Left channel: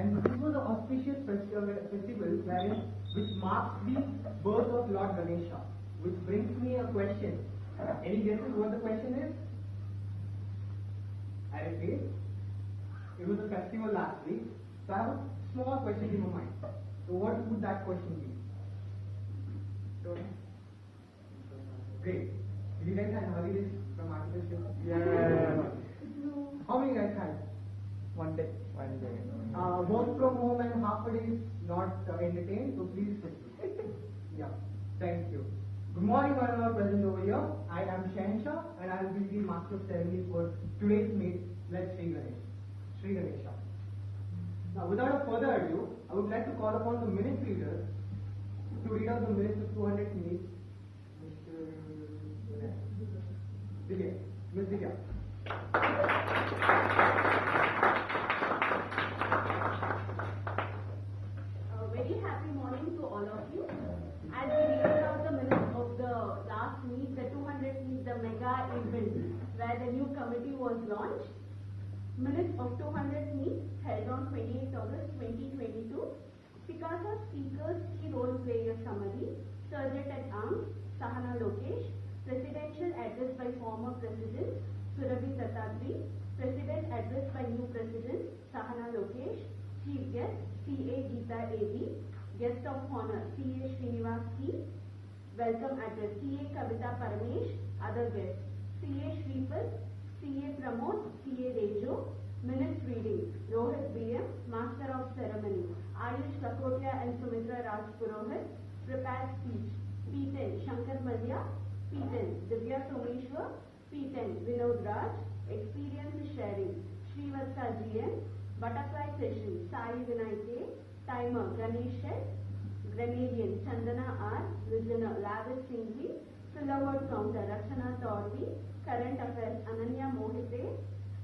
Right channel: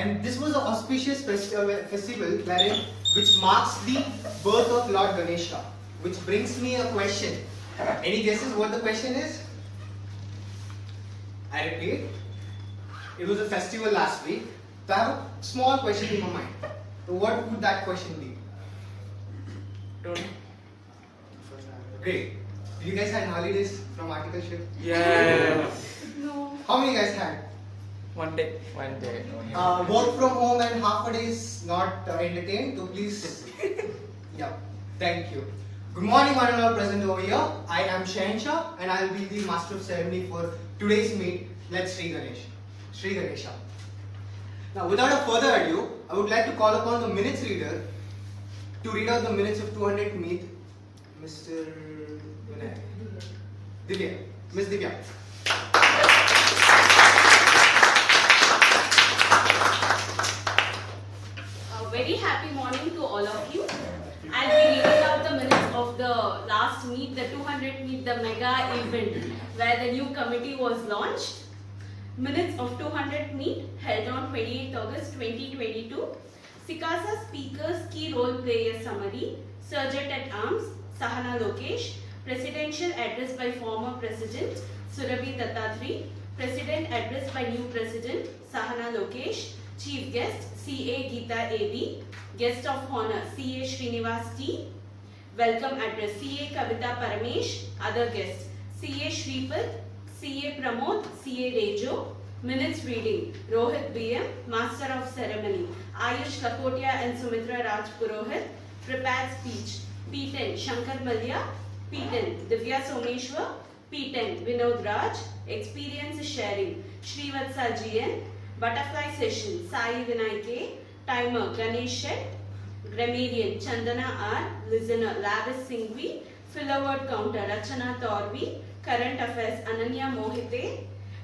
And this was an auspicious festival which marks the birth of Lord Ganesha. Which brings me a question. Any guesses what the question is? I repeat, it was a festival last week. So I have a small question in my mind. So what would that question be? Great. Did you guys had holidays from articleship? Yeah. No. How many guys had? One day. Work from home and half a day is not entertained. So please, yeah. Thank you. Good morning, one and all present over here. I am Shansha and I will be the master of ceremony for today's meet. Let's Sri Ganesha. Now, without a further ado, I would like to call upon the minutes reader to read out the minutes of 200th meet, Mr. Divya. Miss Divya. A very happy morning to all of you. I'll be reading out the minutes of the last meet, the 200th meet, the mega event where the new committee was launched. Minutes of 200th meet held on 28th August 2022. SICASA speakers key role player summary. Sergeant at Arms Sahana Lokesh. Presidential address by former President Surabhi Dattatri. President address by new President Sahana Lokesh. Chief guest CA Geeta AB. Guest of honor CA Srinivas T. Welcome address CA Kavita Paramesh. Other guests CA Shripad, CA Pramod, CA Rejo. Minutes reading Rohit BM, Master of Ceremony. Ayush Lakotia and Sumitra Raj Purohit. Prepared speech P10 Shankar Malia. P10 Divya Someshwar. P10 Vinod Raj. Experience sharing Srivatsa GN. Butterfly session Sai Vinay K. Timer Ganesh Shet. Grammarian Chandana R. Listener Lavis Singhvi. Filler word counter Rachana Torvi. Current affairs Ananya Mohite.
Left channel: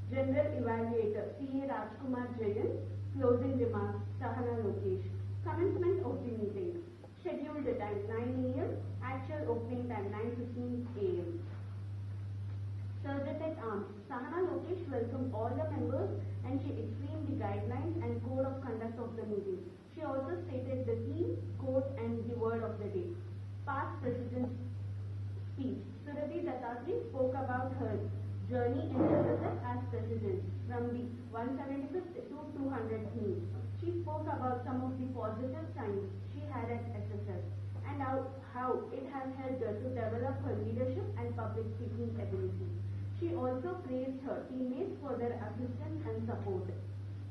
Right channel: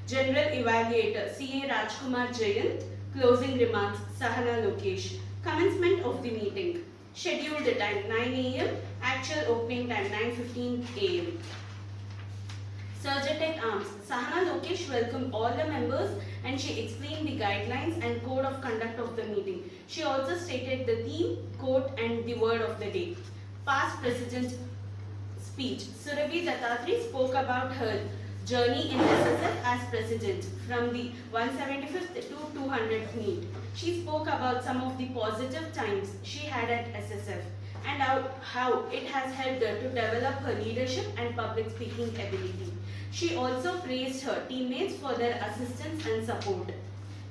General evaluator C.A. Rajkumar Jayant. Closing remarks Sahana Lokesh. Commencement of the meeting. Scheduled time 9 a.m. Actual opening time 9:15 a.m. Sergeant at Arms Sahana Lokesh welcomed all the members and she explained the guidelines and code of conduct of the meeting. She also stated the theme, quote and the word of the day. Past President speech. Surabhi Dattatri spoke about her journey in SSF as President from the 175th to 200th meet. She spoke about some of the positive times she had at SSF and how it has helped her to develop her leadership and public speaking ability. She also praised her teammates for their assistance and support.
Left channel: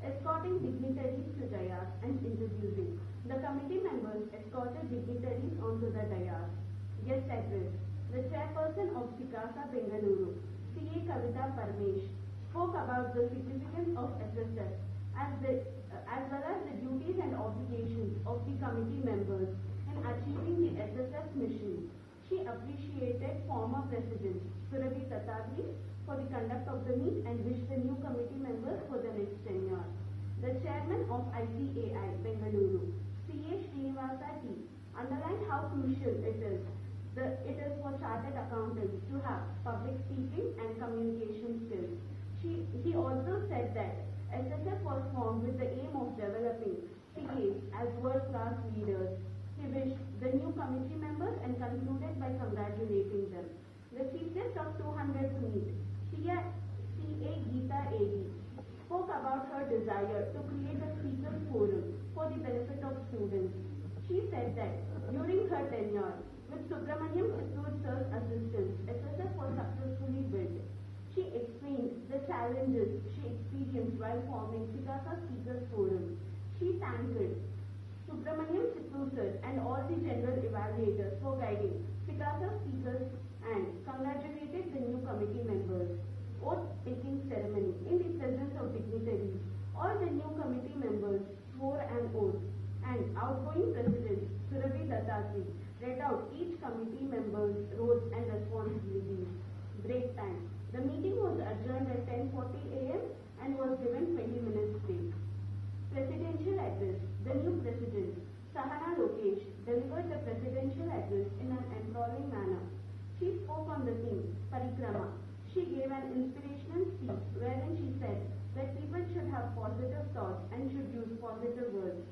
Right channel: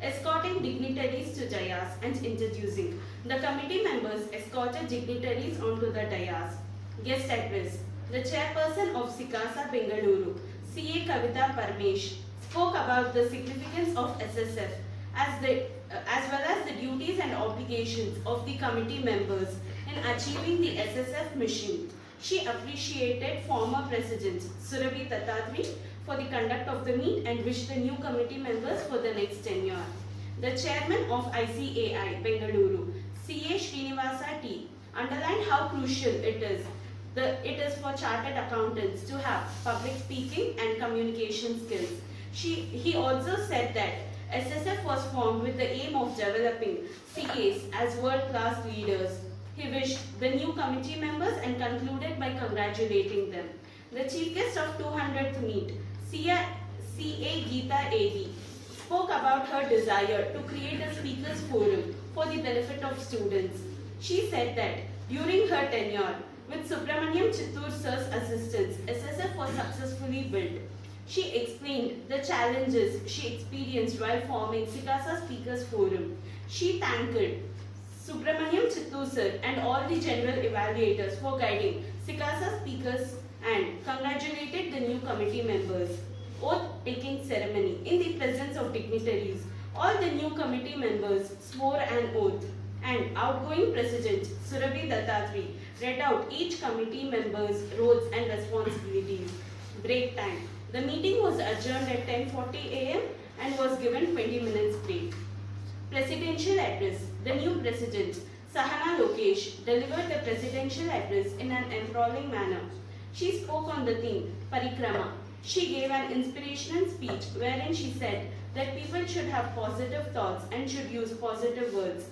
Escorting dignitaries to dais and introducing. The committee members escorted dignitaries onto the dais. Guest address. The chairperson of SICASA Bengaluru, CA Kavita Parmesh, spoke about the significance of SSF as well as the duties and obligations of the committee members in achieving the SSF mission. She appreciated former President Surabhi Dattatri for the conduct of the meet and wished the new committee members for the next tenure. The chairman of ICAI Bengaluru, CA Srinivasa T, underlined how crucial it is for chartered accountants to have public speaking and communication skills. He also said that SSF was formed with the aim of developing CAs as world-class leaders. He wished the new committee members and concluded by congratulating them. The chief guest of 200th meet, CA Geeta AD, spoke about her desire to create a speakers forum for the benefit of students. She said that during her tenure, with Subramaniam Chittur sir's assistance, SSF was successfully built. She explained the challenges she experienced while forming SICASA Speakers Forum. She thanked Subramaniam Chittur sir and all the general evaluators for guiding SICASA speakers and congratulated the new committee members. Oath-taking ceremony in the presence of dignitaries. All the new committee members swore an oath and outgoing President Surabhi Dattatri read out each committee member's roles and responsibilities. Break time. The meeting was adjourned at 10:40 a.m. and was given 20 minutes break. Presidential address. The new President, Sahana Lokesh, delivered the presidential address in an enthralling manner. She spoke on the theme, Parikrama. She gave an inspirational speech wherein she said that people should have positive thoughts and should use positive words.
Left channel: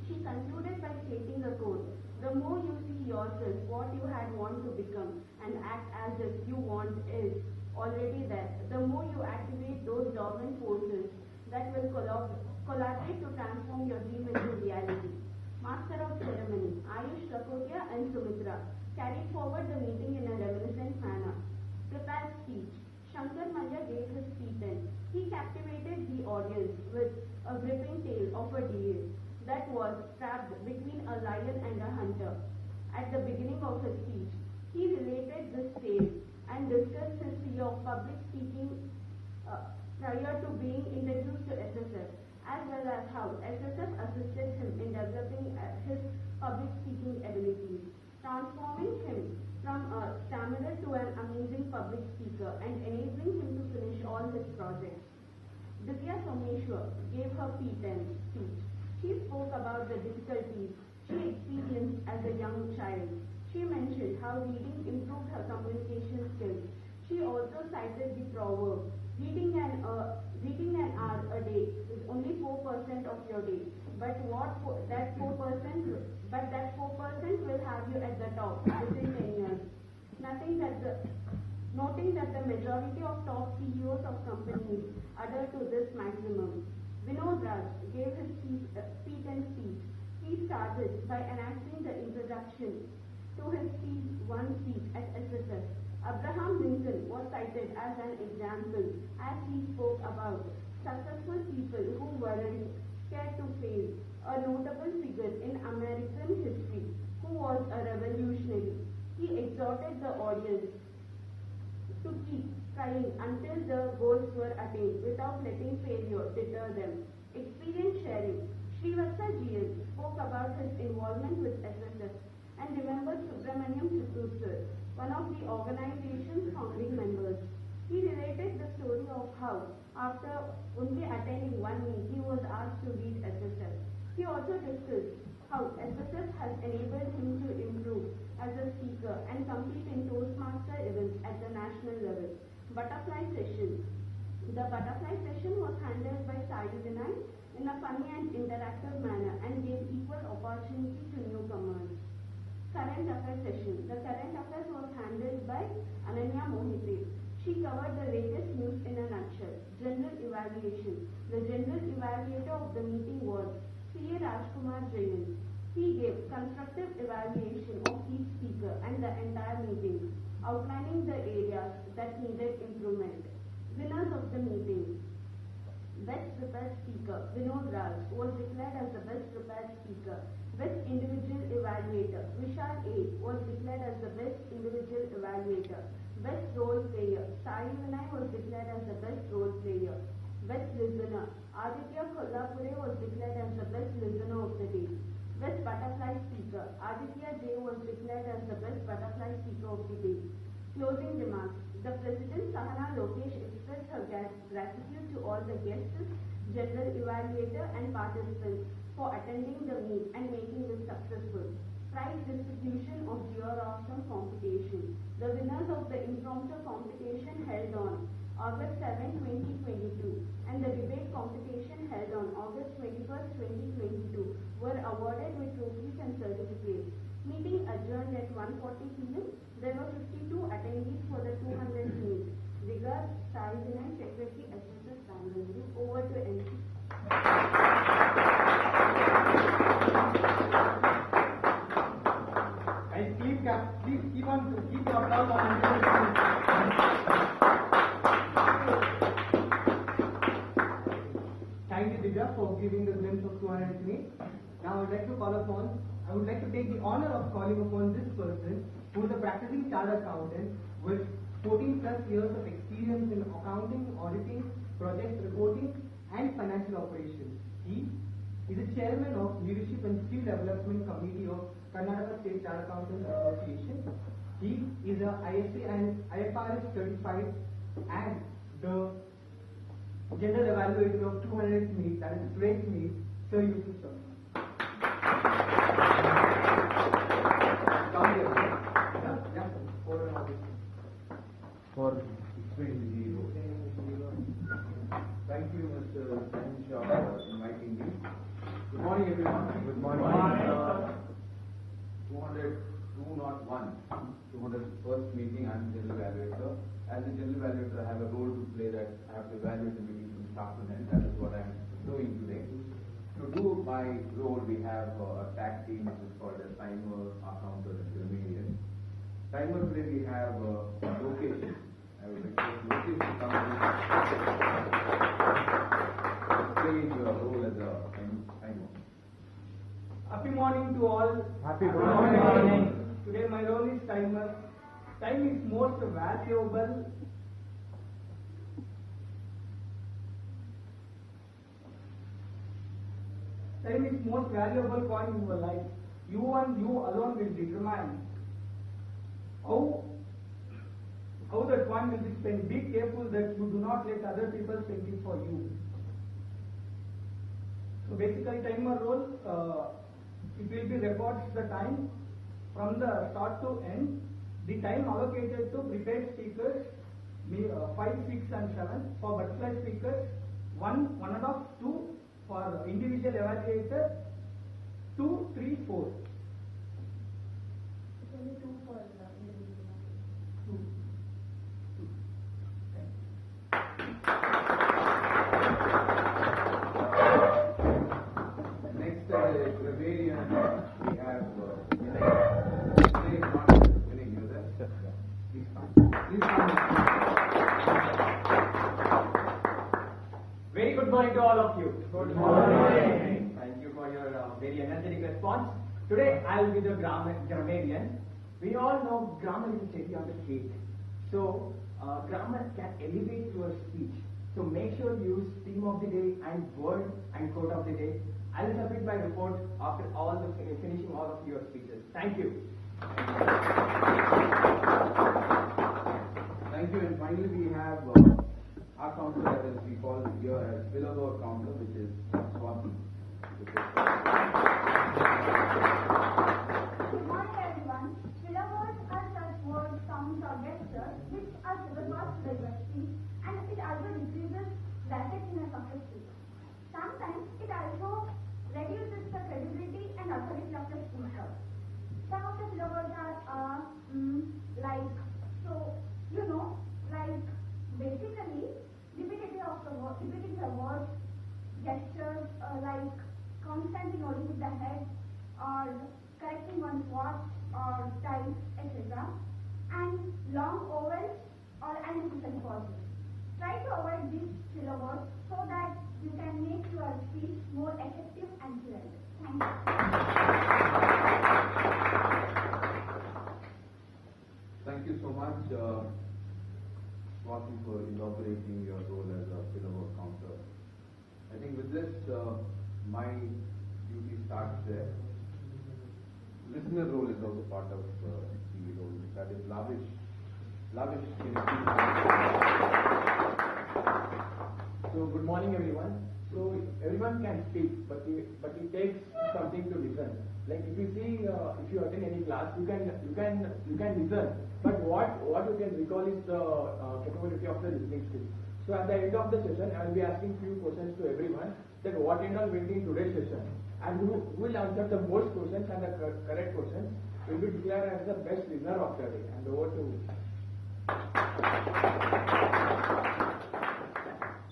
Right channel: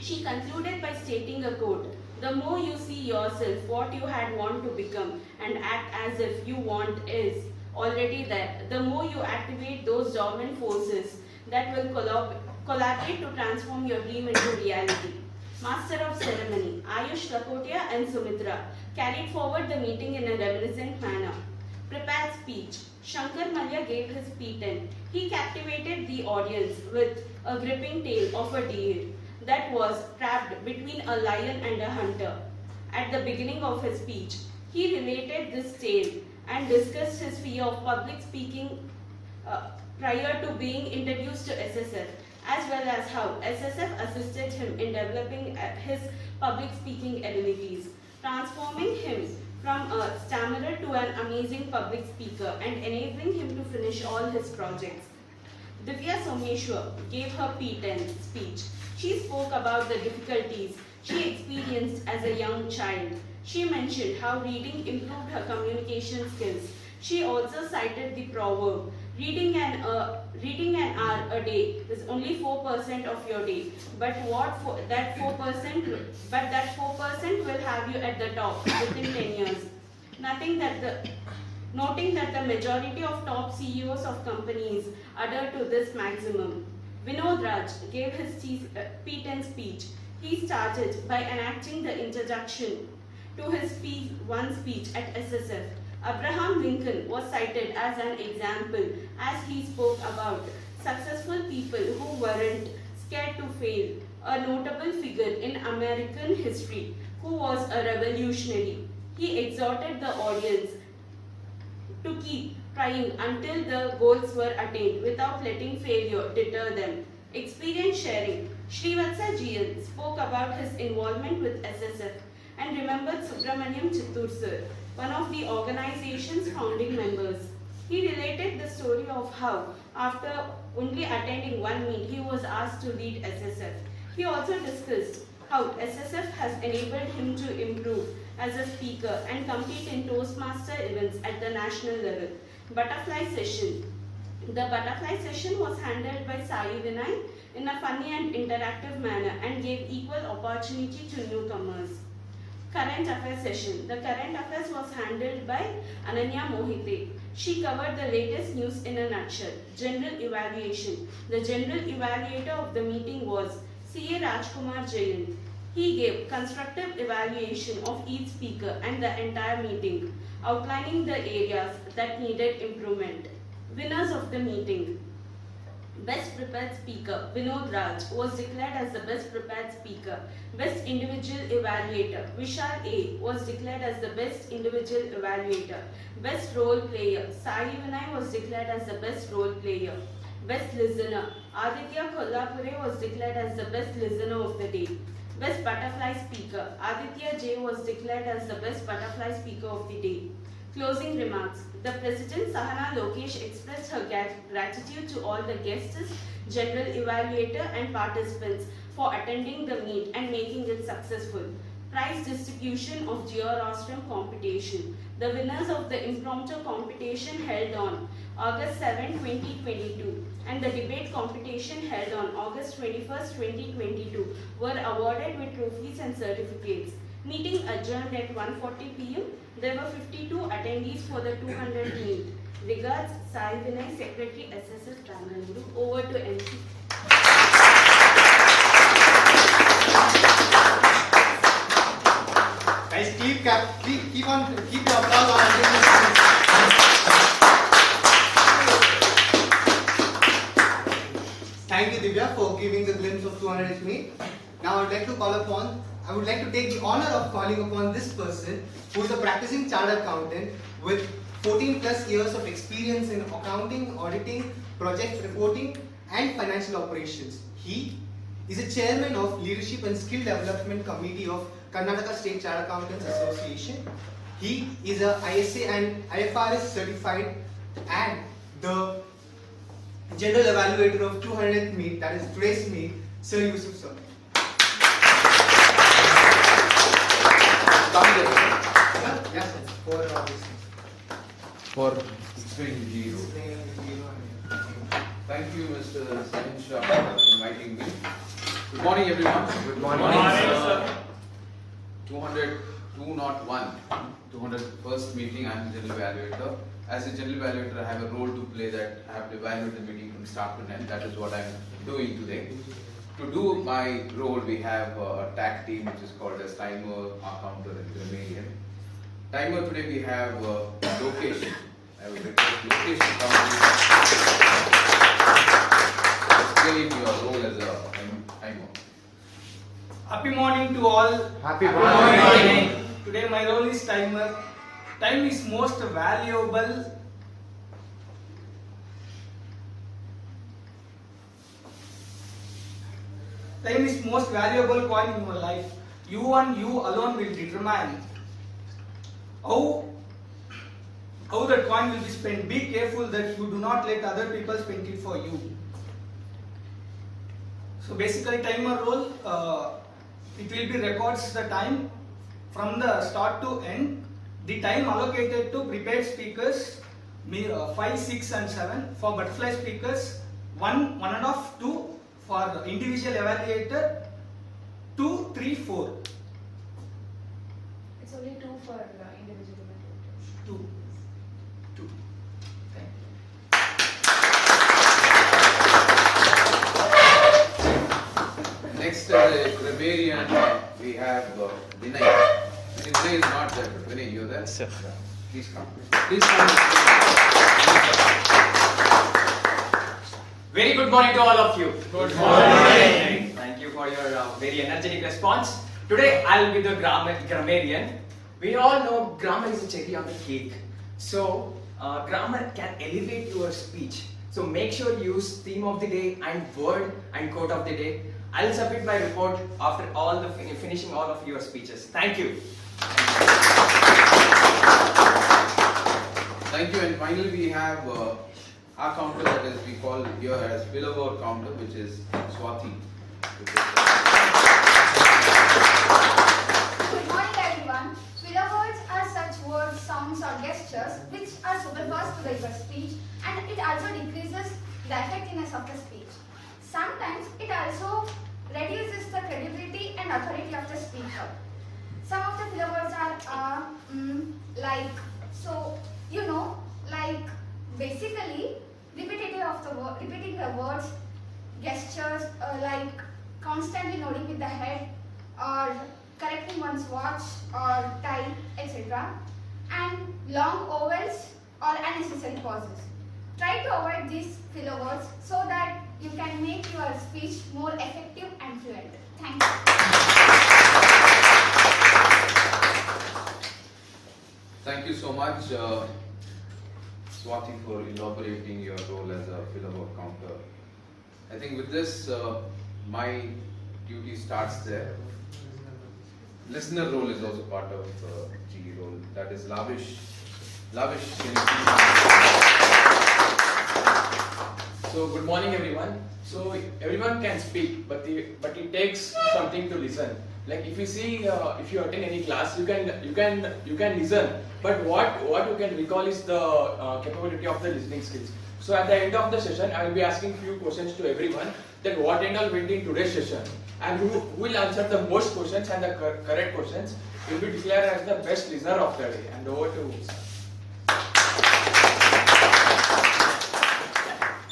She concluded by stating a quote, "The more you see yourself what you had want to become and act as if you want is already there, the more you activate those dormant forces that will collaborate to transform your dream into reality." Master of Ceremony, Ayush Lakotia and Sumitra carried forward the meeting in a reminiscent manner. Prepared speech. Shankar Malya gave his P10. He captivated the audience with a gripping tale of a deer that was trapped between a lion and a hunter. At the beginning of his speech, he related this tale and discussed his fear of public speaking prior to being introduced to SSF, as well as how SSF assisted him in developing his public speaking abilities, transforming him from a stammerer to an amazing public speaker and enabling him to finish all his projects. Divya Someshwar gave her P10 speech. She spoke about the difficulties she experienced as a young child. She mentioned how reading improved her communication skills. She also cited the proverb, reading an hour a day is only 4% of your day, but that 4% will have you at the top within 10 years. Noting that the majority of top CEOs of companies adhere to this maximum. Vinod Raj gave his P10 speech. He started by enacting the introduction to his P1 speech at SSF. Abraham Lincoln was cited as an example as he spoke about successful people who weren't scared to fail, a notable figure in American history who was a revolutionary. He exhorted the audience to keep trying until the goals were attained without letting failure deter them. Experience sharing. Srivatsa GL spoke about his involvement with SSF and remembered Subramaniam Chittur sir, one of the organization's founding members. He related the story of how, after only attending one meet, he was asked to lead SSF. He also discussed how SSF has enabled him to improve as a speaker and compete in Toastmaster events at the national level. Butterfly session. The butterfly session was handled by Sai Vinay in a funny and interactive manner and gave equal opportunity to newcomers. Current affairs session. The current affairs was handled by Ananya Mohite. She covered the latest news in a nutshell. General evaluation. The general evaluator of the meeting was C.A. Rajkumar Jayan. He gave constructive evaluation of each speaker and the entire meeting, outlining the areas that needed improvement. Winners of the meeting. Best Prepared Speaker, Vinod Raj, was declared as the Best Prepared Speaker. Best Individual Evaluator, Vishal A, was declared as the Best Individual Evaluator. Best Role Player, Sai Vinay was declared as the Best Role Player. Best Listener, Aditya Kolhapure was declared as the Best Listener of the Day. Best Butterfly Speaker, Aditya J was declared as the Best Butterfly Speaker of the Day. Closing remarks. The President Sahana Lokesh expressed her gratitude to all the guests, general evaluator and participants for attending the meet and making it successful. Prize distribution of Georostrum competition. The winners of the impromptu competition held on August 7, 2022 and the debate competition held on August 21, 2022 were awarded with trophies and certificates. Meeting adjourned at 1:40 p.m. There were 52 attendees for the 200 meet. Regards, Sai Vinay, Secretary SSF Bangalore. Over to MC. Guys, keep your applause on until this finish. Thank you, Divya, for giving the glimpse of 200th meet. Now I would like to take the honor of calling upon this person who is a practicing chartered accountant with 14 plus years of experience in accounting, auditing, project reporting and financial operations. He is a chairman of Leadership and Skill Development Committee of Karnataka State Chartered Accountants Association. He is a ISA and IFRS certified and the general evaluator of 200th meet, that is today's meet, Sir Yusuf sir. Yes, sir. For all these things. for explaining the role. Thank you, Mr. Sain Shah, for inviting me. Good morning, everyone. Good morning, sir. 201, 201st meeting. I am the general evaluator. As a general evaluator, I have a role to play that I have to evaluate the meeting from start to end. That is what I am doing today. To do my role, we have a tag team which is called as Timer, Accounter, and Grammarian. Timer, today we have Lokesh. I would request Lokesh to come and explain your role as a timer. Happy morning to all. Happy morning. Today my role is timer. Time is most valuable. Time is most valuable coin in your life. You and you alone will determine how that coin will be spent. Be careful that you do not let other people spend it for you. So basically timer role, it will be records the time from the start to end. The time allocated to prepared speakers 5, 6 and 7. For butterfly speakers 1, 1.5, 2. For individual evaluator 2, 3, 4. It's only 2 for individual evaluators. 2. 2. Next, grammarian, we have Vinay. Vinay is not there, but Vinay, you're there? Sir. Please come. Please come. Very good morning to all of you. Good morning. Thank you for your very energetic response. Today I'll be the grammarian. We all know grammar is a cherry on the cake. So grammar can elevate your speech. So make sure you use theme of the day and word and quote of the day. I'll submit my report after all the finishing all of your speeches. Thank you. Thank you. And finally, we have our counter, that is we call here as Billoword counter, which is Swati. Good morning, everyone. Filler words are such words, sounds, or gestures which are superfluous to the speech, and it also decreases the effectiveness of the speech. Sometimes it also reduces the credibility and authority of the speaker. Some of the filler words are like, so like basically repeating the words, gestures, like constantly nodding with the head, or correcting one's watch or time, etc. And long ovals or unnecessary pauses. Try to avoid these filler words so that you can make your speech more effective and fluent. Thank you. Thank you so much, Swati, for elaborating your role as a Billoword counter. I think with this, my duty starts there. Listener role is also part of G role. That is lavish. So good morning, everyone. So everyone can speak, but it takes something to listen. Like if you see, if you attend any class, you can listen. But what you can recall is the capability of the listening skills. So at the end of the session, I will be asking few questions to everyone. That what and all went in today's session, and who will answer the most questions and the correct questions will be declared as the best listener of the day. And over to sir.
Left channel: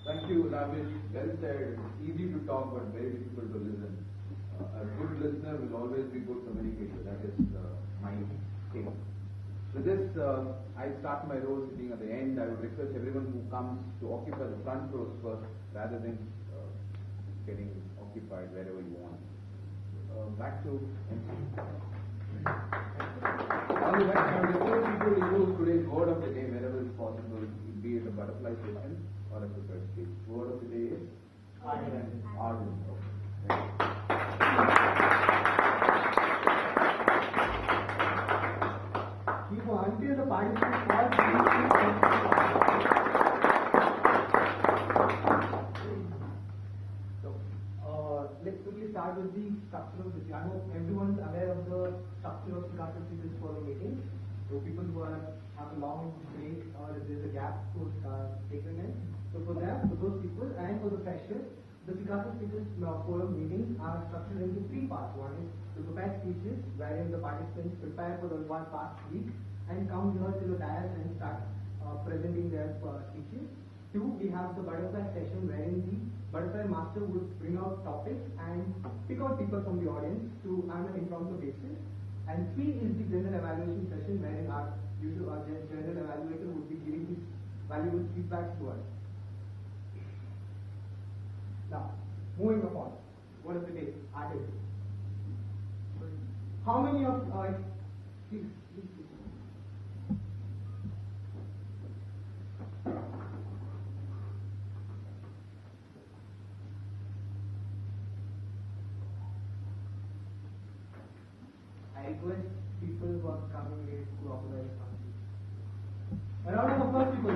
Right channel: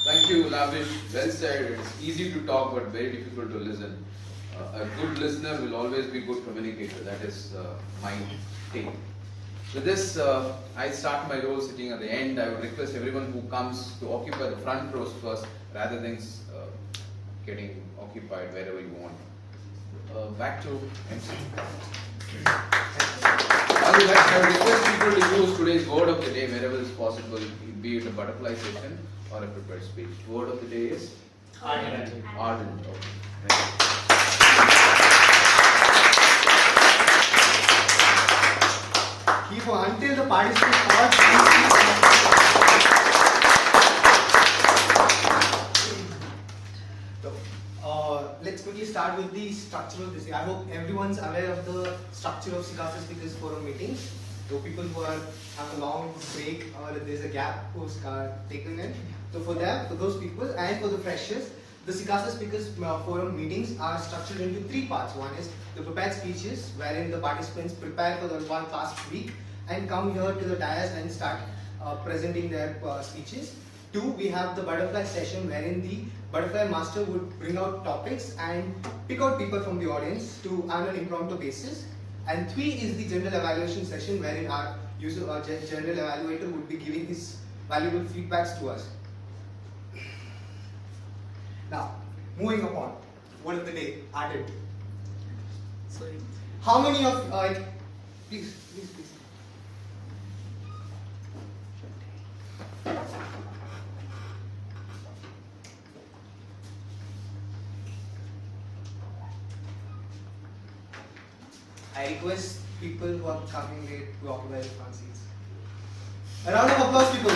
Thank you, Lavish. Well said. It's easy to talk, but very difficult to listen. A good listener will always be a good communicator. That is my take. With this, I start my role sitting at the end. I would request everyone who comes to occupy the front rows first, rather than getting occupied wherever you want. Back to MC. I would request people to use today's word of the day wherever is possible, be it a butterfly session or a prepared speech. Word of the day is Ardent. ardent. Okay. Keep on until the participants pause. Let's quickly start with the structure of this. I hope everyone's aware of the structure of SICASA Speakers Forum meetings. So people who have a long break or there's a gap who's taken in. So for them, for those people, and for the freshers, the SICASA Speakers Forum meetings are structured into 3 parts. One is the prepared speeches, wherein the participants prepare for the one class week and come here to the dais and start presenting their speeches. 2, we have the butterfly session, wherein the butterfly master would bring out topics and pick out people from the audience to on an impromptu basis. And 3 is the general evaluation session, wherein our general evaluator would be giving his valuable feedbacks to us. Now, moving upon, word of the day, added. How many of, please. I request people who are coming late to occupy the front seats. A round of applause, people.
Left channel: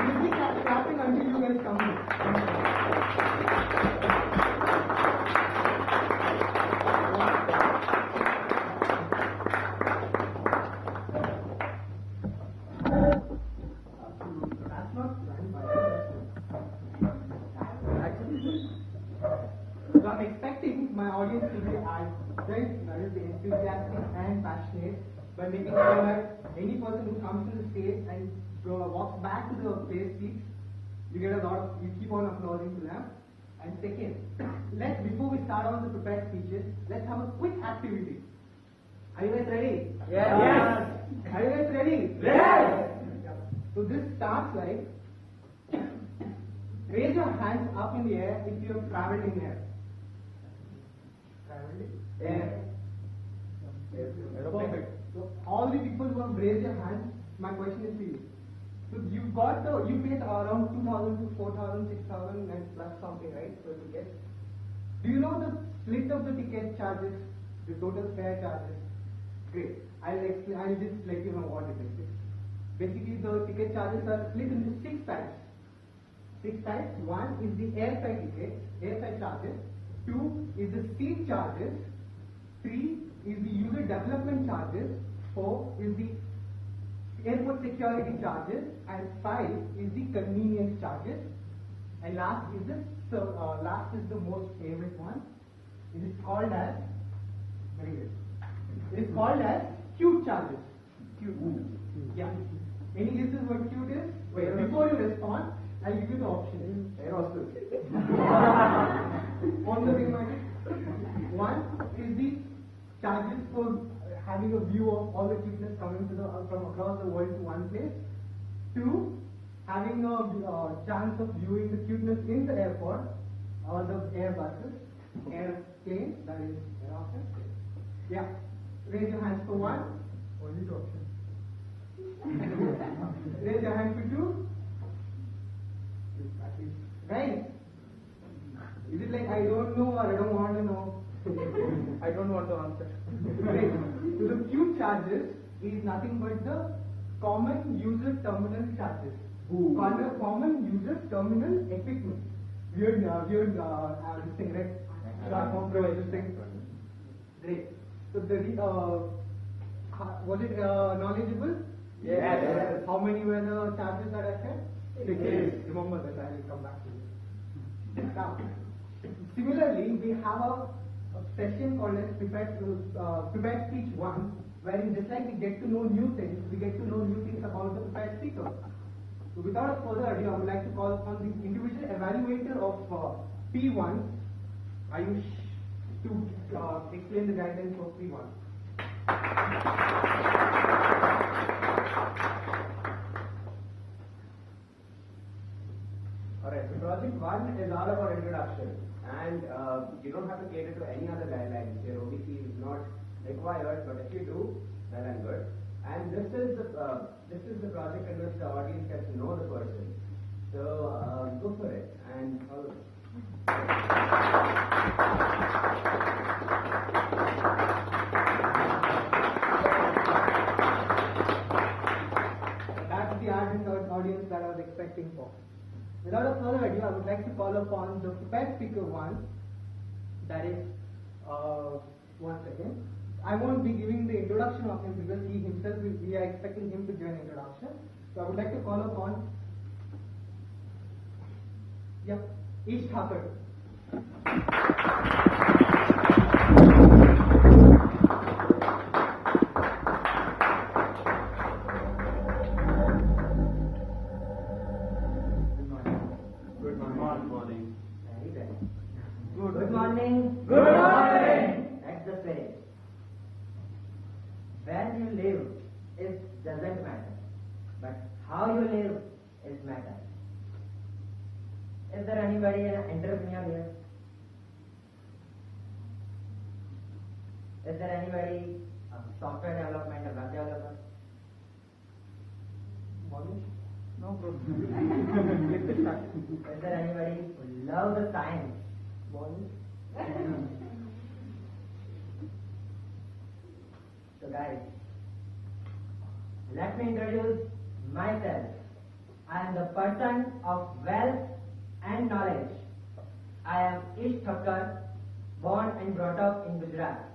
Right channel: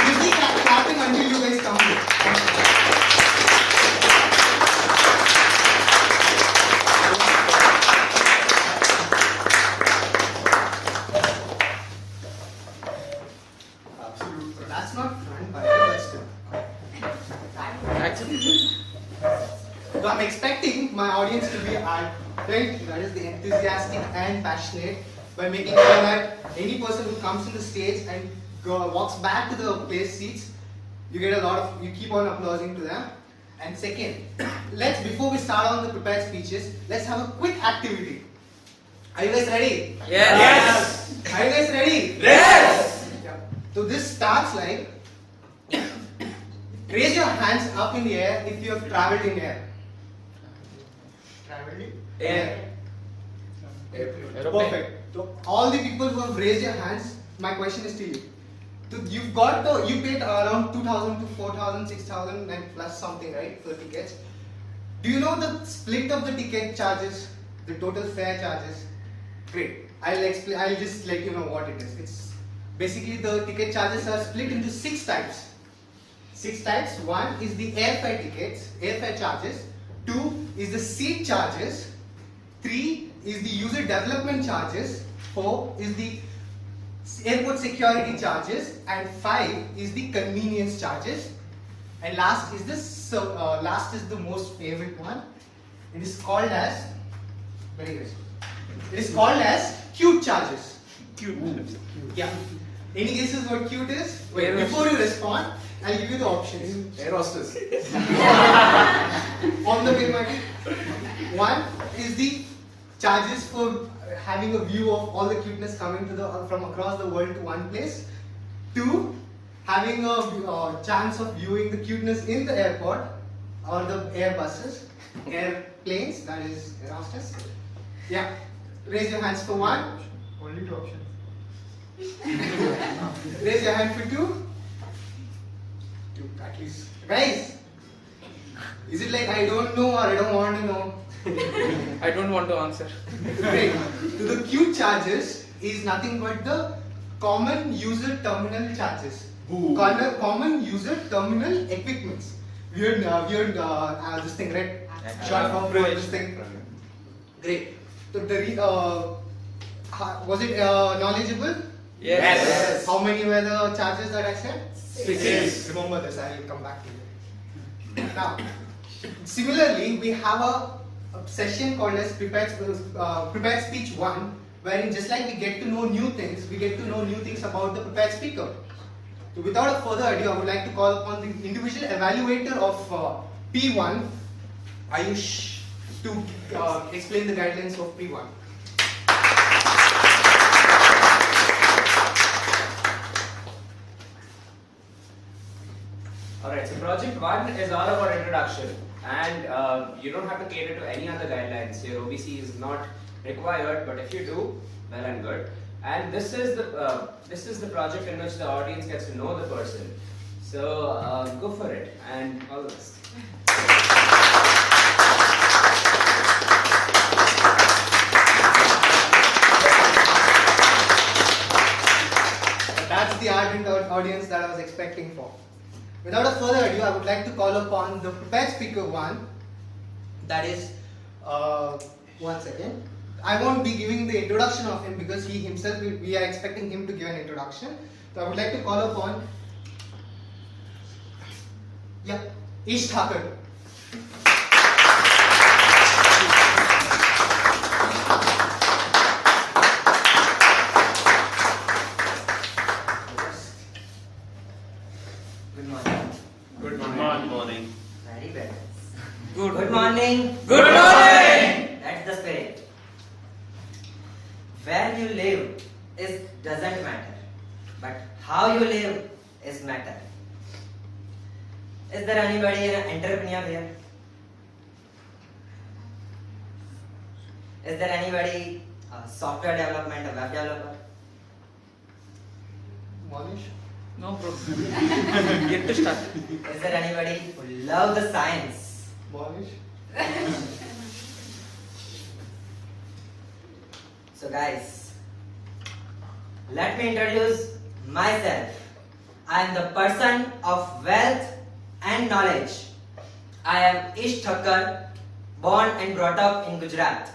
We'll be clapping until you guys come late. Absolutely. That's not fun, but still. So I'm expecting my audience to be ardent, that is the enthusiastic and passionate, by making sure that any person who comes to the stage and walks back to the place seats, you keep on applauding to them. And second, before we start on the prepared speeches, let's have a quick activity. Are you guys ready? Yes. Are you guys ready? Yes. Yeah. So this starts like, raise your hands up in the air if you have traveled in air. Air. Perfect. So all the people who have raised your hands, my question is to you. So you paid around 2,000 to 4,000, 6,000 and plus something, right, for the tickets. Do you know the split of the ticket charges, the total fare charges? Great. I'll just let you know what it is. It's basically the ticket charges are split into 6 types. 6 types. 1 is the airfare charges. 2 is the seat charges. 3 is the user development charges. 4 is the airport security charges. And 5 is the convenience charges. And last is the most favorite one. It is called as cute charges. Cute. Yeah. Any guesses what cute is? Wait, before you respond, I'll give you the options. Air hostess. On the way, Maggie. 1 is the charges for having a view of all the cuteness coming from across the world to one place. 2, having a chance of viewing the cuteness in the airport or the airbuses, airplanes, that is air hostess. Yeah. Raise your hands for 1. Only 2 options. Raise your hand for 2. 2 at least. Guys, is it like I don't know or I don't want to know? I don't want to answer. Great. So the cute charges is nothing but the common user terminal charges. Common user terminal equipments. Weird this thing, right? Short form for this thing. Great. So was it knowledgeable? Yes. How many were the charges that I said? 6. Remember this, I will come back to you. Now, similarly, we have a session called as prepared speech 1, wherein just like we get to know new things, we get to know new things about the prepared speaker. So without further ado, I would like to call upon the individual evaluator of P1, Ayush, to explain the guidelines of P1. Alright, so project 1 is all about introduction, and you don't have to cater to any other guidelines. Your OBC is not required, but if you do, well and good. And this is the project in which the audience gets to know the person. So go for it, and all the best. That's the ardent audience that I was expecting for. Without further ado, I would like to call upon the prepared speaker 1, that is One second. I won't be giving the introduction of him because he himself, we are expecting him to give an introduction. So I would like to call upon, Ish Thakur. Good morning. Good morning. Very bad. Good morning. Good morning. That's the spirit. Where you live doesn't matter, but how you live is matter. Is there anybody an entrepreneur here? Is there anybody a software development, a web developer? Monish? No problem. Get to start. Is there anybody who love the science? Monish? So guys, let me introduce myself. I am the person of wealth and knowledge. I am Ish Thakur, born and brought up in Gujarat.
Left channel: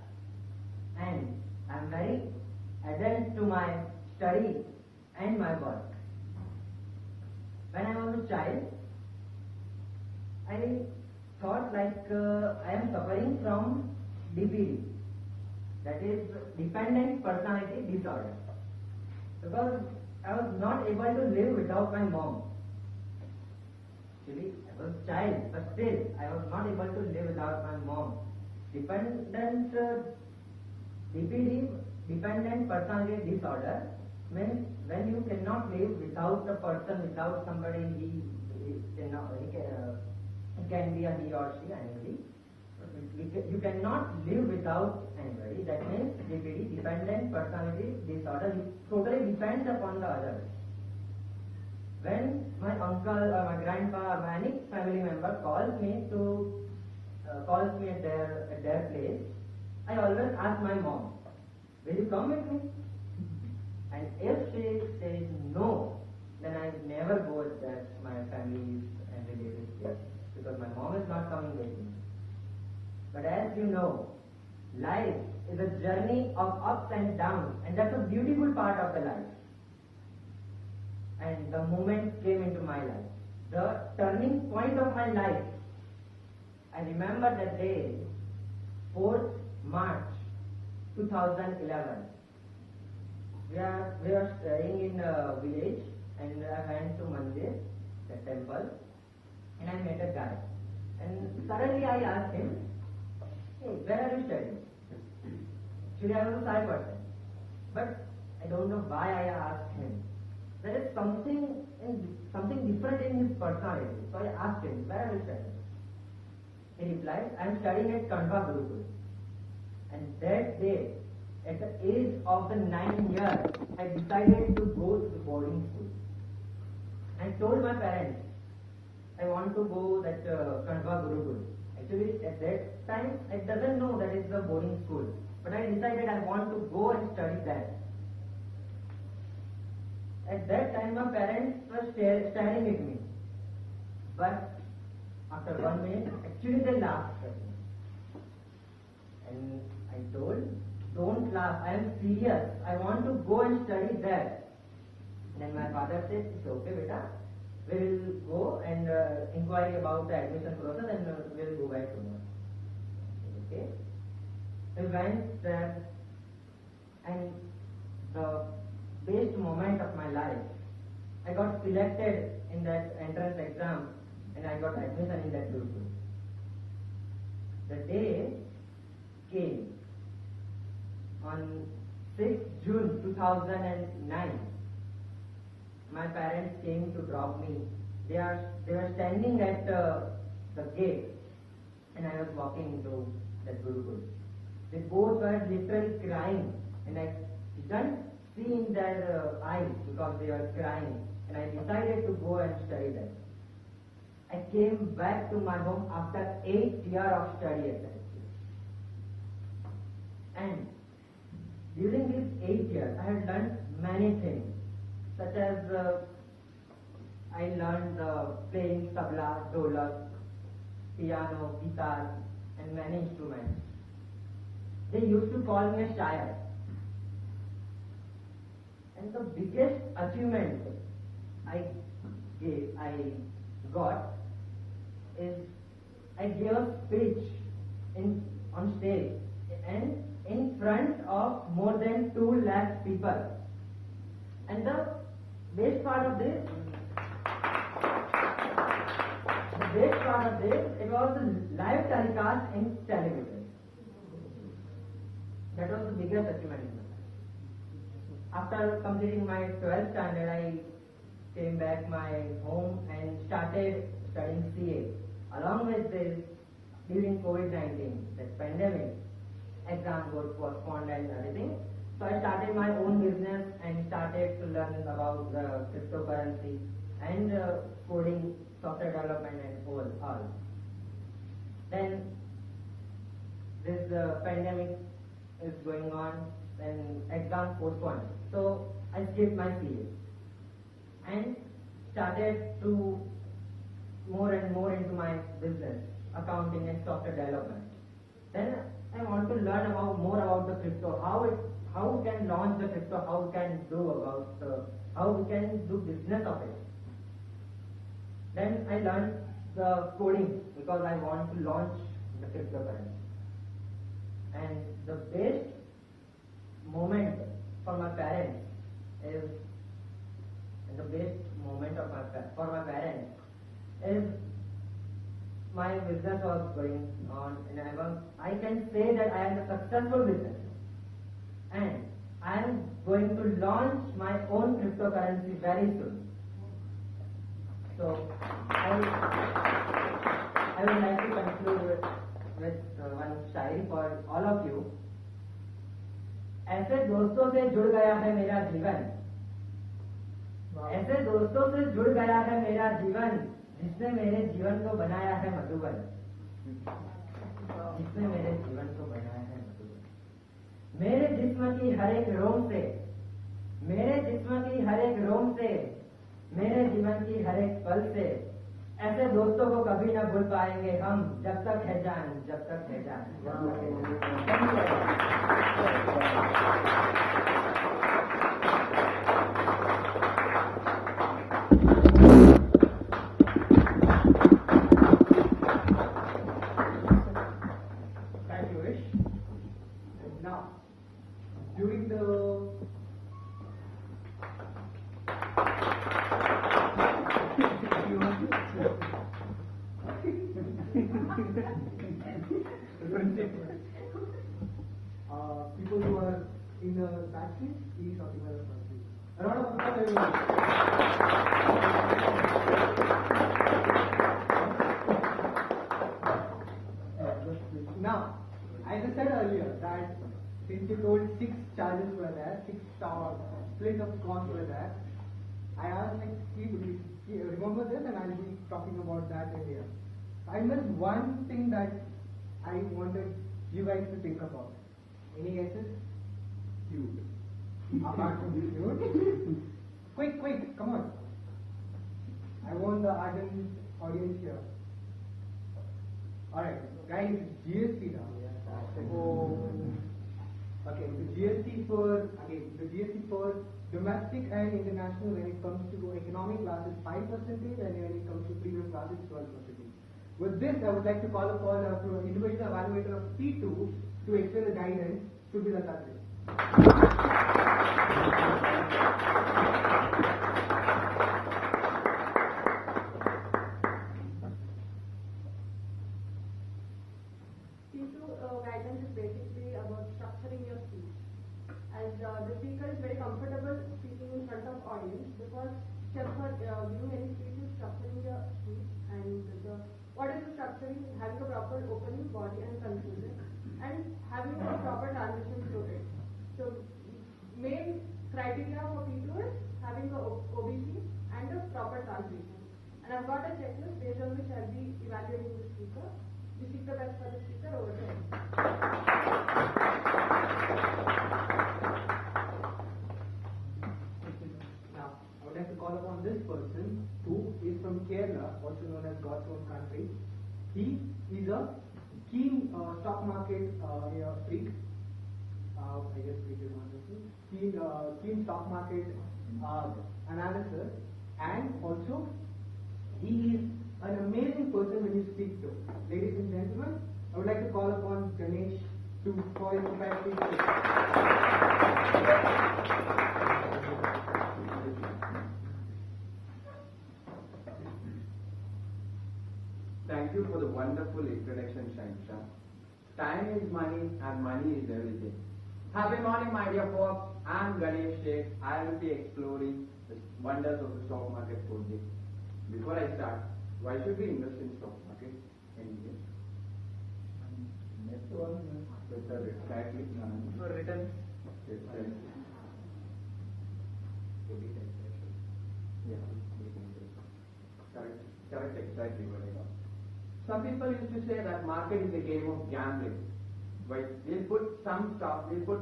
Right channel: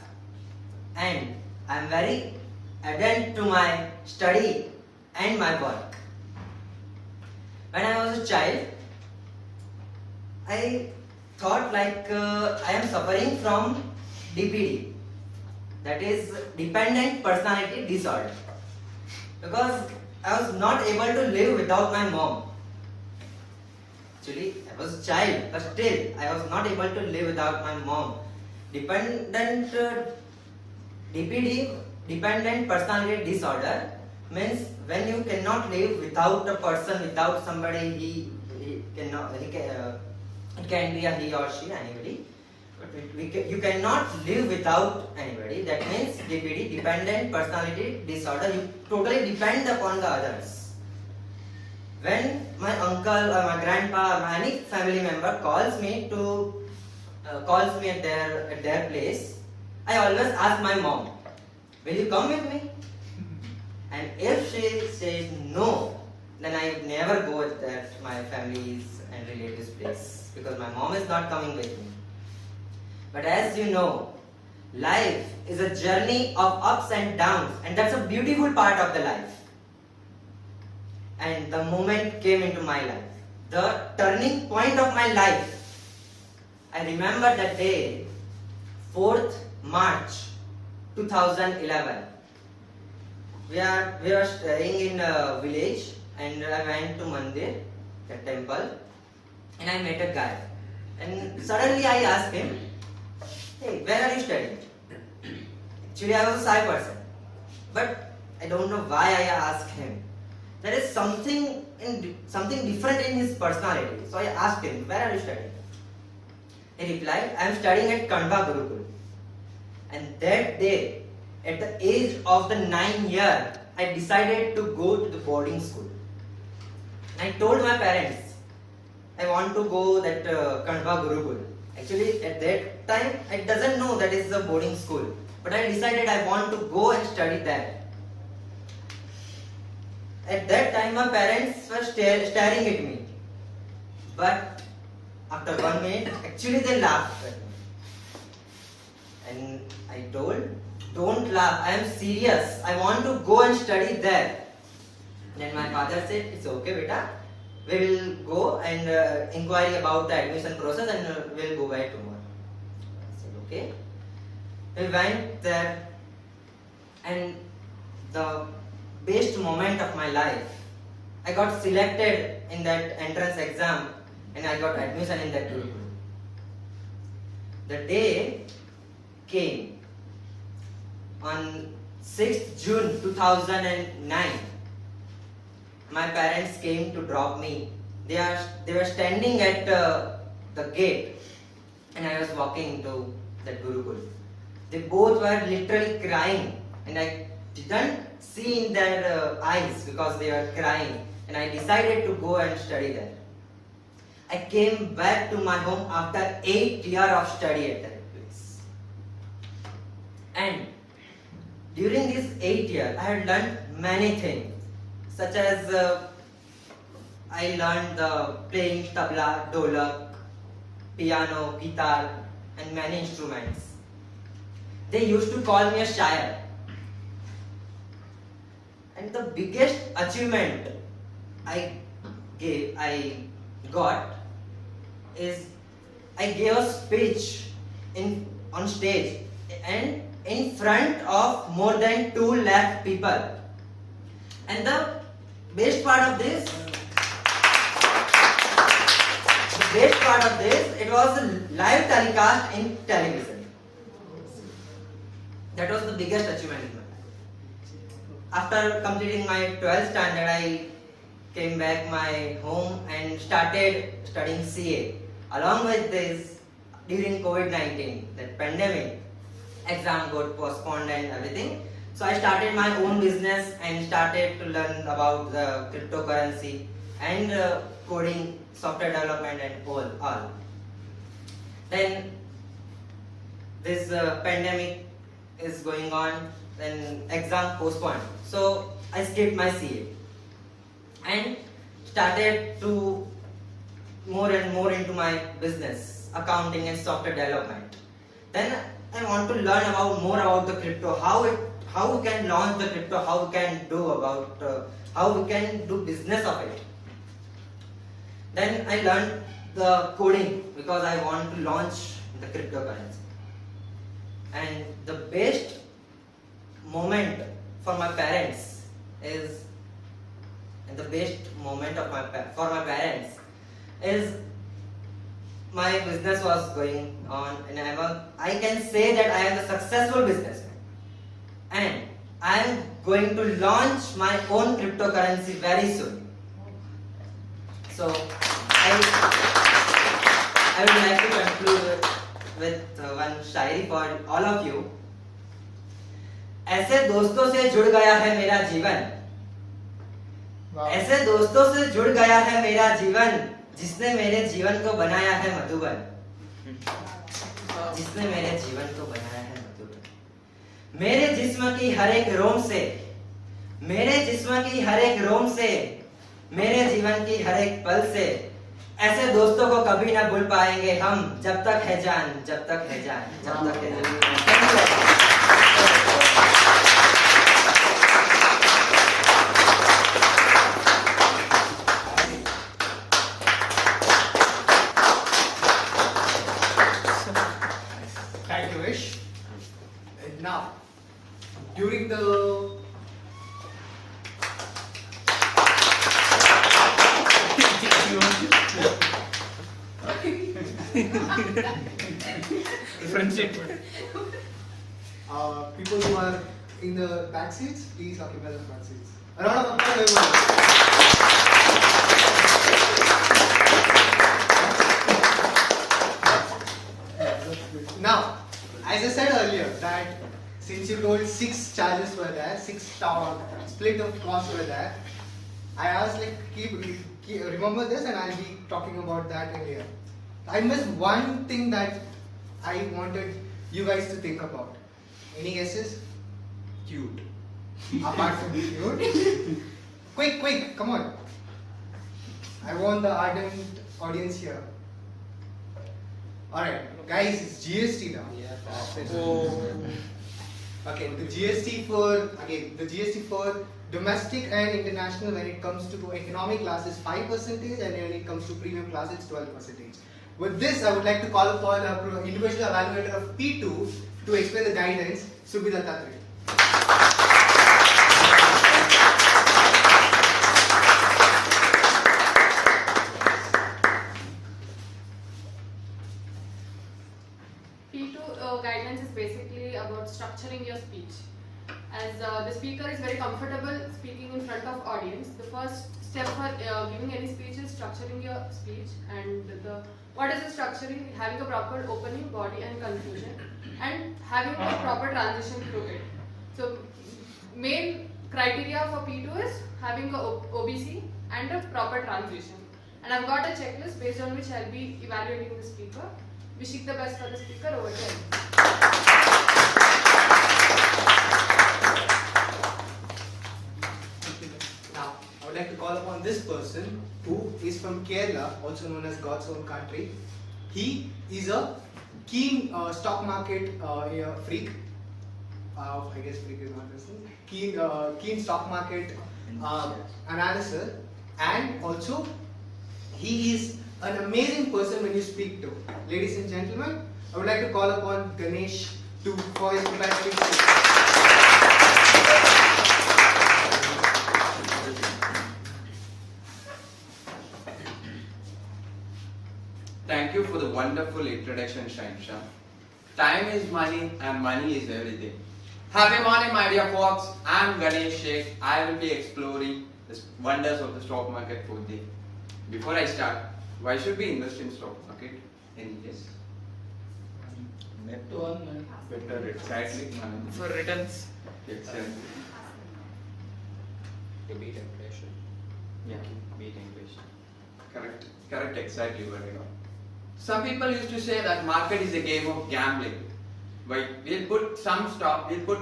And I am very adherent to my study and my work. When I was a child, I thought like I am suffering from DPD, that is dependent personality disorder, because I was not able to live without my mom. Actually, I was a child, but still I was not able to live without my mom. Dependent DPD, dependent personality disorder, means when you cannot live without a person, without somebody. It can be a he or she, anybody. But you cannot live without anybody. That means DPD, dependent personality disorder. You totally depend upon the others. When my uncle or my grandpa or any family member calls me at their place, I always ask my mom, "Will you come with me?" And if she says no, then I would never go at my family's and relatives' place, because my mom is not coming with me. But as you know, life is a journey of ups and downs, and that's a beautiful part of the life. And the moment came into my life, the turning point of my life. I remember that day, 4th March 2011. We were staying in a village, and I went to Mandir, the temple, and I met a guy. And suddenly I asked him, "Hey, where are you studying?" Actually, I was a shy person, but I don't know why I asked him. There is something different in his personality. So I asked him, "Where are you studying?" He replied, "I am studying at Kanva Gurukul." And that day, at the age of the 9 year, I decided to go to the boarding school. I told my parents, I want to go that Kanva Gurukul. Actually, at that time, I doesn't know that is a boarding school. But I decided I want to go and study there. At that time, my parents were staring at me. But after 1 minute, actually they laughed at me. And I told, "Don't laugh, I am serious. I want to go and study there." Then my father said, "It's okay, beta. We will go and inquire about the admission process, and we'll go back tomorrow." I said, "Okay." We went there, and the best moment of my life, I got selected in that entrance exam, and I got admission in that group. The day came on 6th June 2009. My parents came to drop me. They were standing at the gate, and I was walking to that Gurukul. They both were literally crying, and I didn't see in their eyes because they were crying, and I decided to go and study there. I came back to my home after 8 years of study at that place. And during these 8 years, I had learned many things, such as I learned playing tabla, dholak, piano, guitar, and many instruments. they used to call me a shire. And the biggest achievement I got is I gave a speech on stage and in front of more than 2 lakh people. And the best part of this, it was a live telecast in television. That was the biggest achievement in my life. After completing my 12th standard, I came back my home and started studying CA. Along with this, during COVID-19, that pandemic, exam got postponed and everything. So I started my own business and started to learn about the cryptocurrency and coding, software development and all. Then this pandemic is going on, then exam postponed. So I skipped my CA and started to more and more into my business, accounting and software development. Then I want to learn more about the crypto, how we can launch the crypto, how we can do business of it. Then I learned the coding because I want to launch the cryptocurrency. And the best moment for my parents is, my business was going on, and I can say that I am a successful businessman. And I am going to launch my own cryptocurrency very soon. So I would like to conclude with one Shayari for all of you. ऐसे दोस्तों से जुड़ गया है मेरा जीवन, ऐसे दोस्तों से जुड़ गया है मेरा जीवन, जिसने मेरे जीवन को बनाया है मधुबन, जिसने मेरे जीवन को बनाया है मधुबन। मेरे जिस्म की हर एक रोम से, मेरे जिस्म की हर एक रोम से, मेरे जीवन की हर एक पल से, ऐसे दोस्तों को कभी ना भूल पाएंगे हम, जब तक है जान, जब तक है जान, जब तक है जान। Thank you, Ish. And now, during the people who are in the back seats, please occupy the front seats. A round of applause, everyone. Now, as I said earlier, that since you told 6 charges were there, 6 split of costs were there, I asked remember this, and I'll be talking about that earlier. I missed one thing that I wanted you guys to think about. Any guesses? Cute. Apart from cute? Quick, come on. I want the ardent audience here. Alright, guys, it's GST now. Okay, the GST for domestic and international, when it comes to economic class, is 5%, and when it comes to premium class, it's 12%. With this, I would like to call upon an individual evaluator of P2 to explain the guidance, Subhida Tatri. P2 guidelines is basically about structuring your speech. As the speaker is very comfortable speaking in front of audience, the first step for giving any speech is structuring your speech. And what is the structuring? Having a proper opening, body and conclusion, and having a proper transition through it. So main criteria for P2 is having a OBC and a proper transition. And I've got a checklist based on which I'll be evaluating the speaker. Wishing the best for the speaker. Over to you. Now, I would like to call upon this person who is from Kerala, also known as God's own country. He is a keen stock market freak. I guess Freak is not listening. Keen stock market analysis, and also he is an amazing person when you speak to. Ladies and gentlemen, I would like to call upon Ganesh for his capacity speech. Thank you for the wonderful introduction, Shansha. Time is money and money is everything. Happy morning, my dear folks. I'm Ganesh Sheikh. I will be exploring the wonders of the stock market for the day. Before I start, why should we invest in stock market? Any guess? Better, exactly. For returns. Excellent. To beat inflation. Yeah, beat inflation. Correct, exactly what I got. Some people used to say that market is a game of gambling. We'll put some stock, we'll put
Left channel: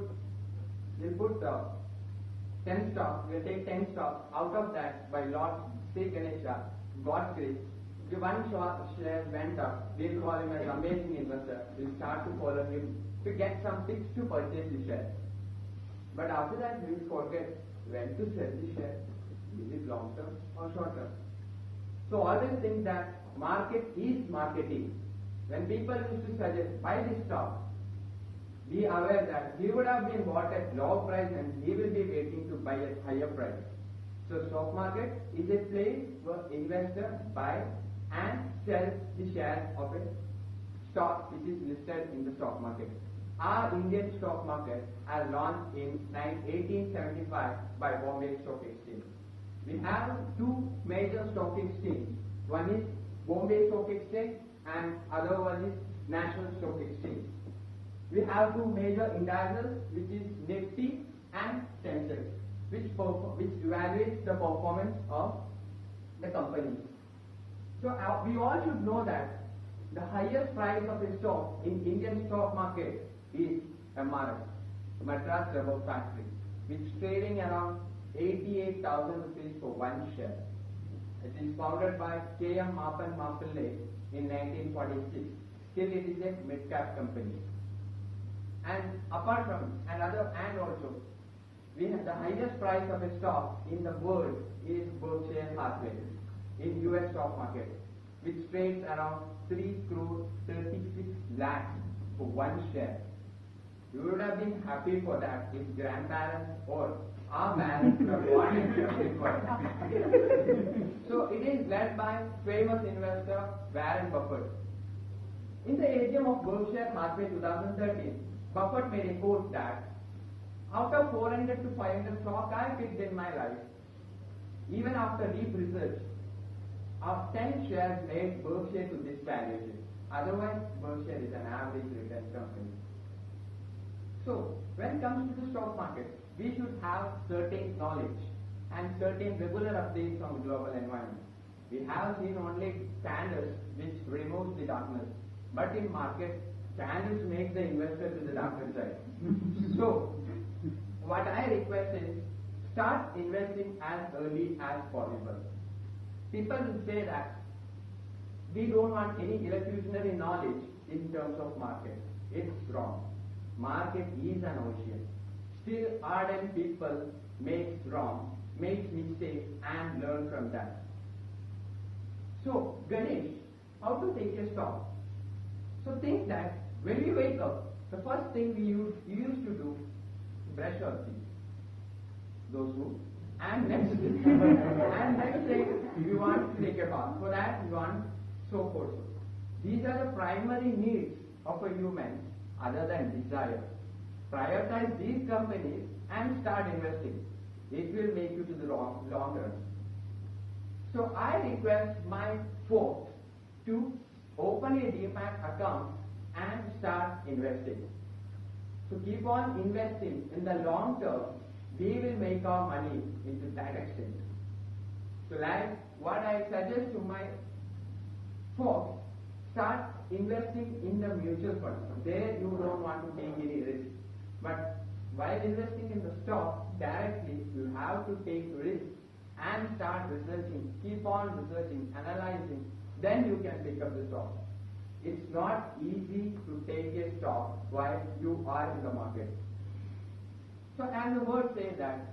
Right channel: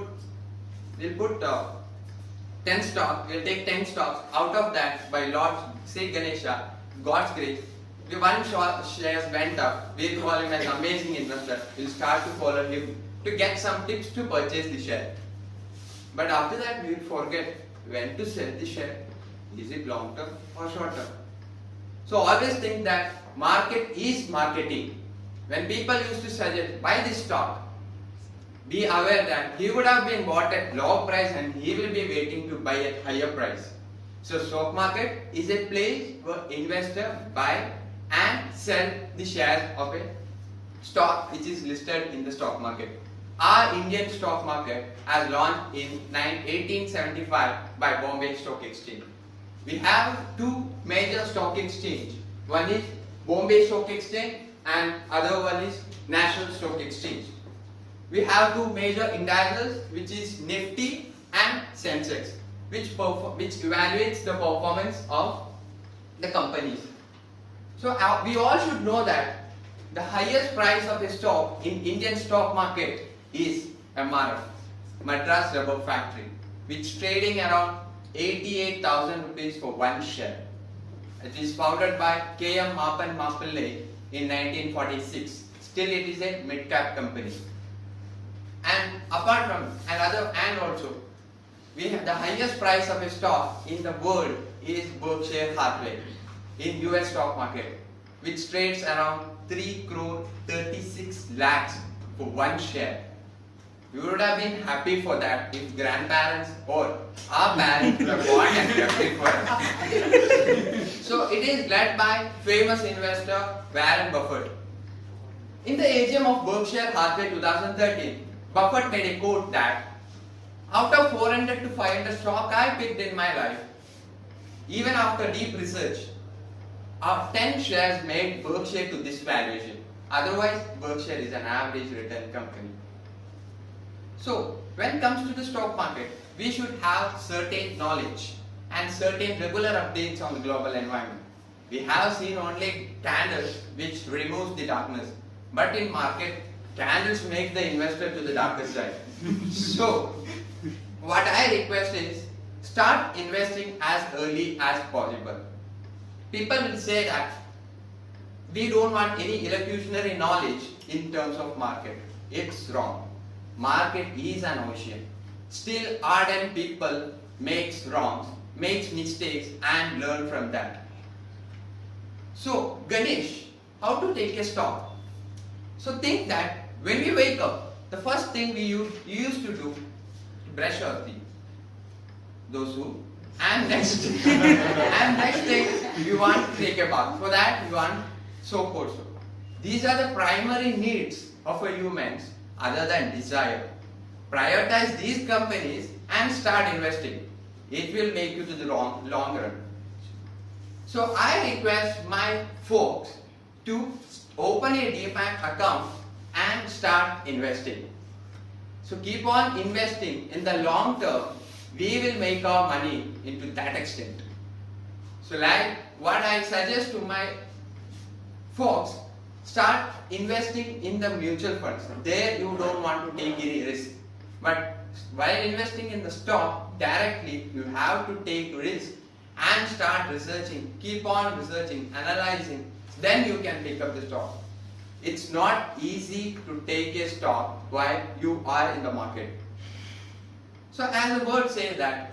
10 stock, we'll take 10 stocks. Out of that, by Lord Sri Ganesha, God's grace, the one shares went up, we'll call him as amazing investor. We'll start to follow him to get some tips to purchase the share. But after that, we'll forget when to sell the share. Is it long term or short term? So always think that market is marketing. When people used to suggest buy this stock, be aware that he would have been bought at low price and he will be waiting to buy at higher price. So stock market is a place where investor buy and sell the shares of a stock which is listed in the stock market. Our Indian stock market has launched in 1875 by Bombay Stock Exchange. We have two major stock exchange. One is Bombay Stock Exchange and other one is National Stock Exchange. We have two major indexes which is Nifty and Sensex, which evaluates the performance of the companies. So we all should know that the highest price of a stock in Indian stock market is MRF, Madras Rubber Factory, which is trading around 88,000 rupees for one share. It is founded by K.M. Mapan Mapillai in 1946. Still it is a mid-cap company. And apart from also we have the highest price of a stock in the world is Berkshire Hathaway in US stock market, which trades around 3 crore 36 lakhs for one share. We would have been happy for that if grandparents or our parents would have bought and kept it for us. So it is led by famous investor Warren Buffett. In the AGM of Berkshire Hathaway 2013, Buffett made a quote that out of 400 to 500 stock I picked in my life, even after deep research, 10 shares made Berkshire to this valuation. Otherwise, Berkshire is an average return company. So, when it comes to the stock market, we should have certain knowledge and certain regular updates on the global environment. We have seen only candles which removes the darkness, but in market, candles make the investor to the darker side. So, what I request is, start investing as early as possible. People will say that we don't want any illusionary knowledge in terms of market. It's wrong. Market is an ocean. Still, ardent people makes wrongs, makes mistakes and learn from that. So, Ganesh, how to take a stock? So think that when we wake up, the first thing you used to do, brush our teeth. Those who, and next, and next thing you want to take a bath. For that you want soap also. These are the primary needs of a human other than desire. Prioritize these companies and start investing. It will make you to the long run. So I request my folks to open a demat account and start investing. So keep on investing. In the long term, we will make our money into that extent. So like what I suggest to my folks, start investing in the mutual funds. There you don't want to take any risk. But while investing in the stock, directly you have to take risk and start researching. Keep on researching, analyzing. Then you can pick up the stock. It's not easy to take a stock while you are in the market. So as the word says that,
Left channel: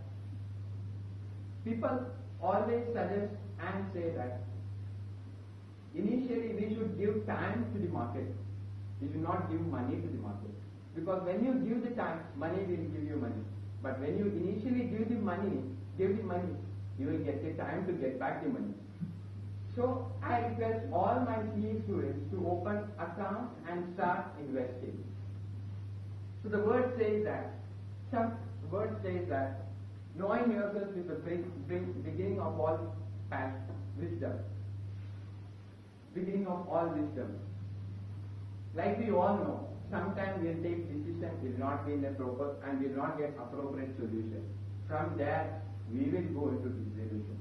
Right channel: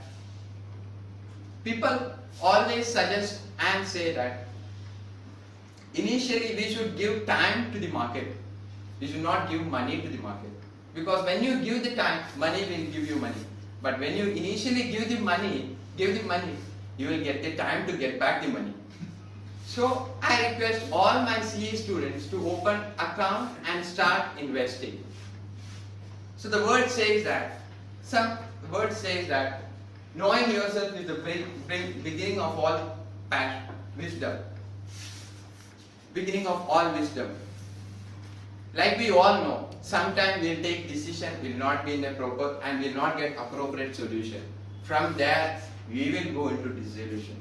people always suggest and say that initially we should give time to the market. We should not give money to the market. Because when you give the time, money will give you money. But when you initially give the money, you will get the time to get back the money. So I request all my CA students to open account and start investing. So the word says that, knowing yourself is the beginning of all wisdom. Beginning of all wisdom. Like we all know, sometimes we'll take decision, will not be in the proper and will not get appropriate solution. From there, we will go into dissolution.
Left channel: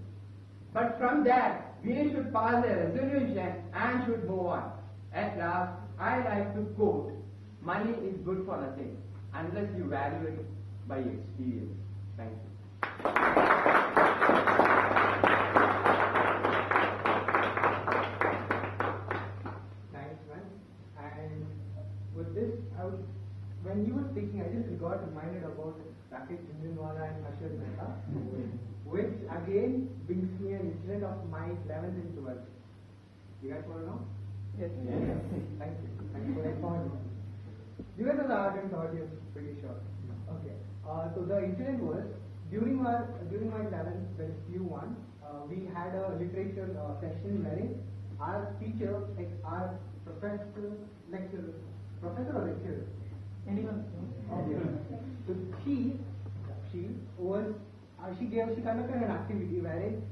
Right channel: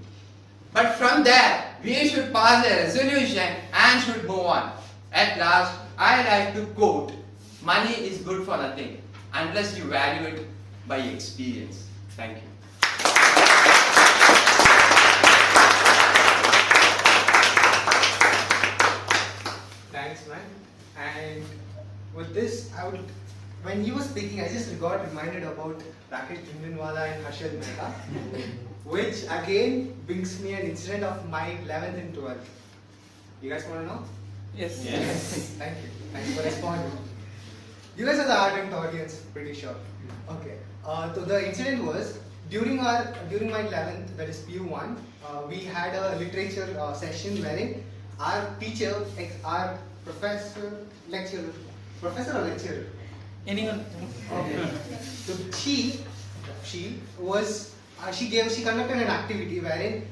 But from there, we should pass a resolution and should move on. At last, I like to quote, money is good for nothing unless you value it by experience. Thank you. Thanks, man. And with this, when you were speaking, I just got reminded about Rakesh Jhunjhunwala and Harshad Mehta, which again brings me an incident of my 11th and 12th. You guys want to know? Yes. Thank you. Thanks for responding. You guys are the ardent audience, pretty sure. Okay. So the incident was during my 11th, that is PU1, we had a literature session wherein our teacher, our professor or lecturer? Anyone? Okay. So she conducted an activity wherein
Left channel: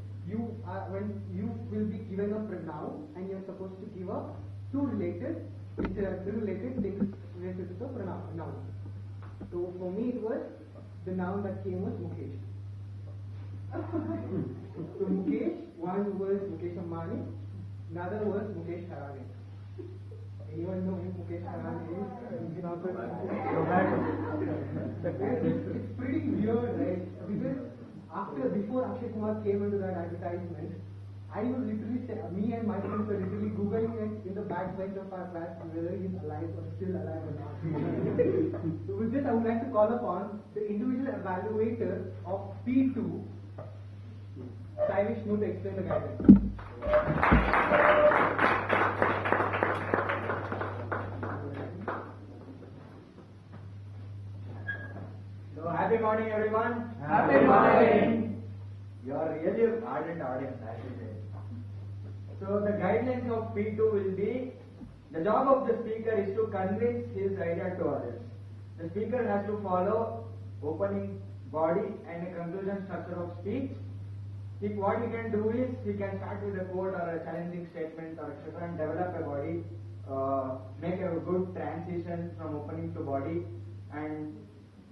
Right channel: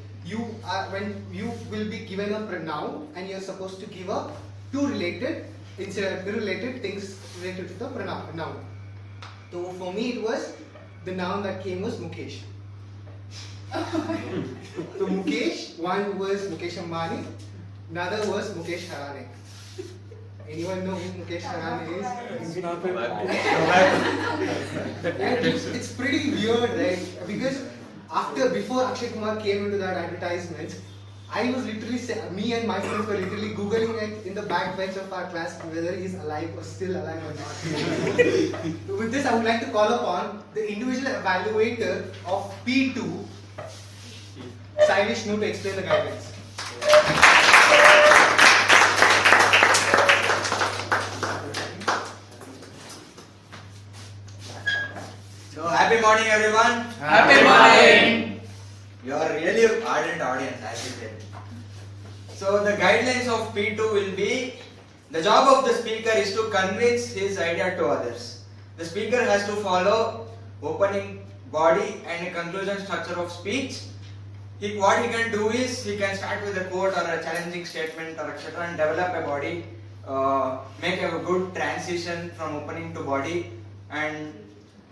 when you will be given a pronoun and you're supposed to give a two related things related to the pronoun. So for me it was, the noun that came was Mukesh. So Mukesh, one was Mukesh Ambani, another was Mukesh Harane. Anyone know who Mukesh Harane is? Yeah, it's pretty weird, right? Because before Akshay Kumar came into that advertisement, I was literally, me and my friends were literally Googling it in the back bench of our class whether he's alive or still alive or not. With this, I would like to call upon the individual evaluator of P2, Sai Vishnu, to explain the guidelines. So happy morning, everyone. Happy morning. You are really an ardent audience, I will tell you. So the guidelines of P2 will be, the job of the speaker is to convince his idea to others. The speaker has to follow opening body and a conclusion structure of speech. What he can do is, he can start with a quote or a challenging statement or etc. and develop a body, make a good transition from opening to body, and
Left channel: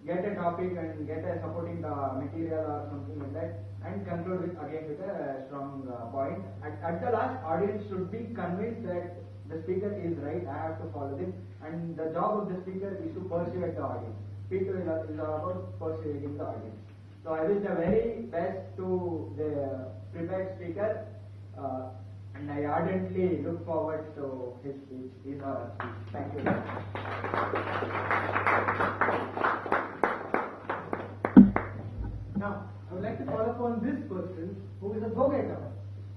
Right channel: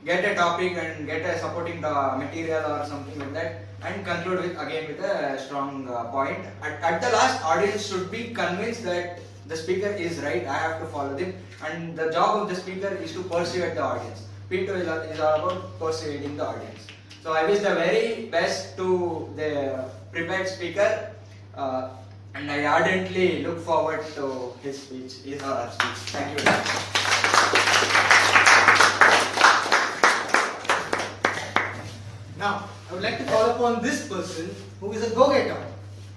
get a topic and get a supporting material or something like that, and conclude with a strong point. At the last, audience should be convinced that the speaker is right, I have to follow them, and the job of the speaker is to persuade the audience. P2 is all about persuading the audience. So I wish the very best to the prepared speaker, and I ardently look forward to his speech, his or her speech. Thank you very much. Now, I would like to call upon this person who is a go-getter,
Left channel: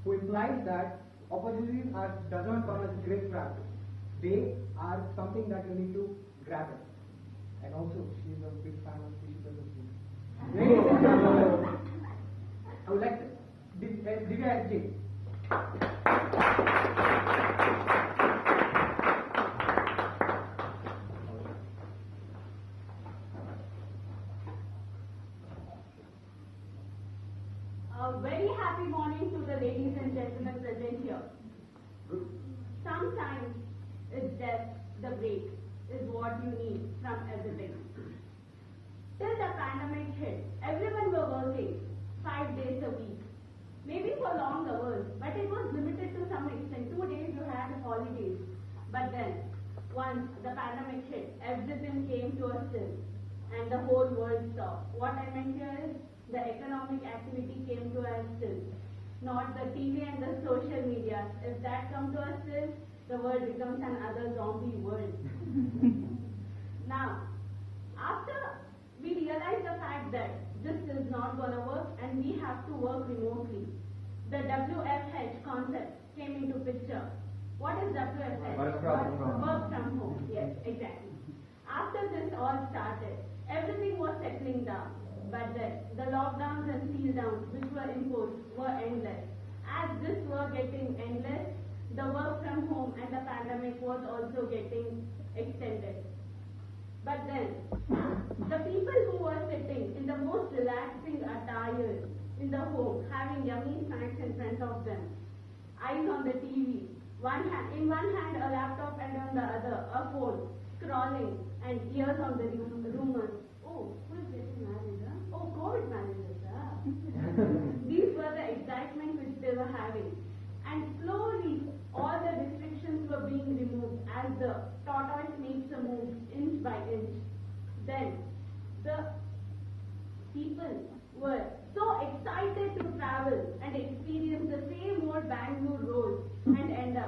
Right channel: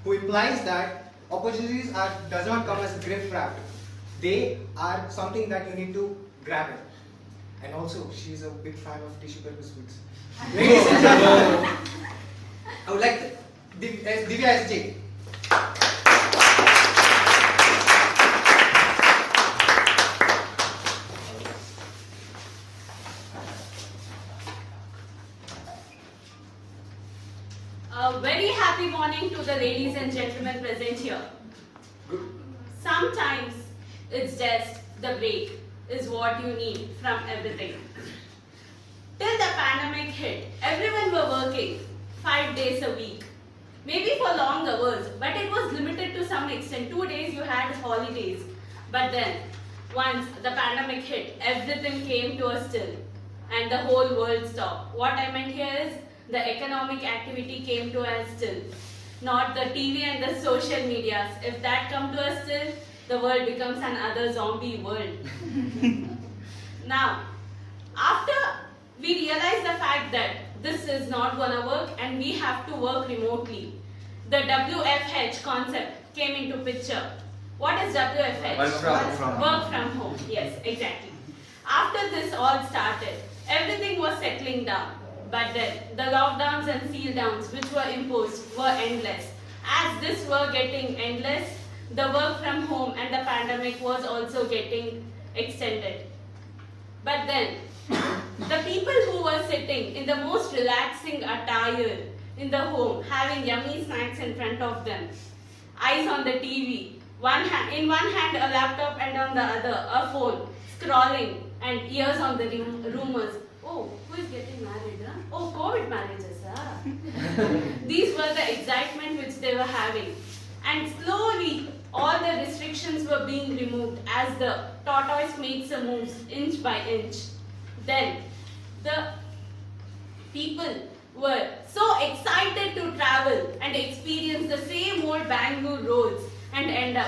who implies that opportunities does not come as a gift wrap. They are something that you need to grab it. And also, she is a big fan of tissue paper sweets. Ladies and gentlemen, I would like to, Divya SJ. A very happy morning to the ladies and gentlemen present here. Sometimes it's just the break is what you need from everything. Till the pandemic hit, everyone were working 5 days a week. Maybe for long hours, but it was limited to some extent. 2 days you had holidays. But then, once the pandemic hit, everything came to a still and the whole world stopped. What I meant here is, the economic activity came to a still, not the TV and the social medias. If that come to a still, the world becomes another zombie world. Now, after we realized the fact that this is not gonna work and we have to work remotely. The WFH concept came into picture. What is WFH? Work from Work from home. Yes, exactly. After this all started, everything was settling down. But then the lockdowns and seal downs which were imposed were endless. As this were getting endless, the work from home and the pandemic was also getting extended. But then, the people who were sitting in the most relaxing attire in the home, having yummy snacks in front of them, eyes on the TV, in one hand a laptop and on the other a phone, scrolling and ears on the rumors. Oh, who is getting married? Huh? Oh, COVID marriages. These were the excitement which they were having. And slowly, all the restrictions were being removed as the tortoise makes a move inch by inch. Then, the people were so excited to travel and experience the same old Bangalore roads and end up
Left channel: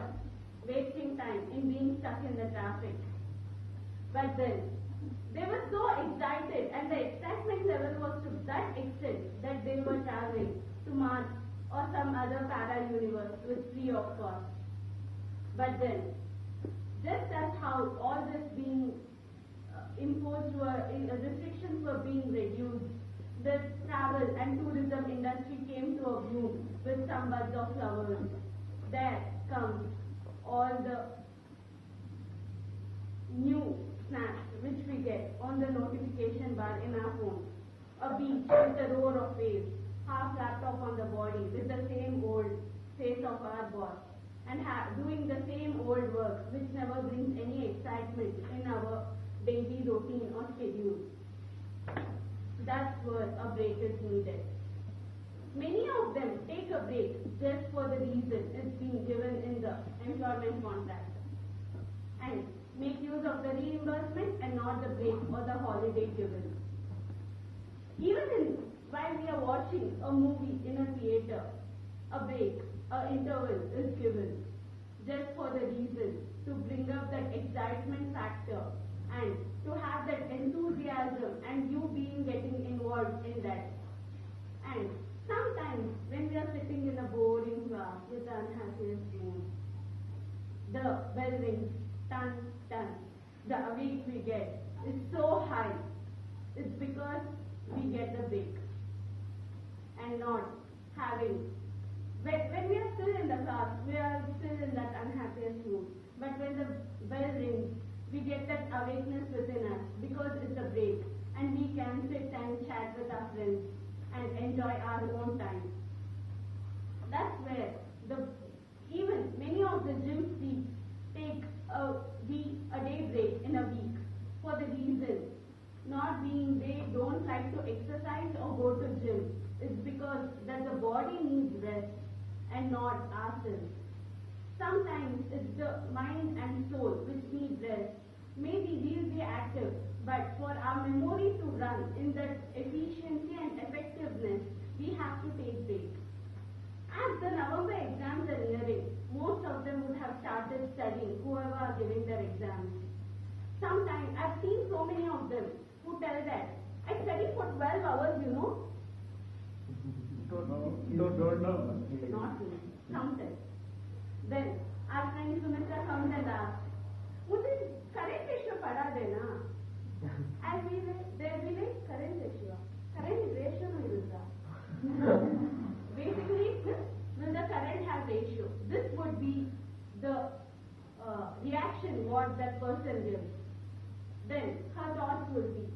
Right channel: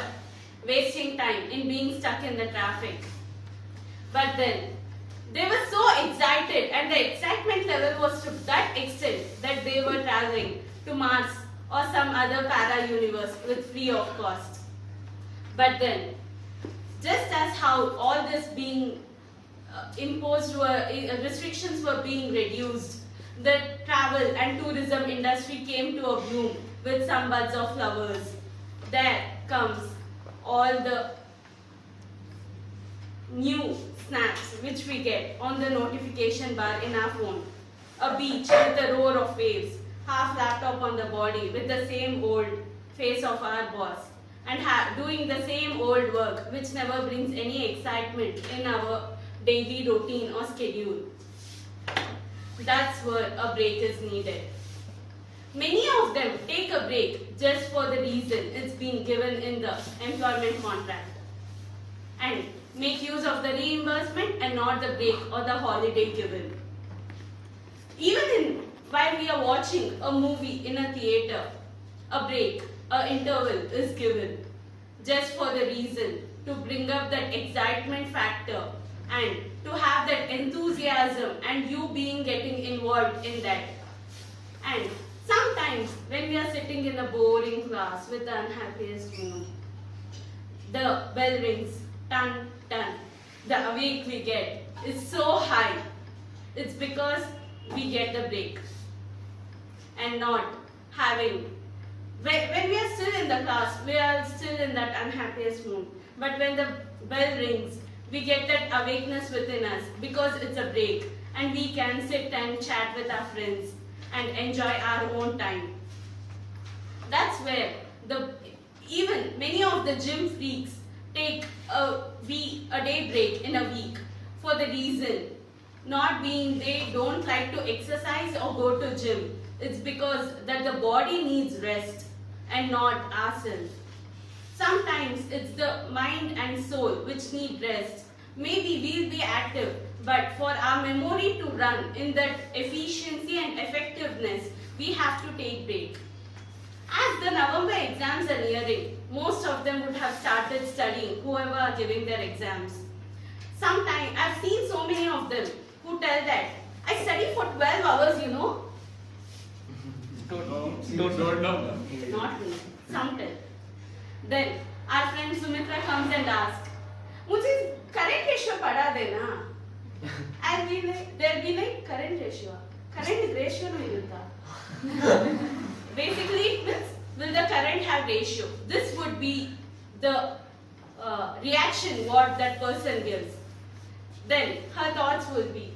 wasting time in being stuck in the traffic. But then, they were so excited and the excitement level was to that extent that they were traveling to Mars or some other para-universe with free of cost. But then, just as how all this being imposed restrictions were being reduced, the travel and tourism industry came to a bloom with some buds of flowers. There comes all the new snaps which we get on the notification bar in our phone. A beach with a roar of waves, half laptop on the body with the same old face of our boss, and doing the same old work which never brings any excitement in our daily routine or schedule. That's where a break is needed. Many of them take a break just for the reason it's been given in the employment contract and make use of the reimbursement and not the break or the holiday given. Even while we are watching a movie in a theater, a break, an interval is given just for the reason to bring up that excitement factor and to have that enthusiasm and you getting involved in that. And sometimes when we are sitting in a boring class with the unhappiest mood, the bell rings, dun dun. The awake we get is so high. It's because we get the break and not having. When we are still in the class, we are still in that unhappiest mood. But when the bell rings, we get that awakeness within us because it's a break and we can sit and chat with our friends and enjoy our own time. That's where even many of the gym freaks take a day break in a week for the reason not being they don't like to exercise or go to gym. It's because that the body needs rest and not ourselves. Sometimes it's the mind and soul which need rest. Maybe we'll be active, but for our memory to run in that efficiency and effectiveness, we have to take break. As the November exams are nearing, most of them would have started studying, whoever are giving their exams. Sometimes, I've seen so many of them who tell that, I study for 12 hours, you know. Don't know. Not me, some tell. Then, our friend Sumitra comes and asks, मुझे current ratio पढ़ा देना. And they'll be like, current ratio? Current ratio नहीं मिलता. Basically, it means, will the current have ratio? This would be the reaction what that person gives. Then, her thoughts will be,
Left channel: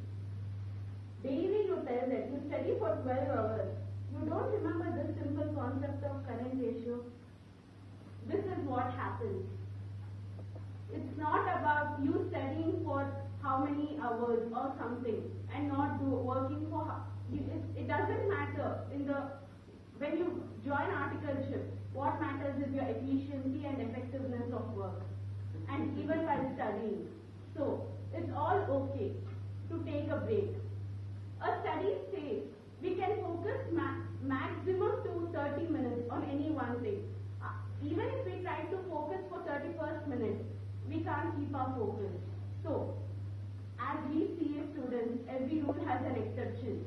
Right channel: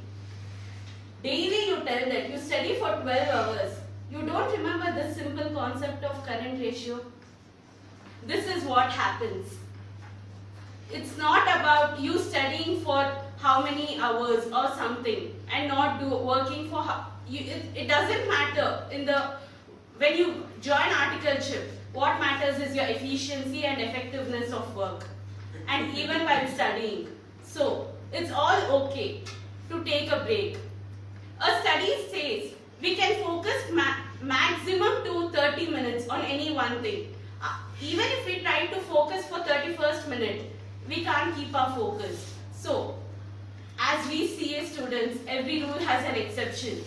daily you tell that you study for 12 hours. You don't remember this simple concept of current ratio? This is what happens. It's not about you studying for how many hours or something and not working for it doesn't matter when you join articleship. What matters is your efficiency and effectiveness of work and even while studying. So it's all okay to take a break. A study says we can focus maximum to 30 minutes on any one thing. Even if we try to focus for 31st minute, we can't keep our focus. So, As we CA students, every rule has an exception.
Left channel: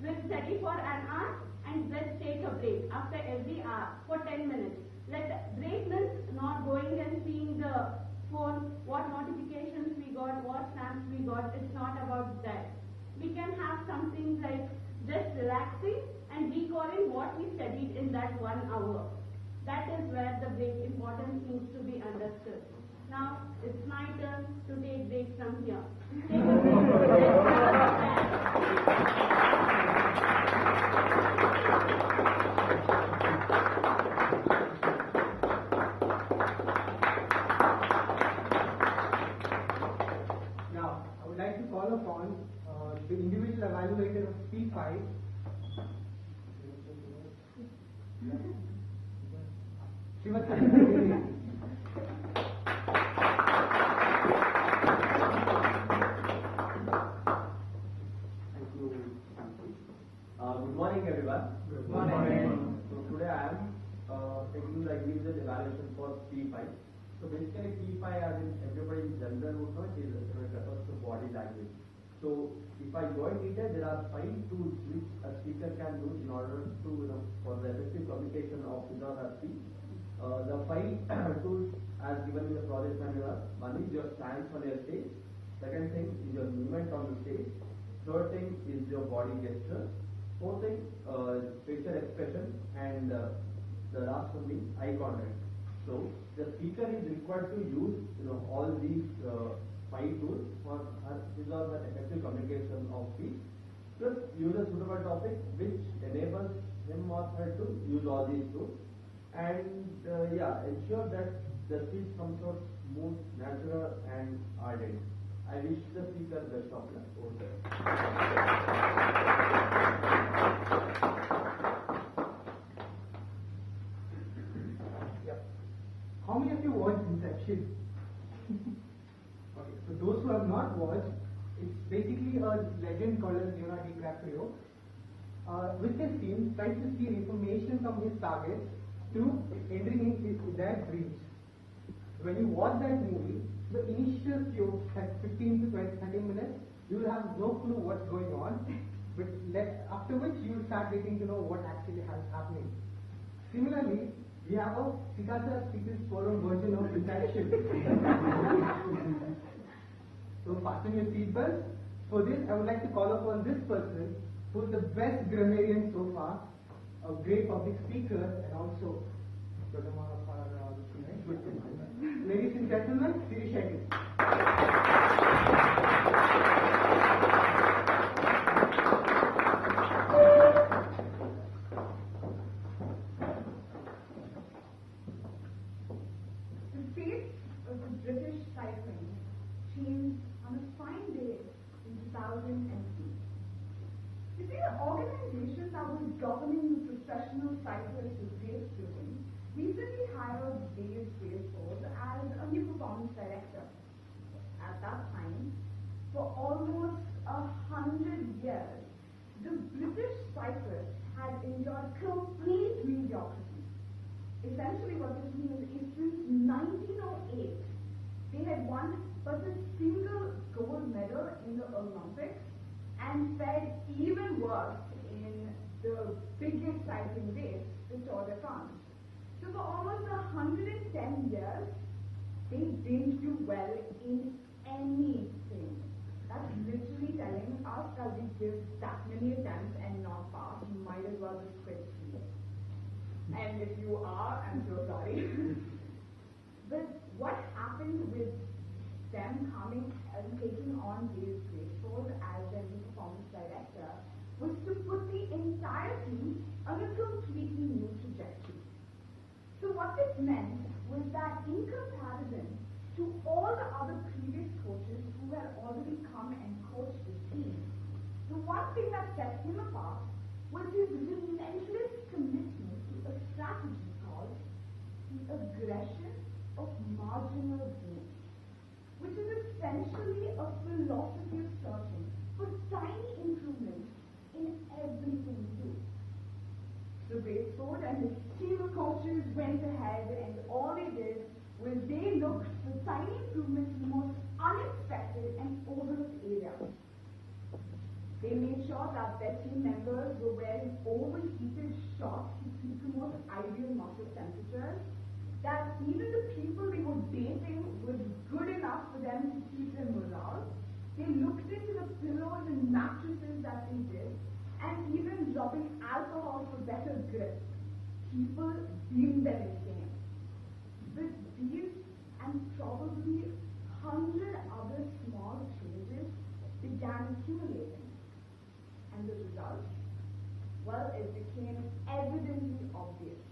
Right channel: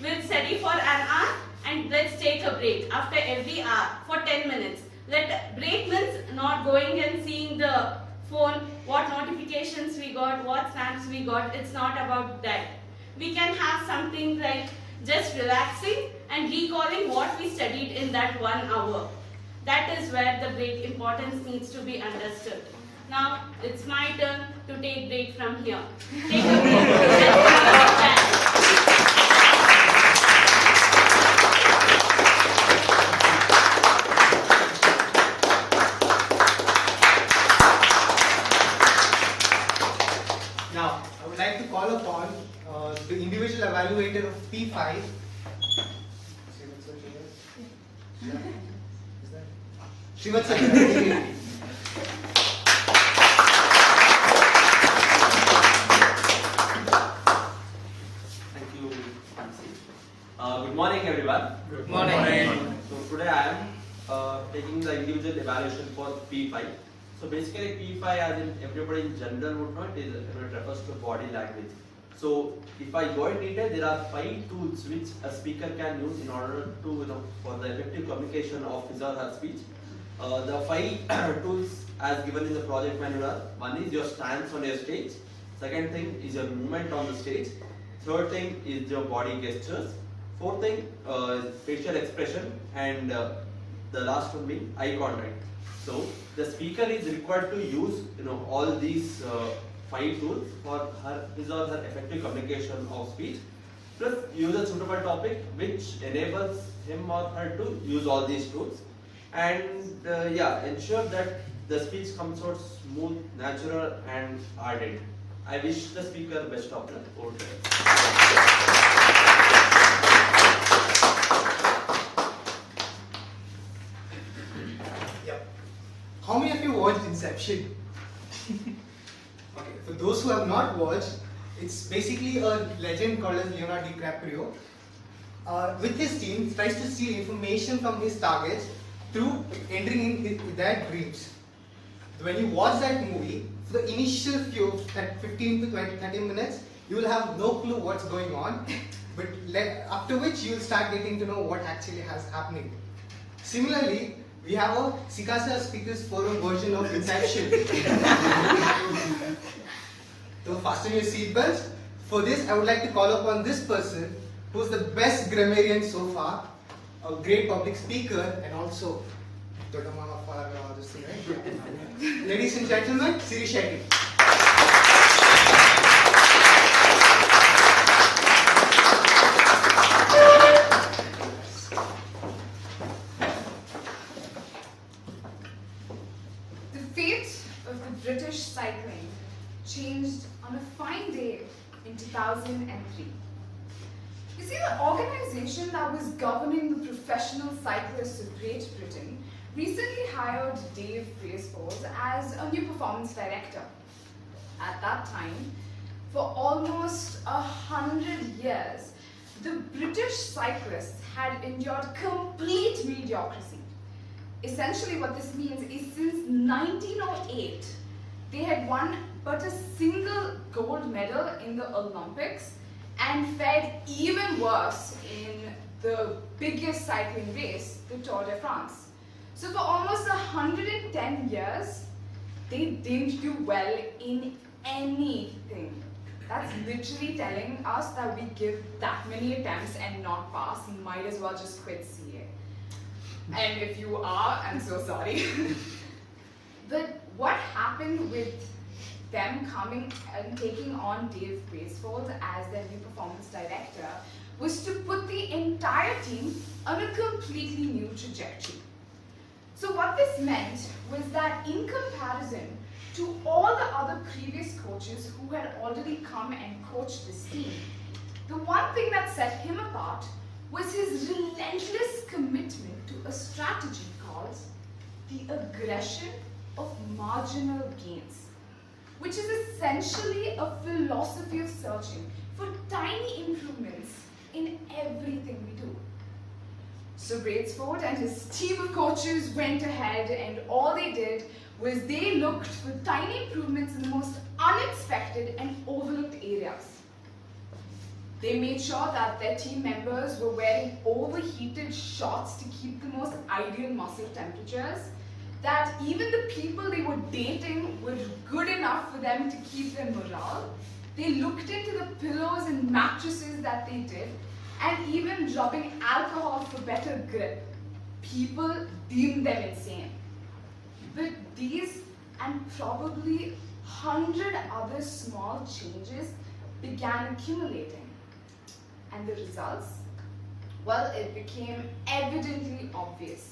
We'll study for an hour and let's take a break after every hour for 10 minutes. Break means not going and seeing the phone, what notifications we got, what snaps we got. It's not about that. We can have something like just relaxing and recalling what we studied in that 1 hour. That is where the break importance needs to be understood. Now it's my turn to take break from here. Take a break. Let's have a chat. Now, I would like to call upon the individual evaluator of P5. Srivatsa. Thank you, Nancy. Good morning, everyone. Good morning. So today I am taking the individual evaluation for P5. So basically P5, as in everybody in general would know, it refers to body language. So if I go in detail, there are 5 tools which a speaker can use in order to, for the effective communication of his or her speech. The 5 tools as given in the project manual. One is your stance on your stage. Second thing is your movement on the stage. Third thing is your body gestures. Fourth thing is facial expression, and the last one being eye contact. So the speaker is required to use all these 5 tools for his or her effective communication of speech. Plus use a suitable topic which enables him or her to use all these tools, and ensure that the speech comes out smooth, natural, and ardent. I wish the speaker best of luck. Over to you. Yep. How many of you watched Inception? Okay, for those who have not watched, it's basically a legend called as Leonardo DiCaprio. With his team, tries to steal information from his targets through entering in their dreams. When you watch that movie, for the initial few 15 to 20, 30 minutes, you will have no clue what's going on, but after which you will start getting to know what actually has happening. Similarly, we have a SICASA Speakers Forum version of Inception. So fasten your seatbelts. For this, I would like to call upon this person, who's the best grammarian so far, a great public speaker, and also Dodama of our this thing, right? Yeah. Ladies and gentlemen, Siri Shetty. The fate of the British cycling changed on a fine day in 2003. You see, the organization that was governing the professional cyclists of Great Britain recently hired Dave Braceforth as a new performance director. At that time, for almost 100 years, the British cyclists had endured complete mediocrity. Essentially, what this means is since 1908, they had won but a single gold medal in the Olympics and fared even worse in the biggest cycling race, the Tour de France. So for almost 110 years, they didn't do well in anything. That's literally telling us that we give that many attempts and not pass, might as well just quit CA. And if you are, I'm so sorry. But what happened with them coming and taking on Dave Braceforth as their new performance director was to put the entire team on a completely new trajectory. So what this meant was that in comparison to all the other previous coaches who had already come and coached this team, the one thing that set him apart was his relentless commitment to a strategy called the aggression of marginal gains, which is essentially a philosophy of searching for tiny improvements in everything we do. So Braceforth and his team of coaches went ahead, and all they did was they looked for tiny improvements in the most unexpected and overlooked areas. They made sure that their team members were wearing overheated shorts to keep the most ideal muscle temperatures, that even the people they were dating were good enough for them to keep their morale. They looked into the pillows and mattresses that they did, and even rubbing alcohol for better grip. People deemed them insane. But these and probably 100 other small changes began accumulating. And the results? Well, it became evidently obvious.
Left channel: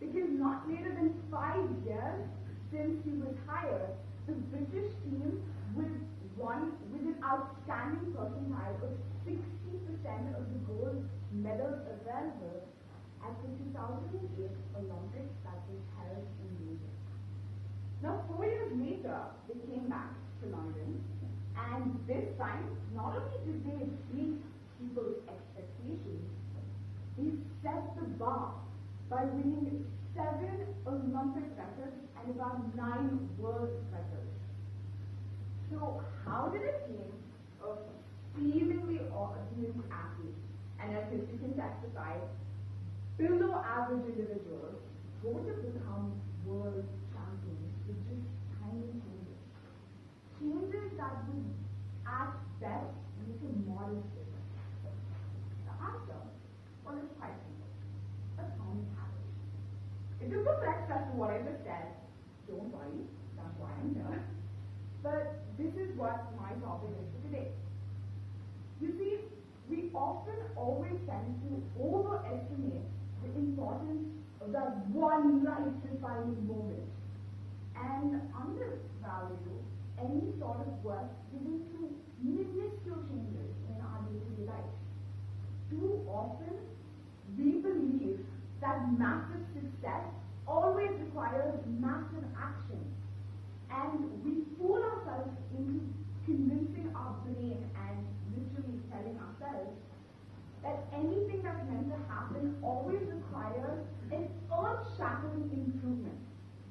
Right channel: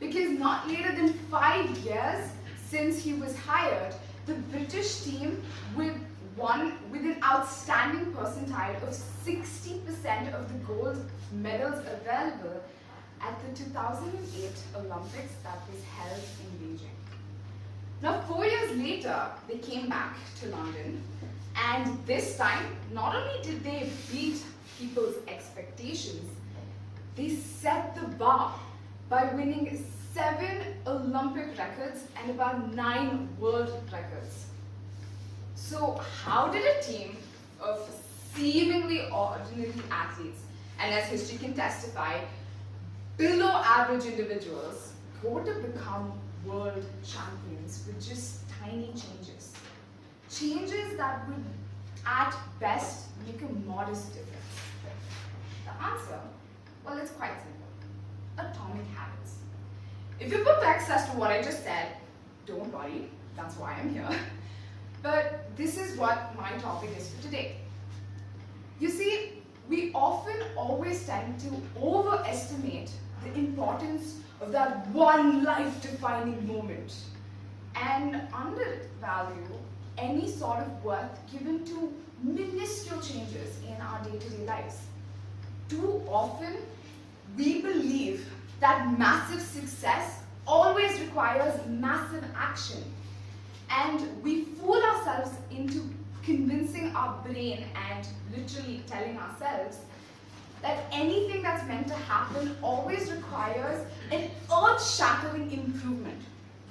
Because not later than 5 years since he was hired, the British team with an outstanding percentile of 60% of the gold medals available at the 2008 Olympics that was held in Beijing. Now, 4 years later, they came back to London, and this time, not only did they beat people's expectations, they set the bar by winning 7 Olympic records and about 9 world records. So how did a team of seemingly ordinary athletes, and as history can testify, below average individuals, go to become world champions with just tiny changes? Changes that would, at best, make a modest difference. The answer? Well, it's quite simple. Atomic habits. If you're perplexed as to what I just said, don't worry, that's why I'm here. But this is what my topic is for today. You see, we often always tend to overestimate the importance of that one life-defining moment and undervalue any sort of worth given to minuscule changes in our day-to-day lives. Too often, we believe that massive success always requires massive action. And we fool ourselves into convincing our brain and literally telling ourselves that anything that's meant to happen always requires an earth-shattering improvement,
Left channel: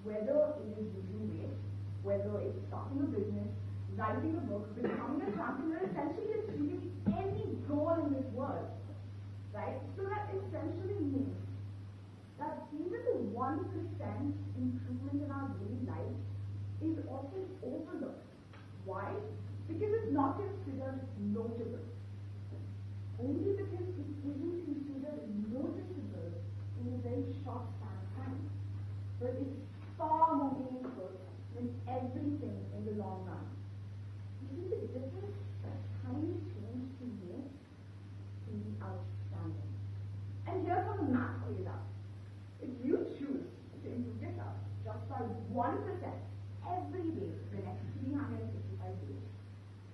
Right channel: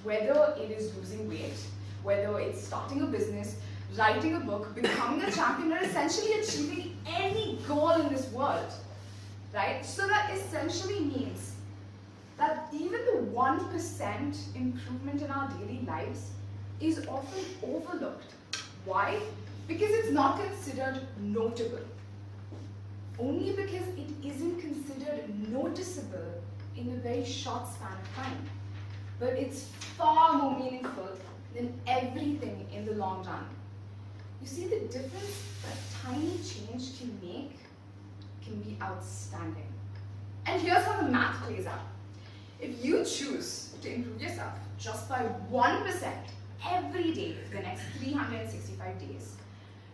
whether it is losing weight, whether it's starting a business, writing a book, becoming a champion, or essentially achieving any goal in this world, right? So that essentially means that even the 1% improvement in our daily lives is often overlooked. Why? Because it's not considered notable. Only because it isn't considered noticeable in a very short span of time. But it's far more meaningful than everything in the long run. You see, the difference a tiny change can make can be outstanding. And here's how the math plays out. If you choose to improve yourself just by 1% every day for the next 365 days,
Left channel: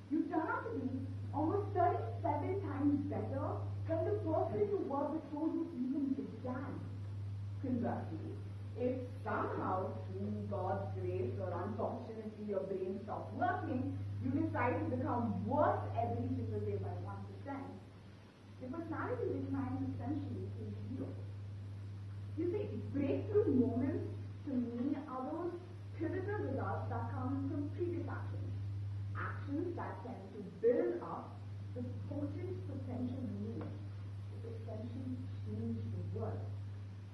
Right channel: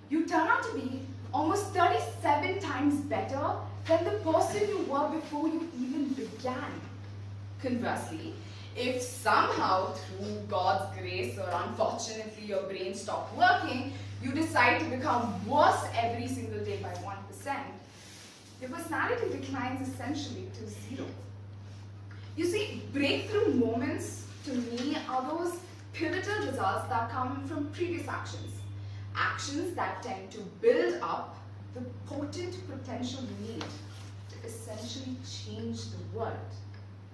you turn out to be almost 37 times better than the person you were before you even began. Conversely, if somehow through God's grace or unfortunately your brain stopped working, you decide to become worse every single day by 1%, your personality declines essentially to 0. You see, breakthrough moments to me are those pivotal results that come from previous actions. Actions that tend to build up the potent potential you need to essentially change the world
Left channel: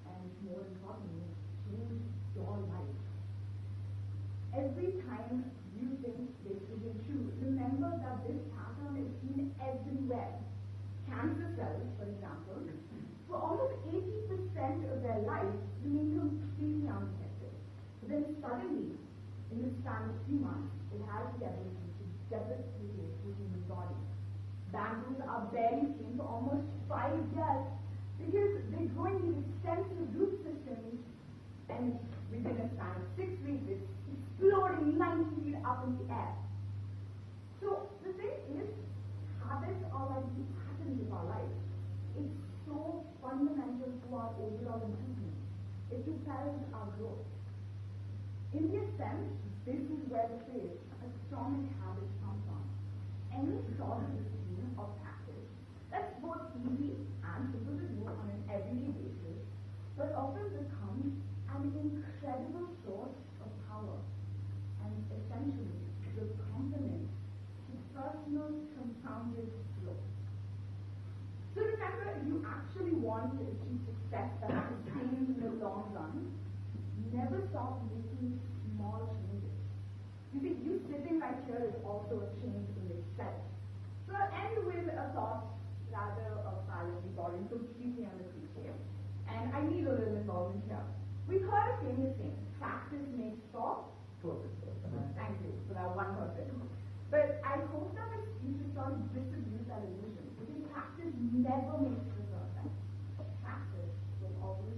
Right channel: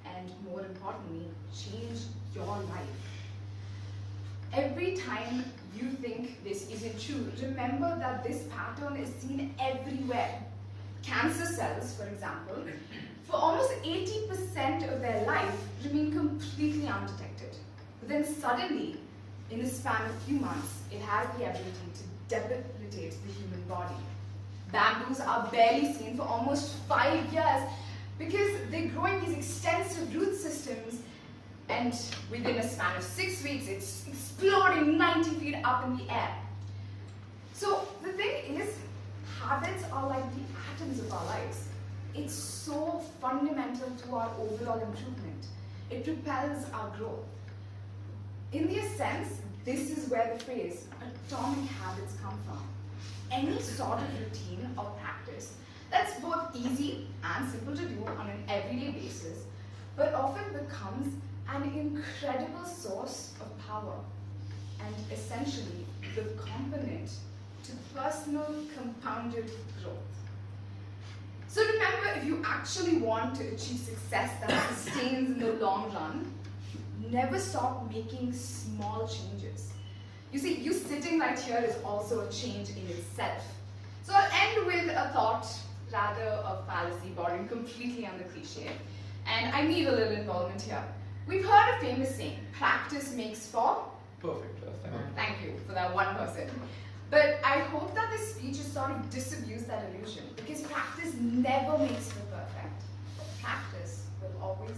and, more importantly, change your life. Every time you think this isn't true, remember that this pattern is seen everywhere. Cancer cells, for example, for almost 80% of their life remain completely undetected. But then suddenly, in the span of a few months, it has the ability to debilitate the human body. Bamboos are barely seen for almost 5 years because they grow in these extensive root systems, and within a span of 6 weeks, it's exploding 90 feet up in the air. So the thing is, habits are like the atoms of our lives. It's so fundamental to our overall improvement. It propels our growth. In this sense, this is where the phrase atomic habits come from. Any sort of routine or practice that's both easy and simple to do on an everyday basis, but often becomes an incredible source of power and essentially the component to personal compounded growth. So remember, if you actually want to achieve success that sustains in the long run, never stop making small changes. You see, you sitting right here is also a change in itself. So I'll end with a thought, rather a fallacy, borrowing completely on the cliche. And I need a little involvement here. We've heard a famous saying, practice makes for? Perfect. Thank you for that one person. But I hope that this speech has sort of disabused that illusion, because practice never makes for perfect. Practice will always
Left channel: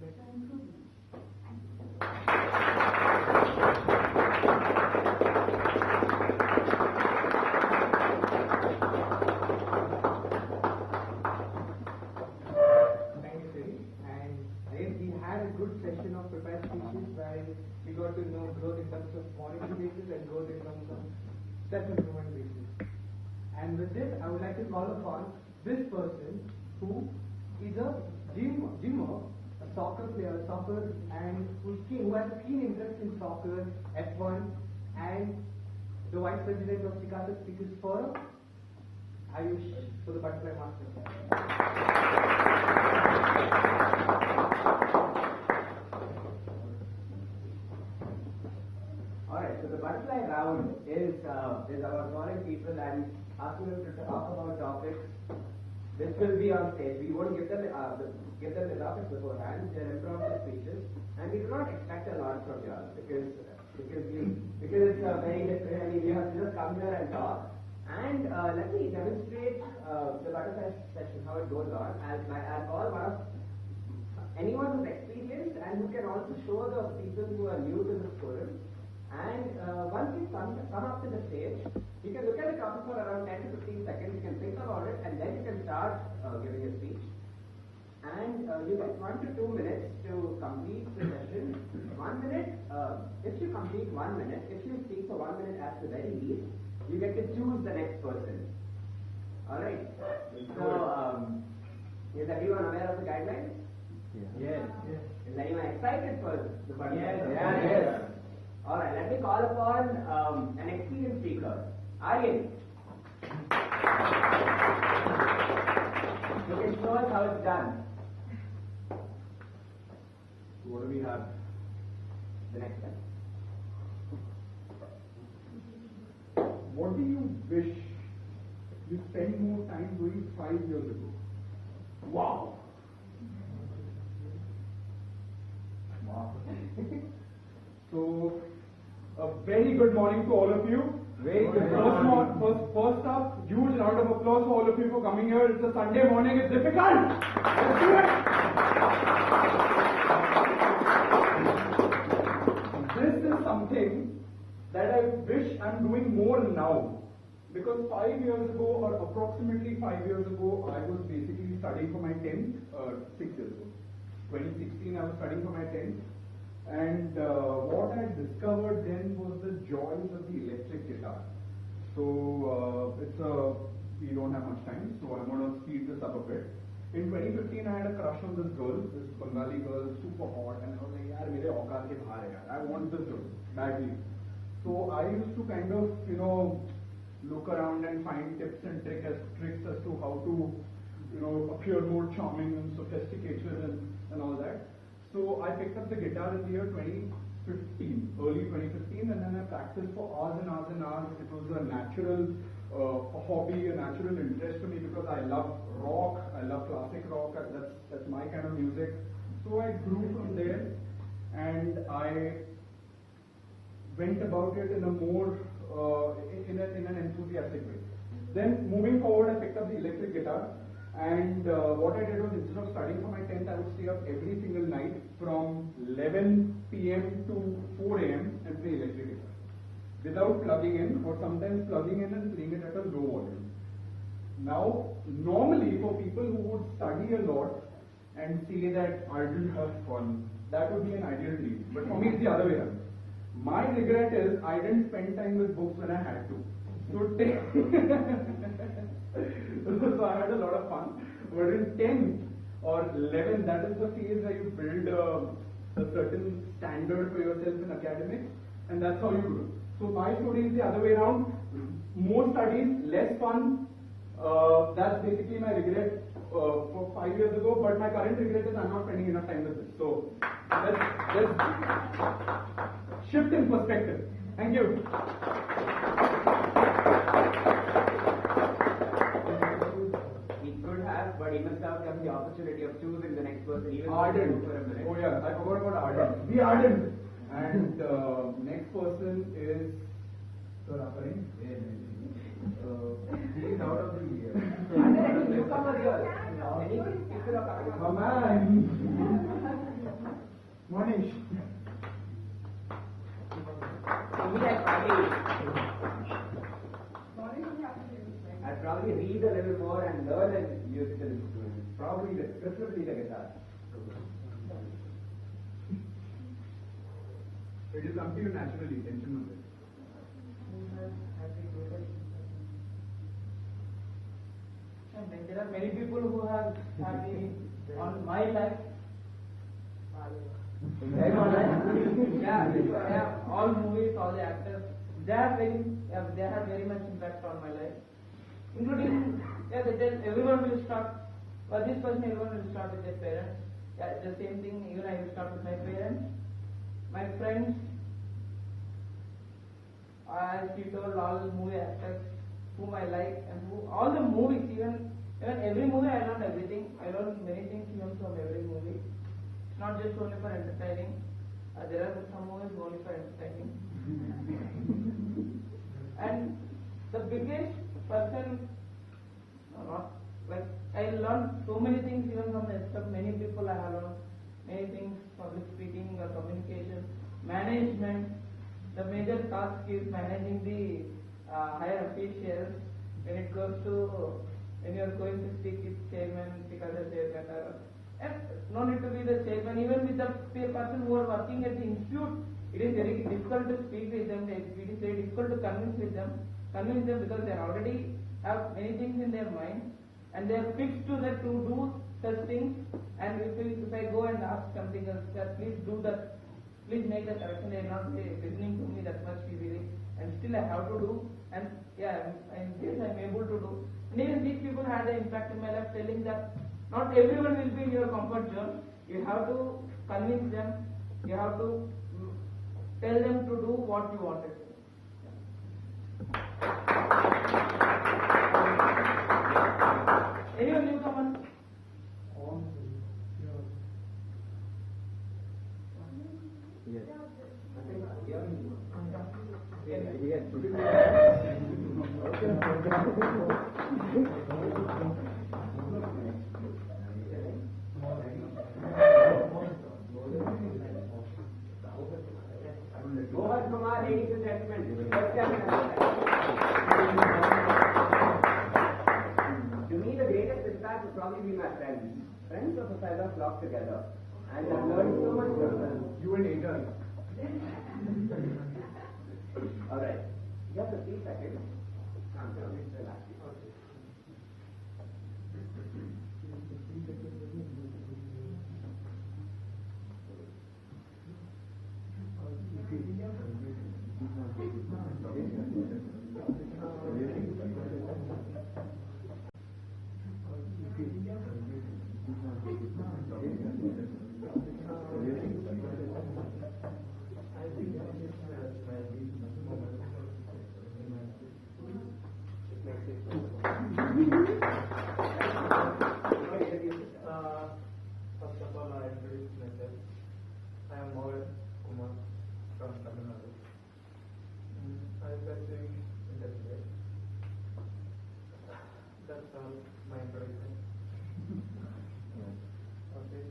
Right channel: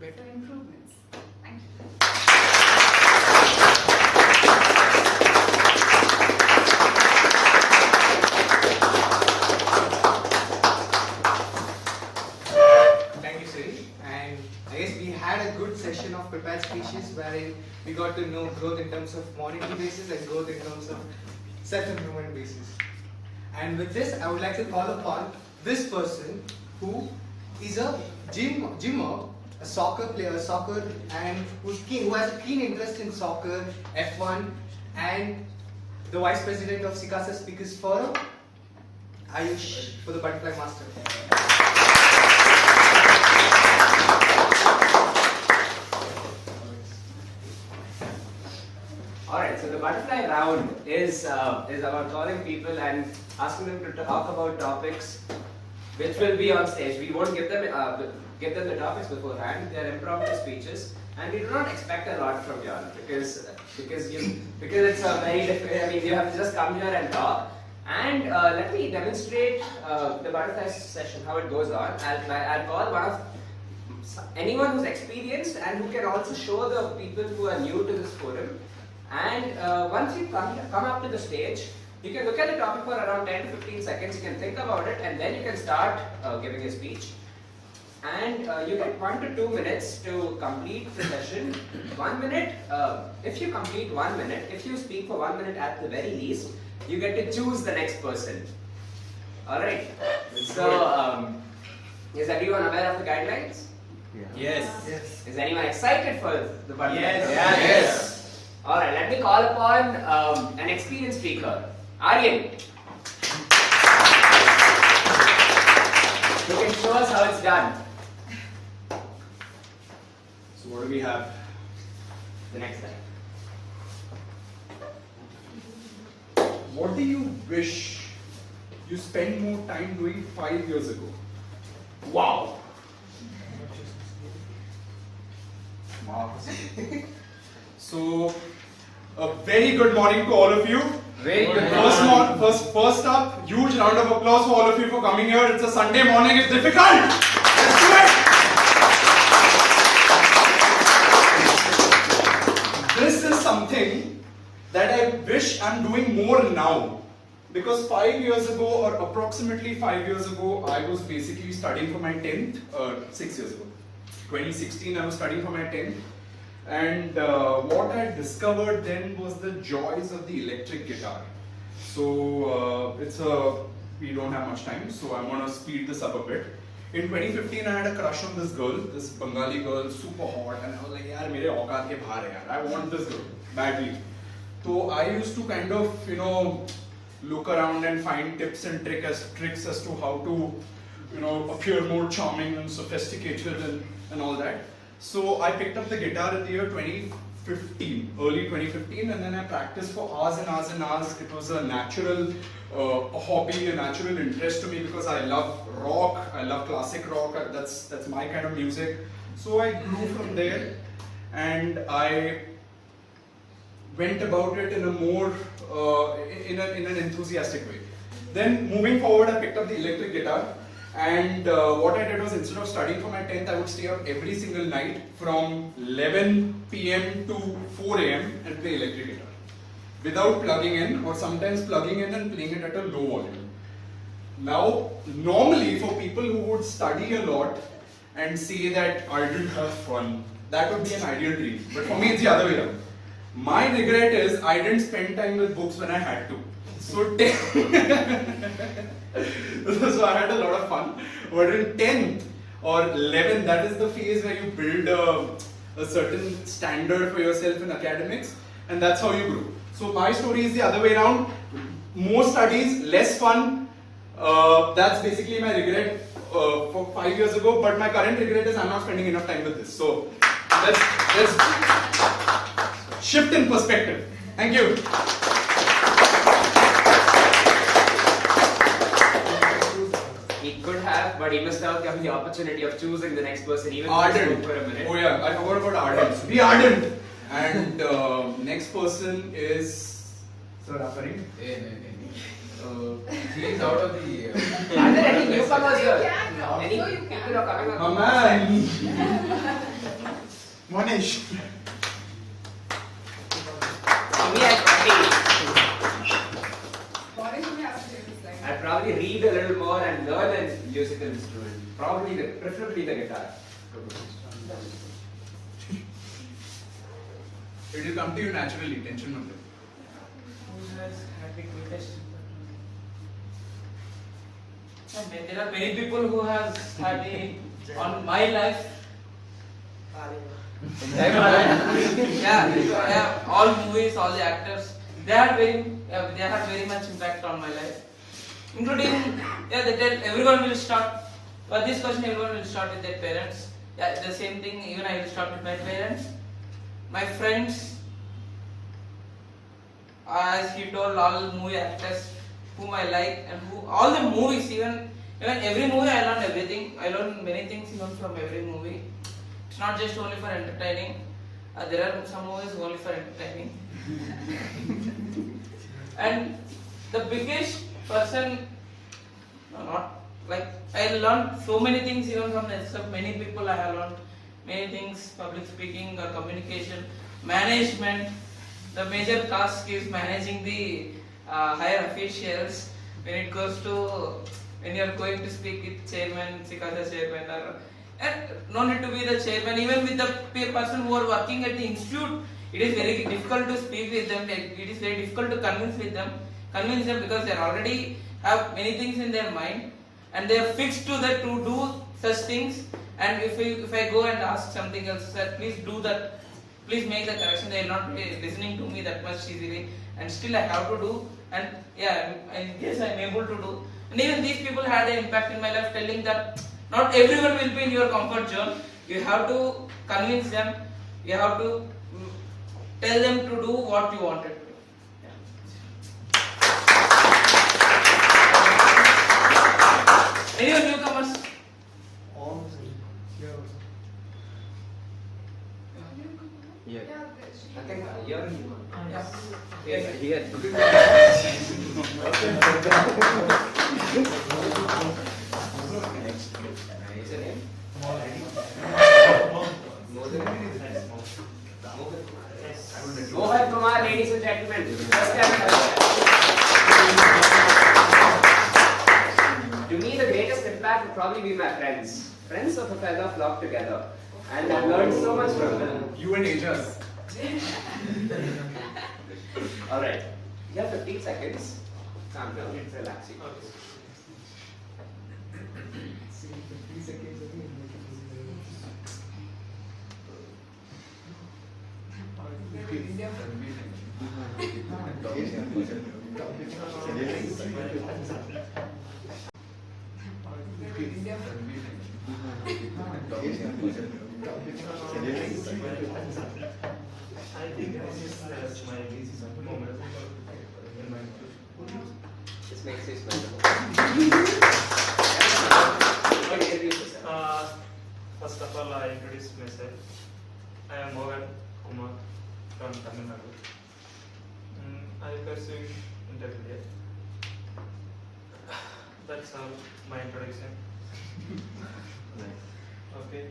lead for improvements. Thank you. Thank you, Siri. And I guess we had a good session of prepared speeches wherein we got to know growth in terms of monetary basis and growth in terms of self-improvement basis. And with this, I would like to call upon this person who is a gymmer, a soccer player, and who has a keen interest in soccer, F1, and the Vice President of SICASA Speakers Forum, Ayush, for the Butterfly Master. Alright, so the butterfly round is about calling people and asking them to talk about topics which will be on stage. We won't give them the topics beforehand. They are impromptu speeches, and we do not expect a lot from you all because it's a very different. I mean, you have to just come here and talk. And let me demonstrate the butterfly session, how it goes on. I'll call anyone who's experienced and who can also show the people who are new to this forum. And once you come up to the stage, you can look at the topic for around 10 to 15 seconds, you can think about it, and then you can start giving a speech. And you get 1 to 2 minutes to complete the session. 1 minute, if you complete 1 minute, if you speak for 1 minute at the very least, you get to choose the next person. Alright, so is everyone aware of the guidelines? Yes. Is anyone excited for the butterfly? Yes. Alright, let me call upon an experienced speaker, Aryan. You can show us how it's done. So what do we have? The next time. What do you wish you spent more time doing 5 years ago? Wow. So, a very good morning to all of you. Very good First up, huge round of applause for all of you for coming here. It's a Sunday morning, it's difficult. Let's do it. This is something that I wish I'm doing more now. Because 5 years ago, or approximately 5 years ago, I was basically studying for my 10th, 6 years ago. 2016, I was studying for my 10th. And what I discovered then was the joys of the electric guitar. So we don't have much time, so I'm gonna speed this up a bit. In 2015, I had a crush on this girl, this Bengali girl, super hot, and I was like, yaar, mere auqaat ke bahar hai yaar. I want this girl badly. So I used to kind of, look around and find tips and tricks as to how to, appear more charming and sophisticated and all that. So I picked up the guitar in the year 2015, early 2015, and then I practiced for hours and hours and hours. It was a natural hobby, a natural interest to me because I love rock, I love classic rock. That's my kind of music. So I grew from there, and I went about it in a more in an enthusiastic way. Then moving forward, I picked up the electric guitar. And what I did was, instead of studying for my 10th, I would stay up every single night from 11 p.m. to 4 a.m. and play electric guitar without plugging in, or sometimes plugging in and playing it at a low volume. Now, normally for people who would study a lot and say that I didn't have fun, that would be an ideal dream. But for me, it's the other way around. My regret is I didn't spend time with books when I had to. So so I had a lot of fun. But in 10th or 11th, that is the phase where you build a certain standard for yourself in academics, and that's how you grow. So my story is the other way around. More studies, less fun. That's basically my regret for 5 years ago. But my current regret is I'm not spending enough time with this. So let's shift in perspective. Thank you. He could have, but he missed out on the opportunity of choosing the next person, even if he Ardent. spoke for a minute. Oh yeah, I forgot about Ardent. Be Ardent. And next person is Sir Aparin. He is out of the. Are there any newcomers You here? can now. Any So you can. people are coming up? Oh man. Manish. To me, I'd probably read a little more and learn a musical instrument. Preferably the guitar. It will come to you naturally. Tension not. There are many people who have studied on my life. Yeah, all movies, all the actors, they had very much impact on my life, including they tell everyone will start. For this question, everyone will start with their parents. Yeah, the same thing. Even I will start with my parents, my friends. As he told, all movie actors whom I like and all the movies, even every movie I learned everything. I learned many things even from every movie. It's not just only for entertaining. There are some movies only for entertaining. And the biggest person, not like I learned so many things even from many people. I have learned many things: public speaking, communication, management. The major task is managing the higher officials when it goes to when you are going to speak with chairman, SICASA chairman, and no need to be the chairman. Even with the person who are working at the institute, it is very difficult to speak with them. It is very difficult to convince them because they already have many things in their mind and they are fixed to that to do such things. And if I go and ask something else, sir, please do that. Please make the correction. They will not be listening to me that much easily, and still I have to do. And yeah, I guess I am able to do. And even these people had an impact in my life, telling that not everyone will be in your comfort zone. You have to convince them. You have to tell them to do what you wanted to do. Yeah. Anyone newcomers? Yeah. I think you're Yeah. here. Mohan Kumar, ladies and gentlemen. To me, the greatest impact would probably be my friends. Friends of a feather flock together. And I've learned so much from them. You and Ajas. Alright. You have 15 seconds. Calm down. Relax. This makes you smile. First of all, I introduce myself. I am Mohan Kumar from Tamil Nadu. I pursue intermediate. That's all my introduction. Okay.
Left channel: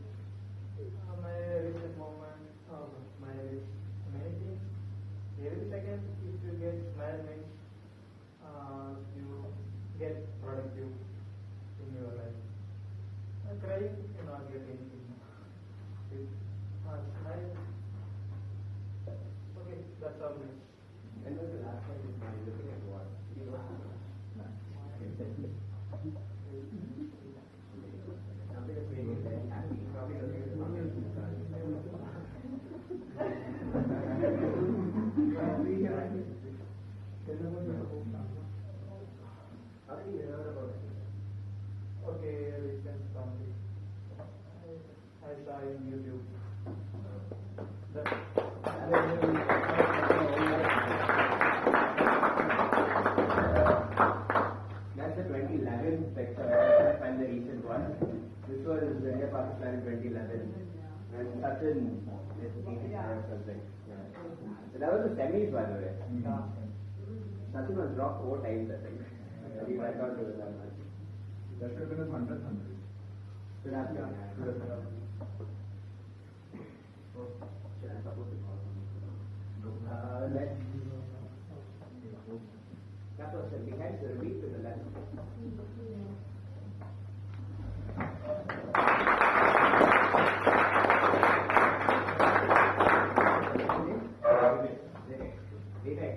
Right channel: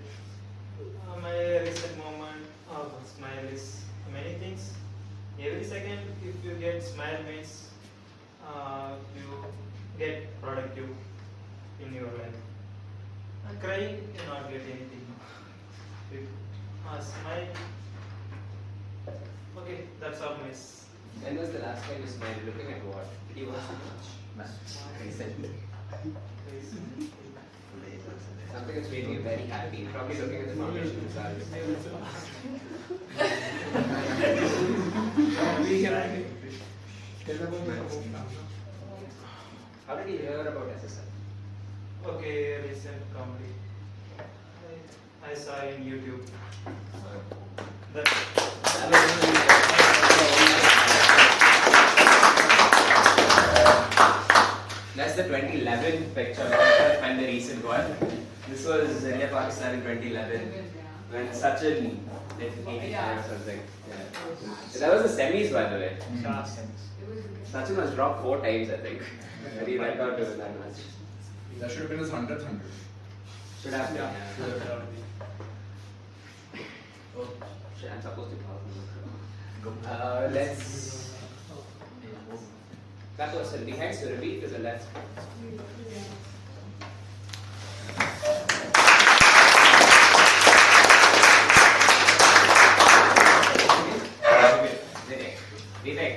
My recent moment of smile is many things. Every second, if you get smile means you get productive in your life. Crying, you not get anything. Smile. Okay, that's all, miss. When was the last time you smiled? Looking at what? Did you watch too much? Recently. Something that's made me very happy. Probably looking at the foundation results. How did you hear about SSI? Okay, recent comedy. I saw in YouTube. That's the 2011 picture. I'm trying to find the recent one. This was India Pakistan in 2011 when Sachin did 85 or something. Yeah. That was the semis, by the way. Sachin was dropped 4 times, I think. And he went out to win that match. That should have been his 100th 100. Should have been. Yeah. Oh, shit, I'm supposed to pause. Let's. That person behind Surabhi to the left. Vivek.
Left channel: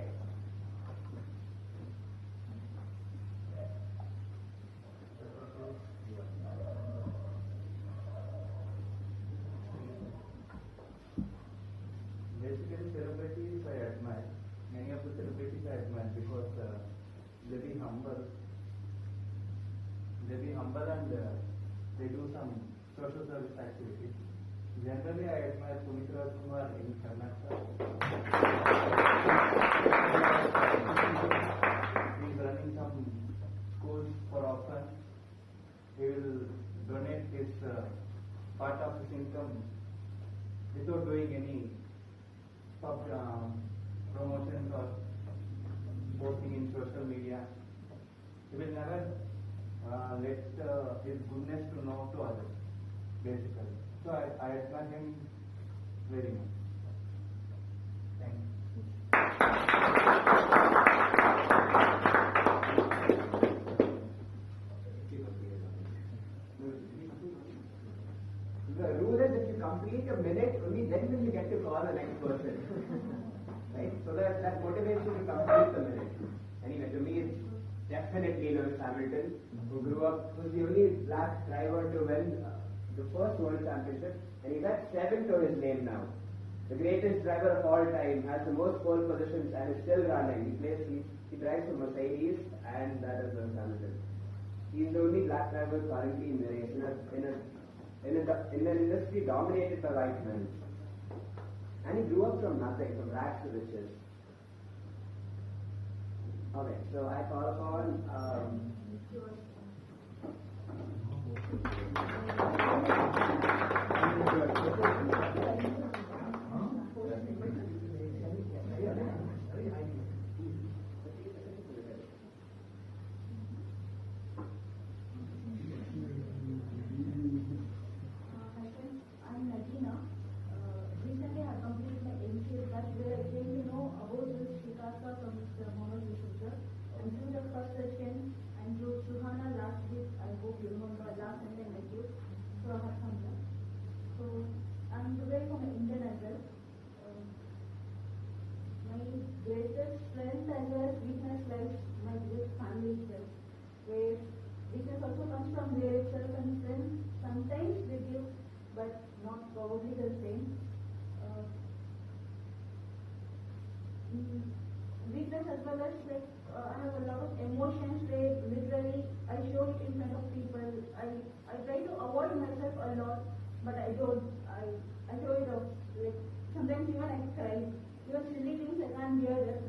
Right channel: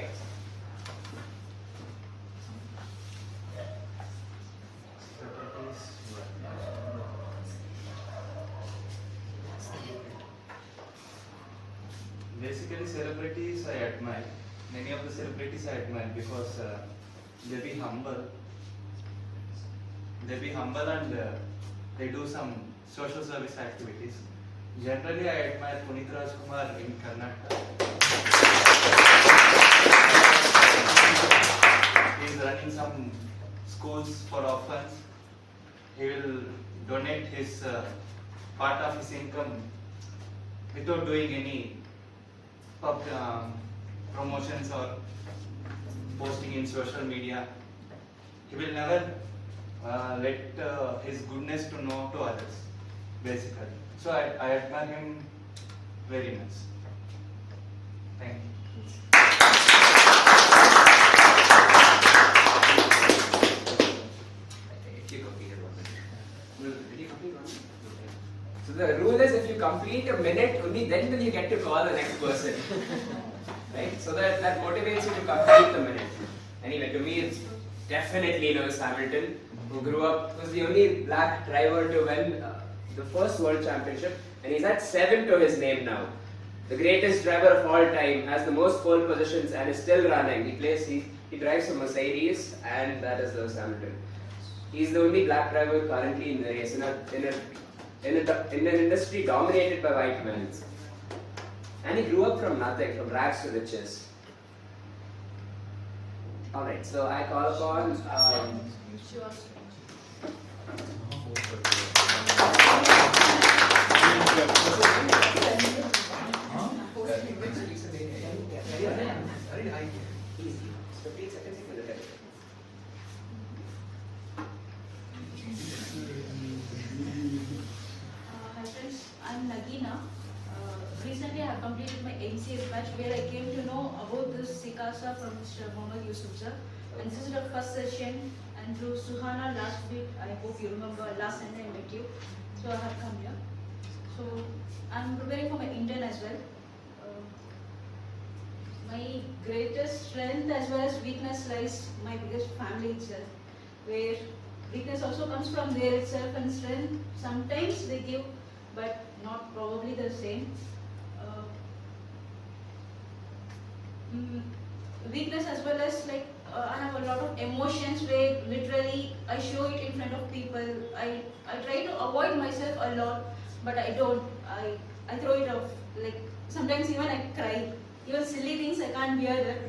Basically, celebrities I admire. Many of the celebrities I admire because they be humble. They be humble and they do some social service activities. Generally, I admire Punit Rajkumar in Karnataka. He is running some schools for orphans. He will donate his part of his income without doing any promotions or posting in social media. He will never let his goodness to know to others, basically. So I admire him very much. Thank So the rule is if you complete a minute, only then will you get to call the next person. Right? So that motivates you to complete the minute. Anyway, to me it's definitely Lewis Hamilton, who grew up, was the only black driver to win the first world championship, and he's at 7 to his name now. The greatest driver of all time, has the most pole positions and is still running. He drives a Mercedes, and that is Lewis Hamilton. He's the only black driver currently in the race in an industry dominated by white men. And he grew up from nothing, from rags to riches. Alright, so I call upon Hi friends, I'm Nagina. Recently I have completed my MCA batch where I came to know about this SICASA from Mr. Mohammad Yusuf sir. And this is the first session, and through Suhana last week, I hope you remember last Sunday I met you. So I have come here. So I'm preparing for my intern as well. My greatest strength as well as weakness lies my biggest family itself, where weakness also comes from there itself, and strength sometimes they give, but not probably the same. Weakness as well as like I have a lot of emotions where literally I show it in front of people. I try to avoid myself a lot, but I don't. I throw it off. Like sometimes even I cry. Even silly things I can't bear that.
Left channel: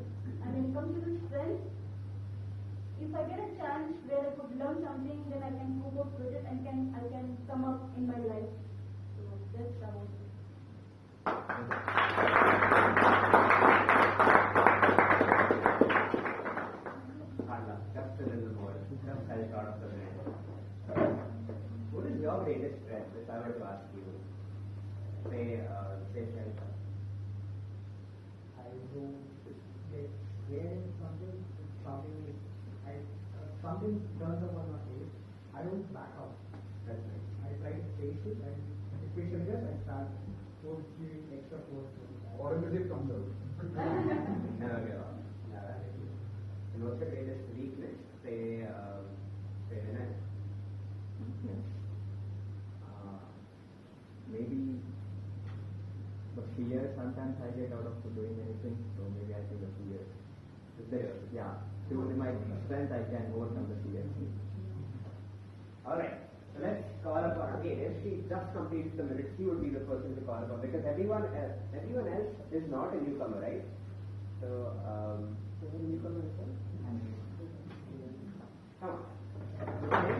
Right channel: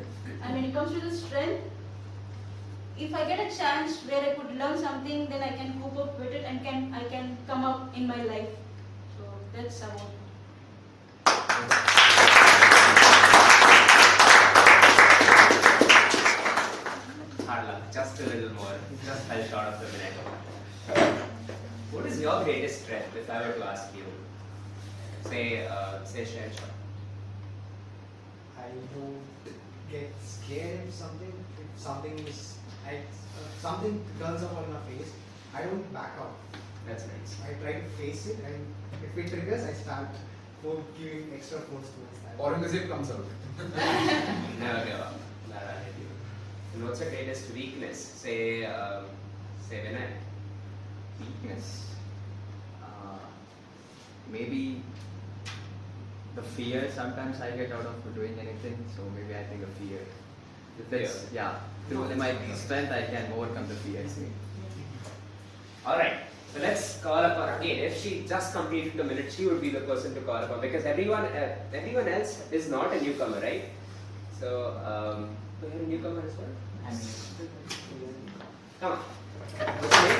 And when it comes to the strength, if I get a chance where I could learn something, then I can cope up with it and I can come up in my life. So that's about it. hard luck, just a little more, just fell short of the minute. What is your greatest strength, if I were to ask you? Say Shanshaw. I don't get scared if something is like something turns up on my face. I don't back out. That's nice. I try to face it, and if it triggers, I start giving extra force towards that. Aurangzeb comes out. Never give up. And what's your greatest weakness? Say Vinay. Weakness. maybe the fear sometimes I get out of doing anything. So maybe I think the fear. That's, yeah. Through my strength, I can overcome the fears. Alright, so let's call upon again. If she just completed the minute, she would be the person to call upon because everyone else is not a newcomer, right? So, we have a newcomer as well? Come on. What's your name?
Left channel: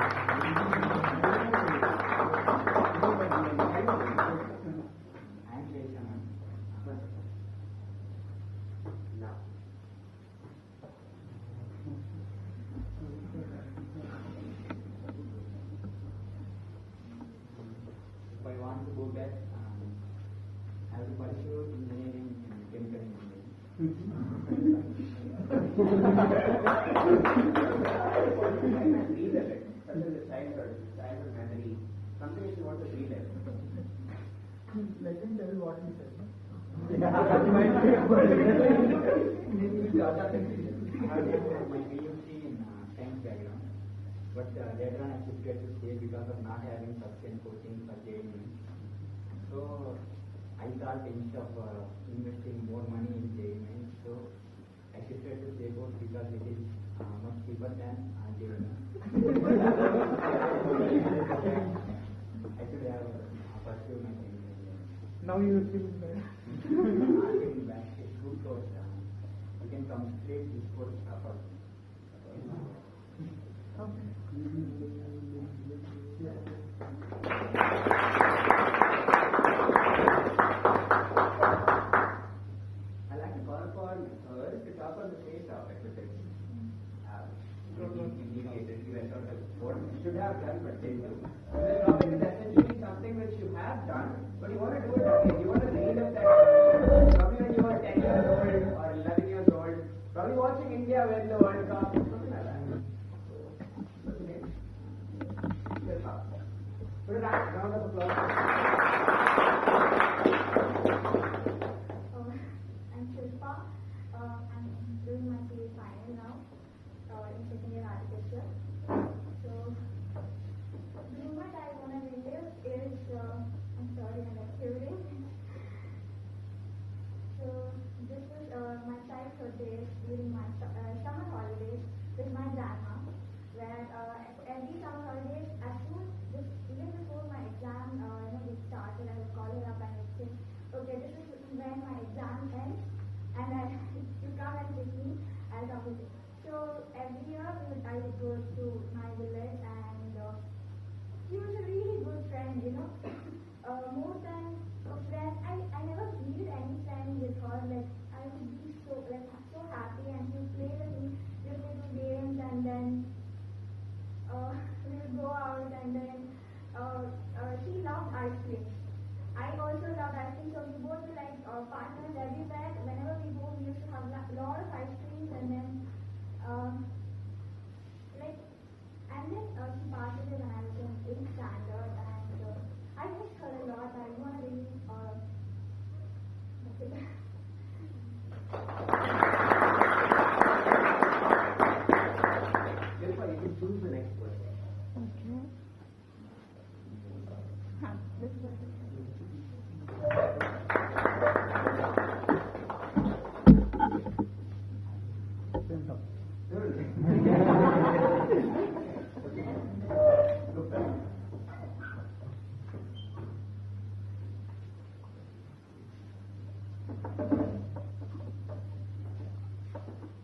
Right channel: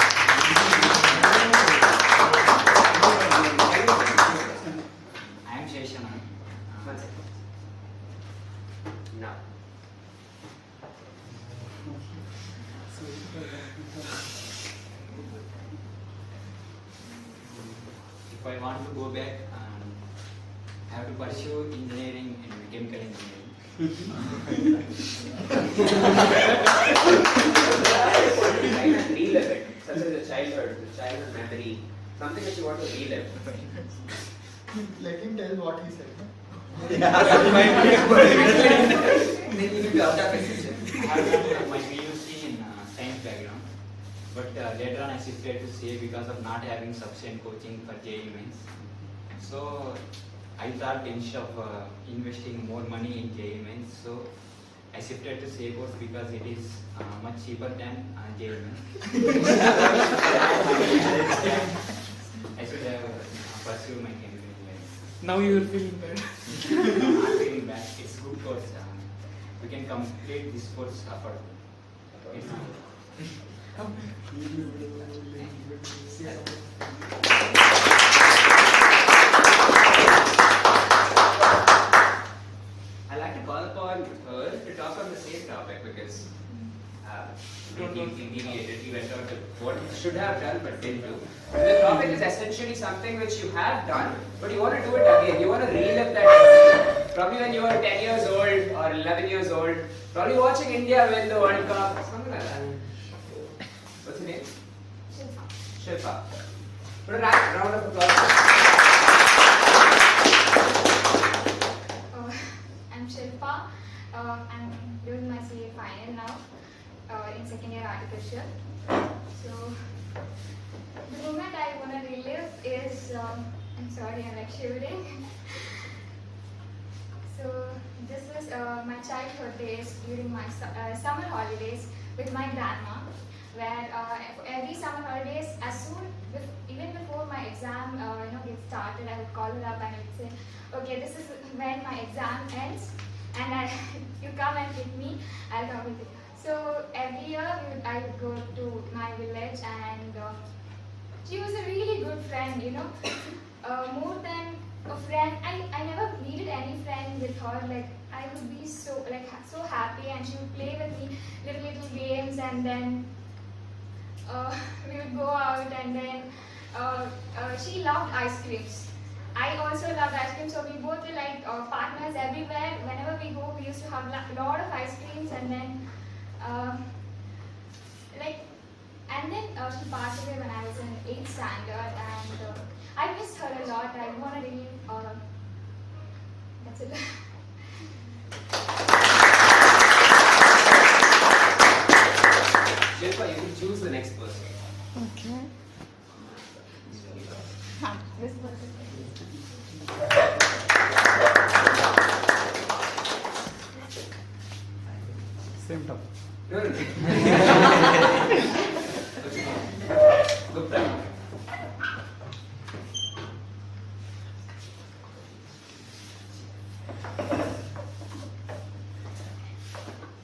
I am Sheshana. One second. Now. If I want to go back, I have to pursue engineering and chemical engineering. Try and relive it, such as the childhood memory, something that you want to relive. Let him tell what he said. I have done my PUC in science background, but later on I shifted to CA because of not having sufficient coaching for JEE mains. So I thought instead of investing more money in JEE mains, so I shifted to CA course because it is much cheaper than JEE mains. I should have pursued my chemical engineering. Now you are feeling bad. I'm not feeling bad. It's good course. We can complete this course affordably. I'd like to call upon her to talk on the same topic because we deviated, we went on to what you should have done but didn't do. And the topic is essentially something which you have done, but you want to do it again. You want to relive that probably when you were 10 years old or 11 years old, probably watching India win the World Cup, something like that. What's your name? Shilpa. Put a round of applause. I'm Shilpa. I'm doing my CA final now in second year architecture. So the moment I want to relive is, I'm sorry, I'm like shivering. So this is my childhood days during my summer holidays with my grandma, where every summer holidays, as soon, even before my exam gets started, I would call her up and I would say, okay, this is when my exam ends, and you come and pick me, I'll come with you. So every year I would go to my village, and she was a really good friend, more than a friend. I never needed any friend with her. Like I would be so happy, and she would play with me little games, and then we would go out, and then she loved ice creams. I also loved ice cream, so we both were like partners everywhere. Whenever we go, we used to have a lot of ice creams, and then she passed away when I was in 8th standard, and I missed her a lot. I want to really, that's it. Shilpa, you can choose the next person. Okay. This person. Same topic. No. Gupta.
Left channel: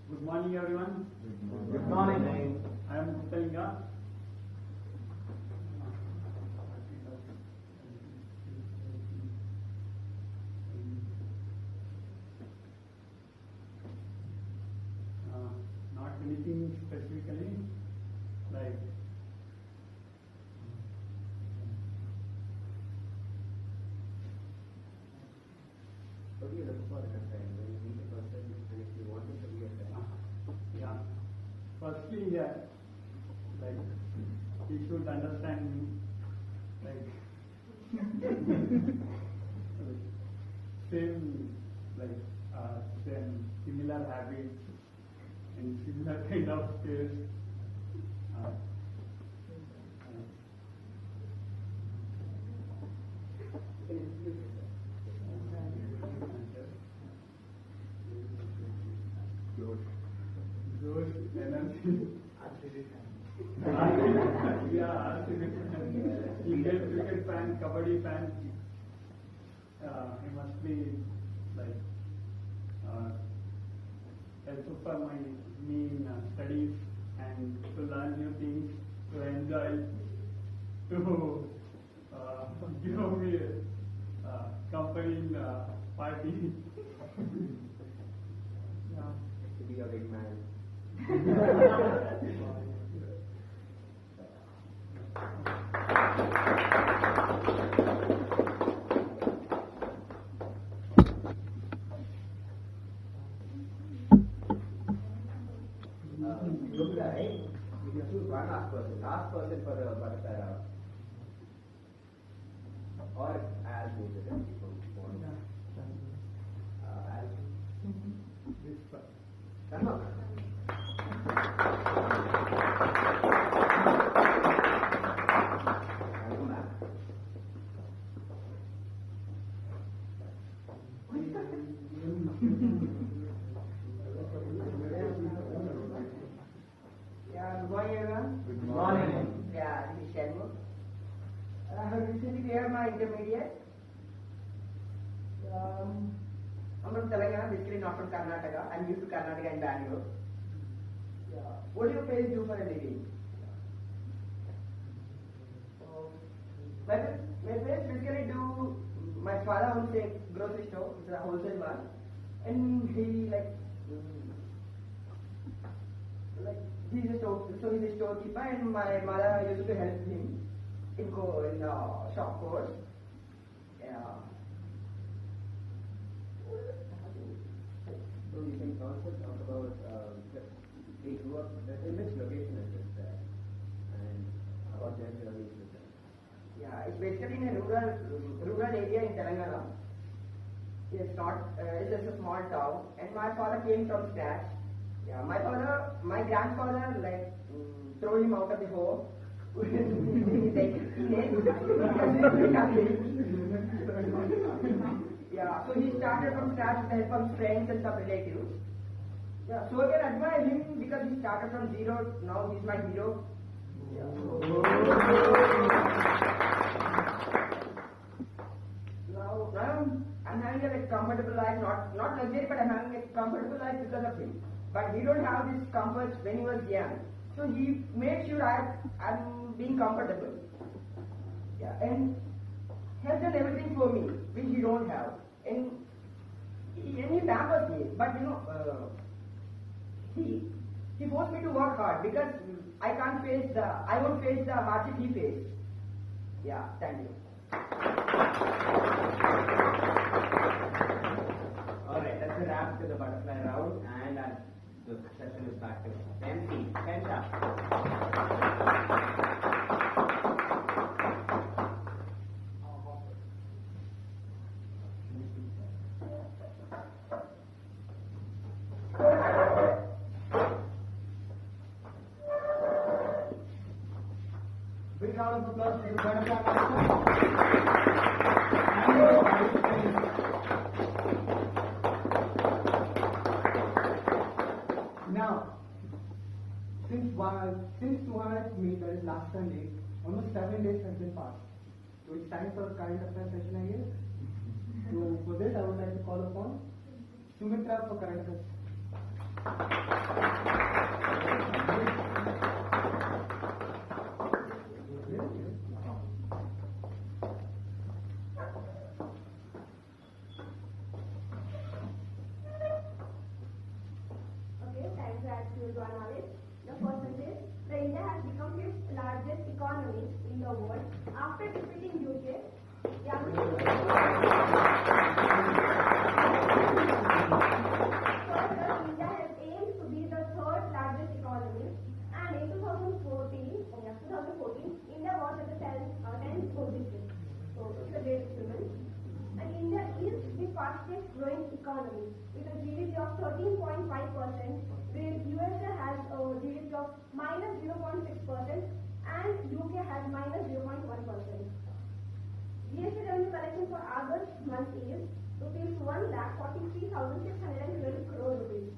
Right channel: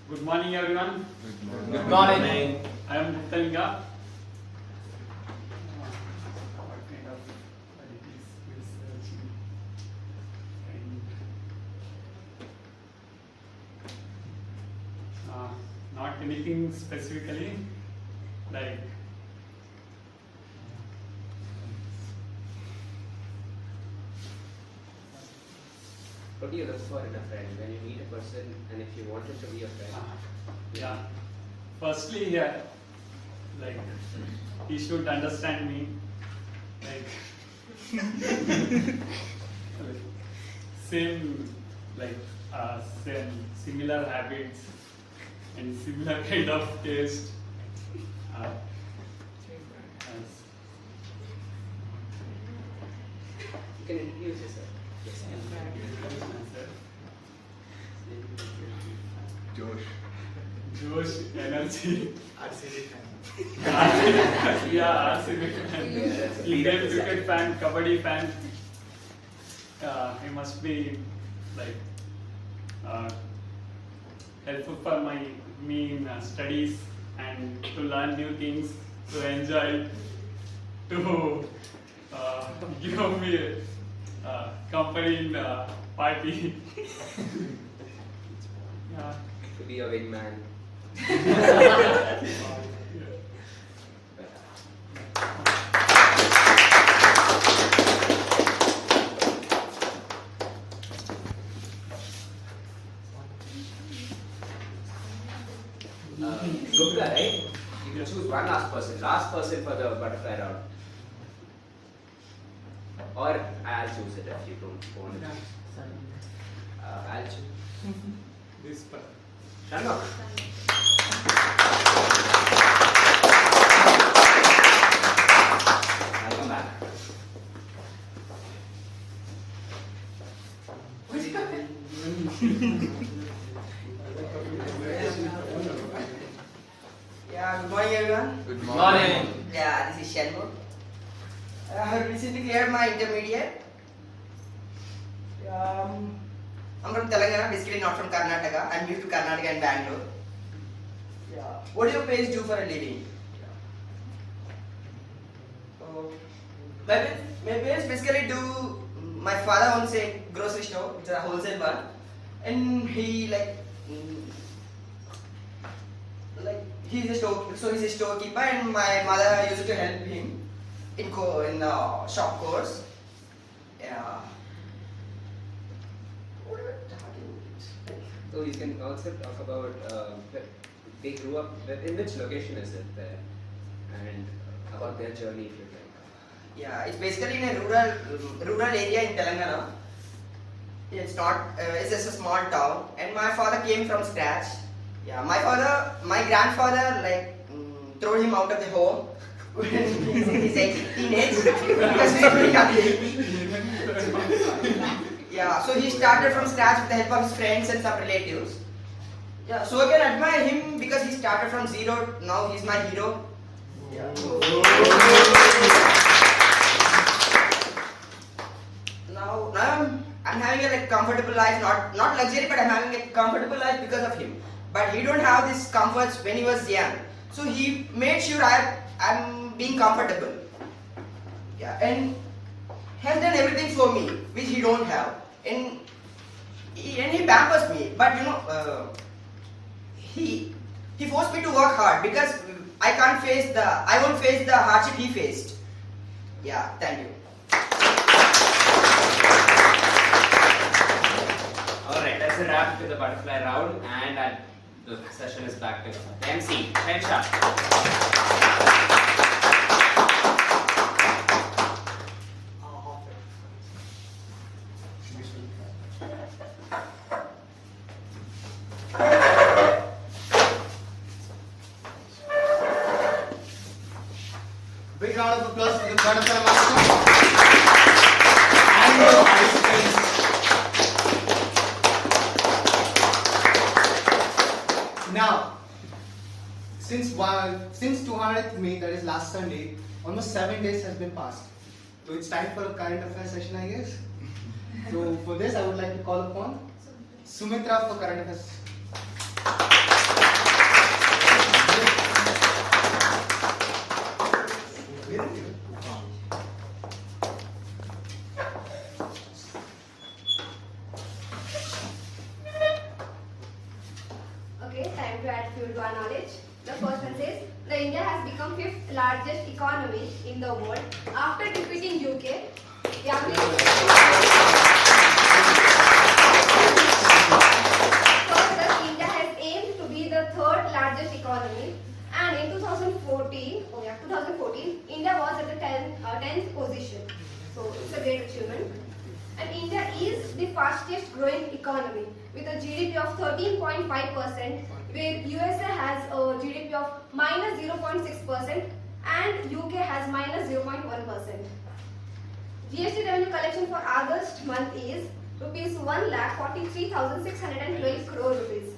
Good morning, everyone. Good morning. I am Telga. Not anything specifically, like what do you look for in a friend when you meet a person and if you wanted to be a friend? yeah. Firstly, yeah, like he should understand me, like same similar habits and similar kind of taste. can introduce yourself. Josh, energy. RCB fan. Yeah, RCB fan. Indian cricket fan, kabaddi fan. He must be like helpful for me in studies and to learn new things, to enjoy, to give me company in party. Yeah. To be a wingman. Gupta, right? You can choose one last person. Last person for the butterfly round. Or I'll choose it if you don't want it. I'll choose. This part. Sharma. I'll come back. Yeah, good morning everyone. Good morning. Yeah, this is Shanmugh. I have recently cleared my intermediate. I'm from Telangana, basically not from Karnataka. I'm new to Karnataka and Bangalore. Yeah. What do your parents do for a living? My parents basically do. My father owns a grocery store. It's a wholesale one, and he he's a storekeeper, and my mother used to help him in shop course. Yeah. So you can also talk about they grew up. In which location is it there, and about their journey if you like. Yeah, it's basically in a rural area in Telangana. It's not. It's just a small town, and my father came from scratch. Yeah, my grandfather threw him out of the home when he's in his teenage because he was very young. Yeah, so he started from scratch with the help of his friends and some relatives. Yeah, so I can admire him because he started from zero. Now he's my hero. Yeah. Now I'm having a comfortable life, not luxury, but I'm having a comfortable life because of him. But he don't have these comforts when he was young, so he made sure I'm being comfortable. Yeah, and has done everything for me, which he don't have, and he pampers me. But he forced me to work hard because I won't face the hardship he faced. Yeah, thank you. Alright, that's a wrap with the butterfly round, and the session is back to MC, Hensha. Big round of applause for the butterfly master. And the participants. Now, since 200th May, that is last Sunday, almost 7 days has been passed. So it's time for a current affairs session, I guess. So for this, I would like to call upon Sumitra for current affairs. Okay, time to add fuel to our knowledge. The first one says, the India has become 5th largest economy in the world after defeating UK. Further, India has aimed to be the 3rd largest economy, and in 2014, India was at the 10th position. So it's a great achievement. And India is the fastest growing economy with a GDP of 13.5%, where USA has a GDP of minus 0.6% and UK has minus 0.1%. GST revenue collection for August month is rupees 1,43,612 crore rupees.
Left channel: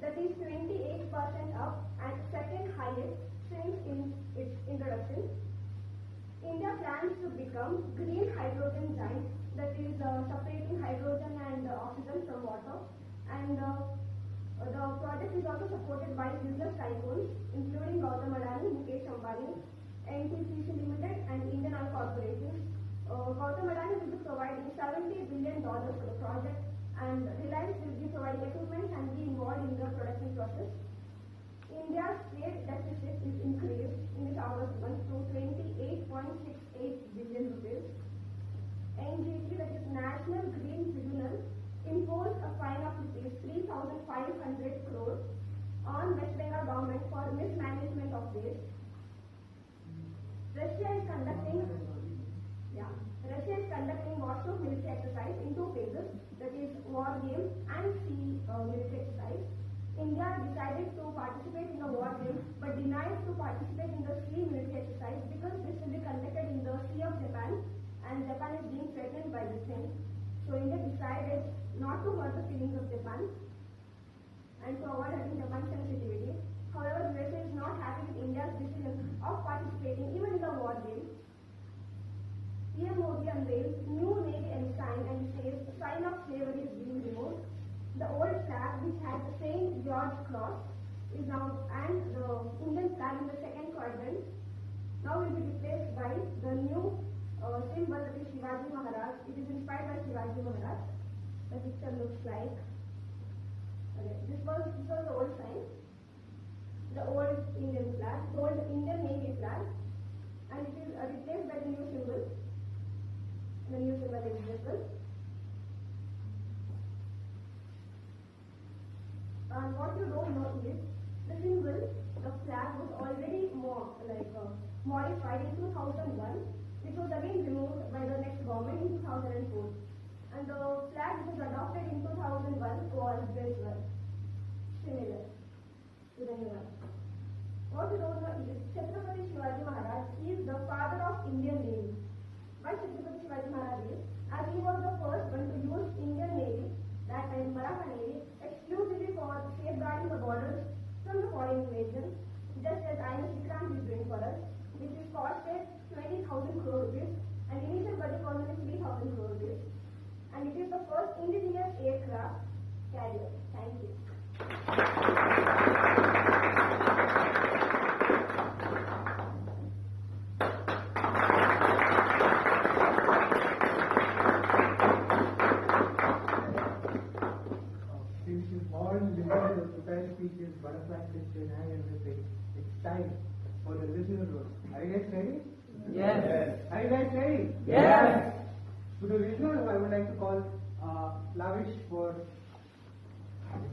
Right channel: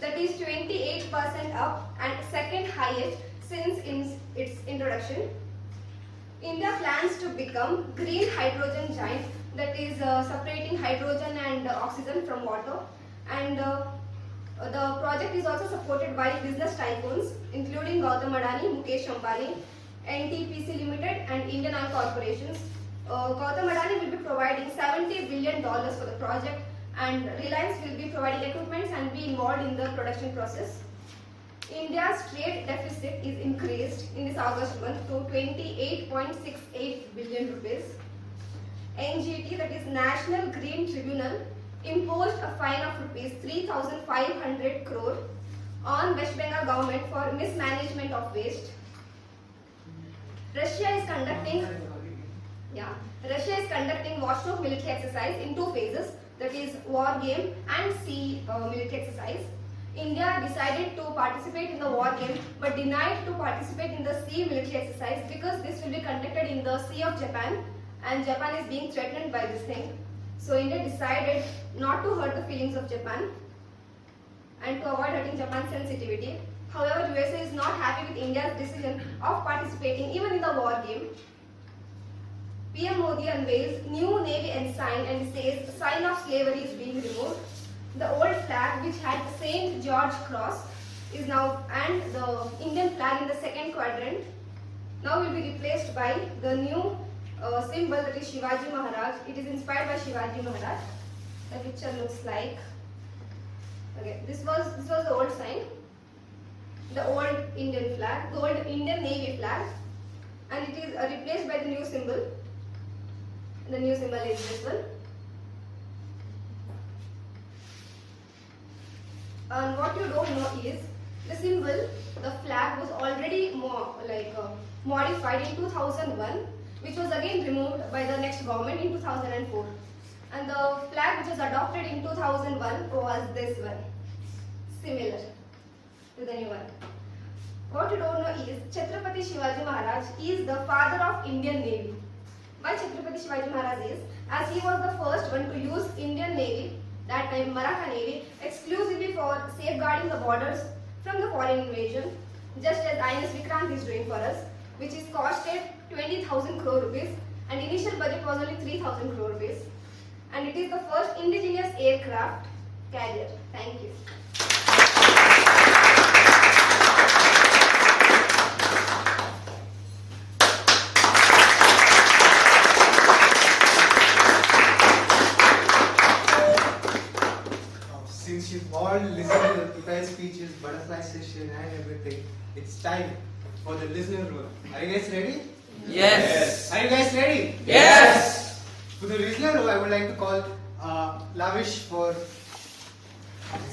That is 28% up and second highest since its introduction. India plans to become green hydrogen giant, that is separating hydrogen and oxygen from water, and the project is also supported by business tycoons including Gautam Adani, Mukesh Ambani, NTPC Limited and Indian Oil Corporations. Gautam Adani will be providing $70 billion for the project, and Reliance will be providing equipment and be involved in the production process. India's trade deficit is increased in this August month to 28.68 billion rupees. NGT, that is National Green Tribunal, imposed a fine of rupees 3,500 crore on West Bengal government for mismanagement of waste. Russia is conducting watchdog military exercise in two phases, that is war game and sea military exercise. India decided to participate in the war game but denied to participate in the sea military exercise because this will be conducted in the Sea of Japan, and Japan is being threatened by this thing. So India decided not to hurt the feelings of Japan and to avoid hurting Japan's sensitivity. However, USA is not happy with India's decision of participating even in the war game. PM Modi unveils new Navy ensign and says sign of slavery is being removed. The old flag, which had the St. George Cross, is now, and the Indian flag in the second quadrant, now will be replaced by the new symbol, that is Shivaji Maharaj. It is inspired by Shivaji Maharaj. The picture looks like, okay, this was the old sign, the old Indian flag, the old Indian Navy flag, and it is replaced by the new symbol. The new symbol is this one. And what you don't know is the symbol, the flag was already modified in 2001, which was again removed by the next government in 2004. And the flag which was adopted in 2001 was this one, similar to the new one. What you don't know is Chhatrapati Shivaji Maharaj is the father of Indian Navy. Why Chhatrapati Shivaji Maharaj is? As he was the first one to use Indian Navy, that time Maratha Navy, exclusively for safeguarding the borders from the foreign invasion, just as INS Vikrant is doing for us, which is costed 20,000 crore rupees, and initial budget was only 3,000 crore rupees, and it is the first indigenous aircraft carrier. Thank you. Since you've all listened to the prepared speeches, butterfly session and everything, it's time for the listener roll. Are you guys ready? Yes. Are you guys ready? Yes. For the listener roll, I would like to call Lavish for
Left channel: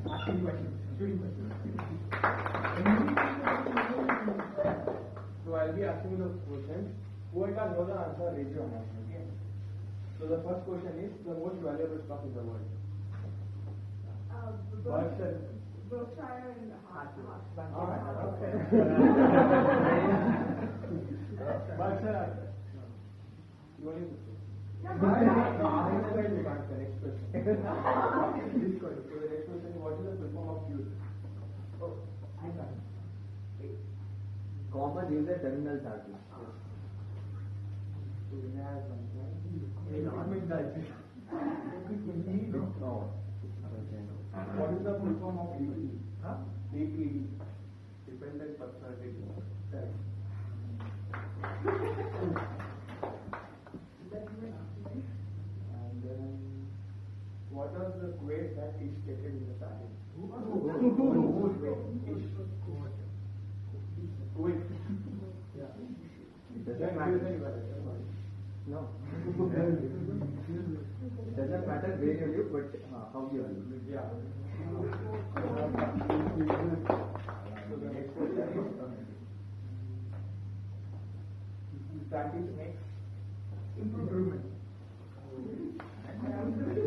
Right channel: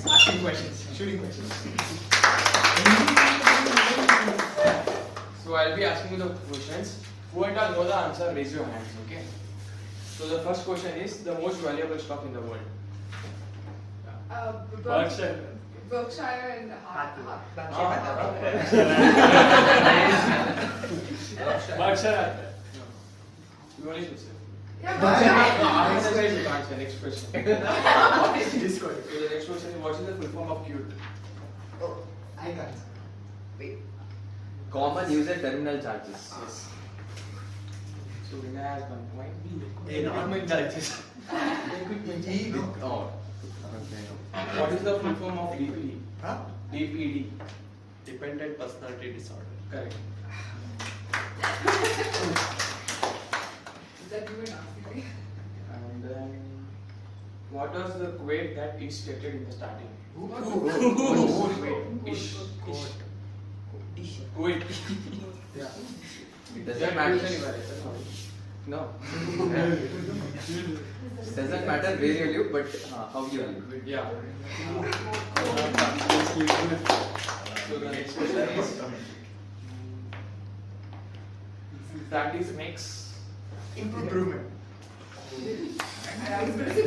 asking questions, shooting questions. So I'll be asking you the questions. Whoever know the answer, raise your hands, okay? So the first question is the most valuable stock in the world. Berkshire. Berkshire and Berkshire. You only should say. Yeah, Next question. So the next question is, what is the full form of cute? Oh, I can't. Common user terminal charges. Yes. So Vinay has 1 point. Equipment charges. Oh. What is the full form of DPD? Huh? DPD. Dependent personality disorder. Correct. that you were asking me. And then, what was the weight that it stated in the starting? Weight. Ish. Weight. Yeah. It doesn't matter. No. It doesn't matter where you live, but how you live. Yeah. So the next question is, that is makes improvement. I was going to say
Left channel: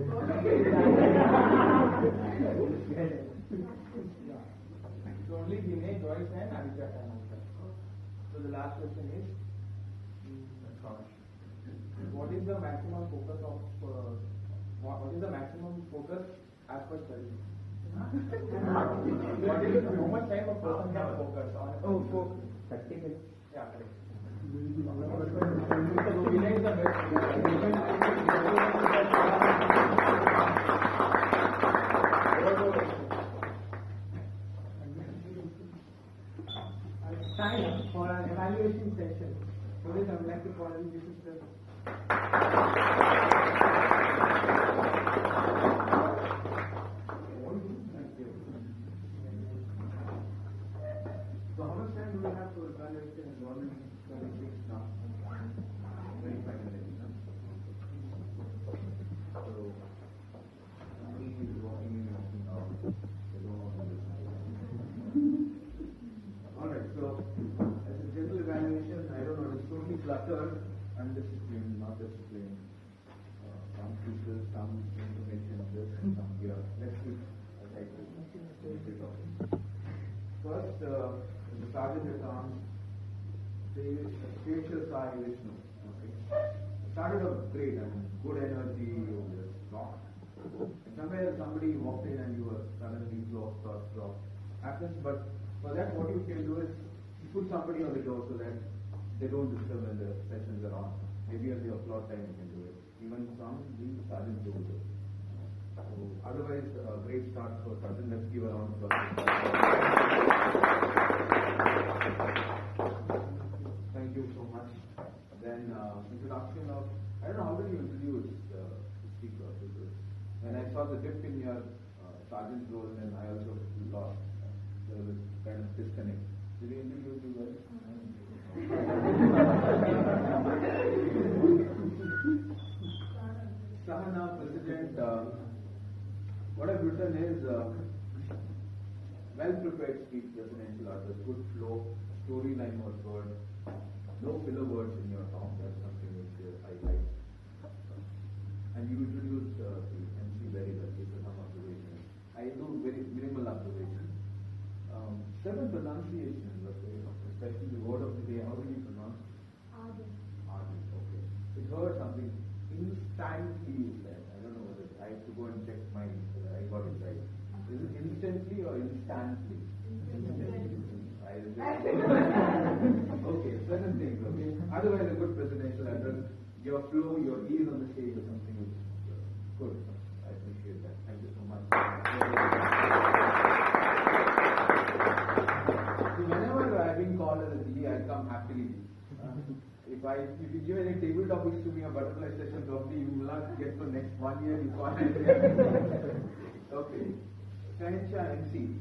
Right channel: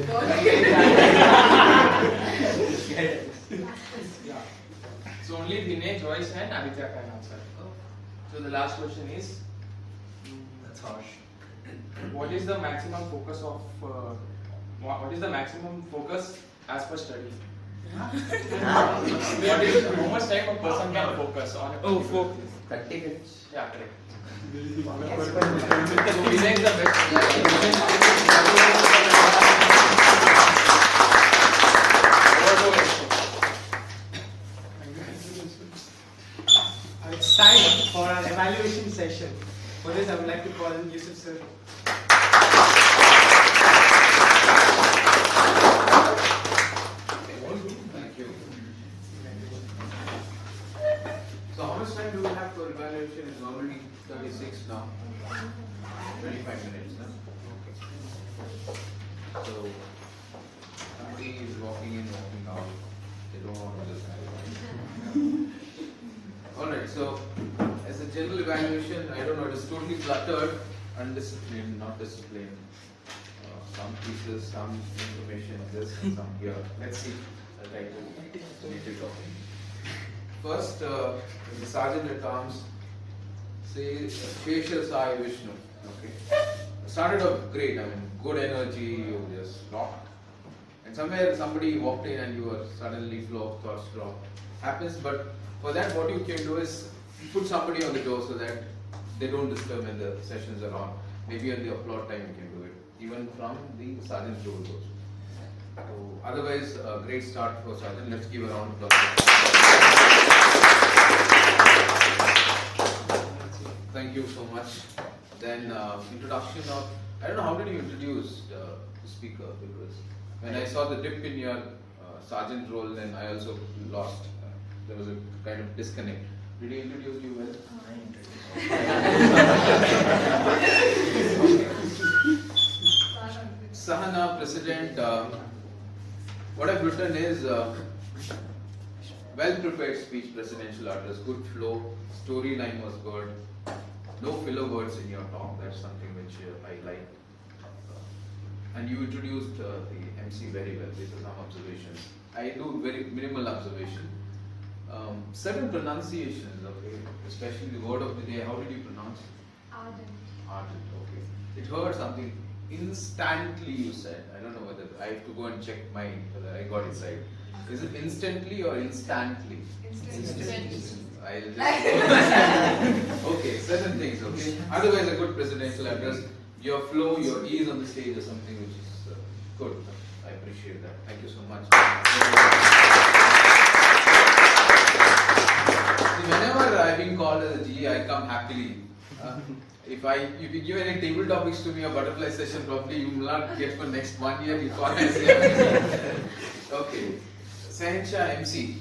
Yeah. So only Vinay, Joyce and Aditya can answer. So the last question is, That's harsh. what is the maximum focus of what is the maximum focus as per study? What is how much time a person can focus on? Focus. 30 minutes. Yeah, correct. So Vinay is the best. It's time for our evaluation session. For this, I would like to call in Yusuf sir. Thank you. So how much time do we have for evaluation? It's already 36 now. 25 minutes now. Okay. So somebody is walking in, walking out. They don't want to listen. Alright, so as a general evaluation, I don't know, it is totally cluttered, undisciplined, not disciplined. Some pieces, some information, this and some here. Let's see. I'll try to make it off. First, the sergeant at arms say facial Sai Vishnu. Okay. Started off great, I mean, good energy, you just rocked. And somewhere somebody walked in and you were suddenly flow of thoughts dropped. Happens, but for that, what you can do is put somebody on the door so that they don't disturb when the sessions are on. Maybe on the upload time you can do it, even from the sergeant's role also. So, otherwise, a great start for sergeant. Let's give a round of applause. Thank you so much. Then introduction of, I don't know, how did you introduce the speaker? Because when I saw the dip in your sergeant role, then I also lost. There was a kind of disconnect. Did he introduce you well? Sahana, President, what I've written is well-prepared speech, presidential address, good flow, storyline was good, no filler words in your talk, that's something which I like. And you introduced the MC very well, these are some observations. I do very minimal observation. Certain pronunciations, okay, especially the word of the day, how did you pronounce it? Ardent. Ardent, okay. It heard something instantly, you said. I don't know whether I have to go and check mine whether I got it right. Is it instantly or instantly? Instantly. I'll just okay, certain things, okay. Otherwise, a good presidential address, your flow, your ease on the stage is something which is good. I appreciate that. Thank you so much. See, whenever I've been called as a GE, I come happily. If you give any table topics to me or butterfly session, probably you will not get for next 1 year. You call and say, okay. Sahansha MC.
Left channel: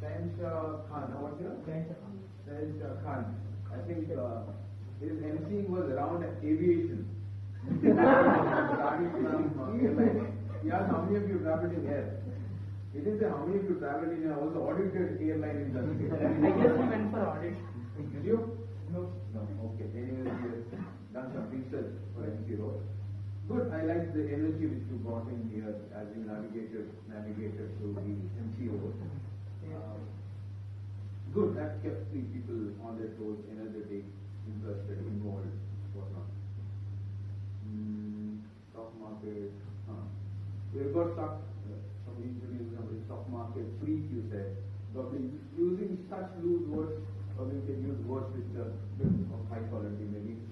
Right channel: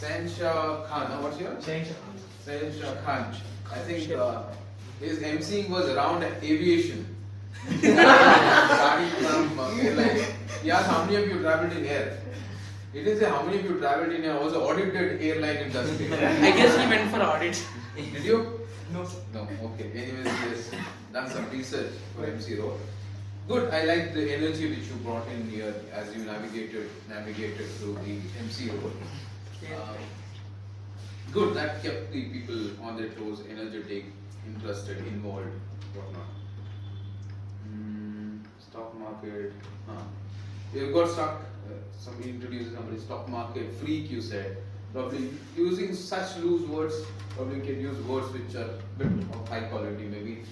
Sahansha Khan. What's your name? Sahansha Khan. I think his MCing was around aviation. Starting from airline. He asked how many of you traveled in air. He didn't say how many of you traveled in air, also audited airline industry. I guess he went for audit. Did you? No. No, okay. Anyways, he has done some research for MC role. Good, I like the energy which you brought in here as you navigated through the MC role. Good, that kept the people on their toes, energetic, interested, involved, whatnot. Stock market. You got stuck. Somebody introduces somebody, stock market, freak, you said. Probably using such loose words, probably you can use words which are a bit of high quality, maybe.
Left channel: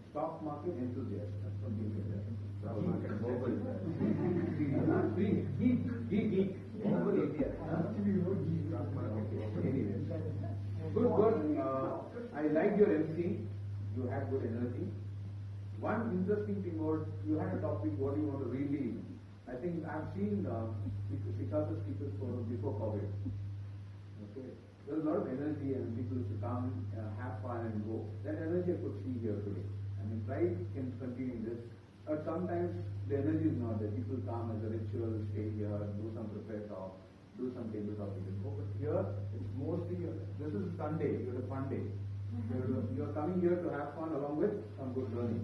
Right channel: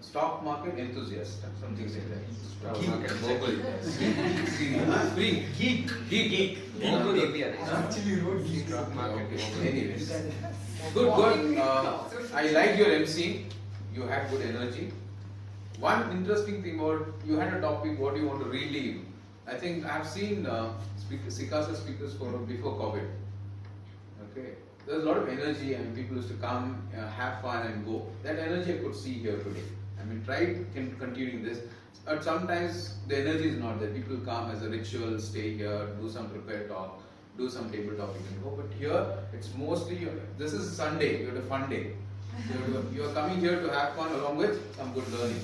Stock market enthusiast, something like that. Stock market vocal. Freak. Geek. Actually wrote geek. Stock market. Okay. Anyways. Good. I like your MC. You had good energy. One interesting thing about, you had a topic, what do you want to relieve? I think I have seen SICASA speakers for before COVID. Okay, there's a lot of energy and people used to come, have fun and go. That energy I could see here today. I mean, try continuing this. But sometimes the energy is not there. People come as a ritual, stay here, do some prepared talk, do some table talk, you can go. But here, it's mostly, this is Sunday, you had a fun day. You are coming here to have fun along with some good learning.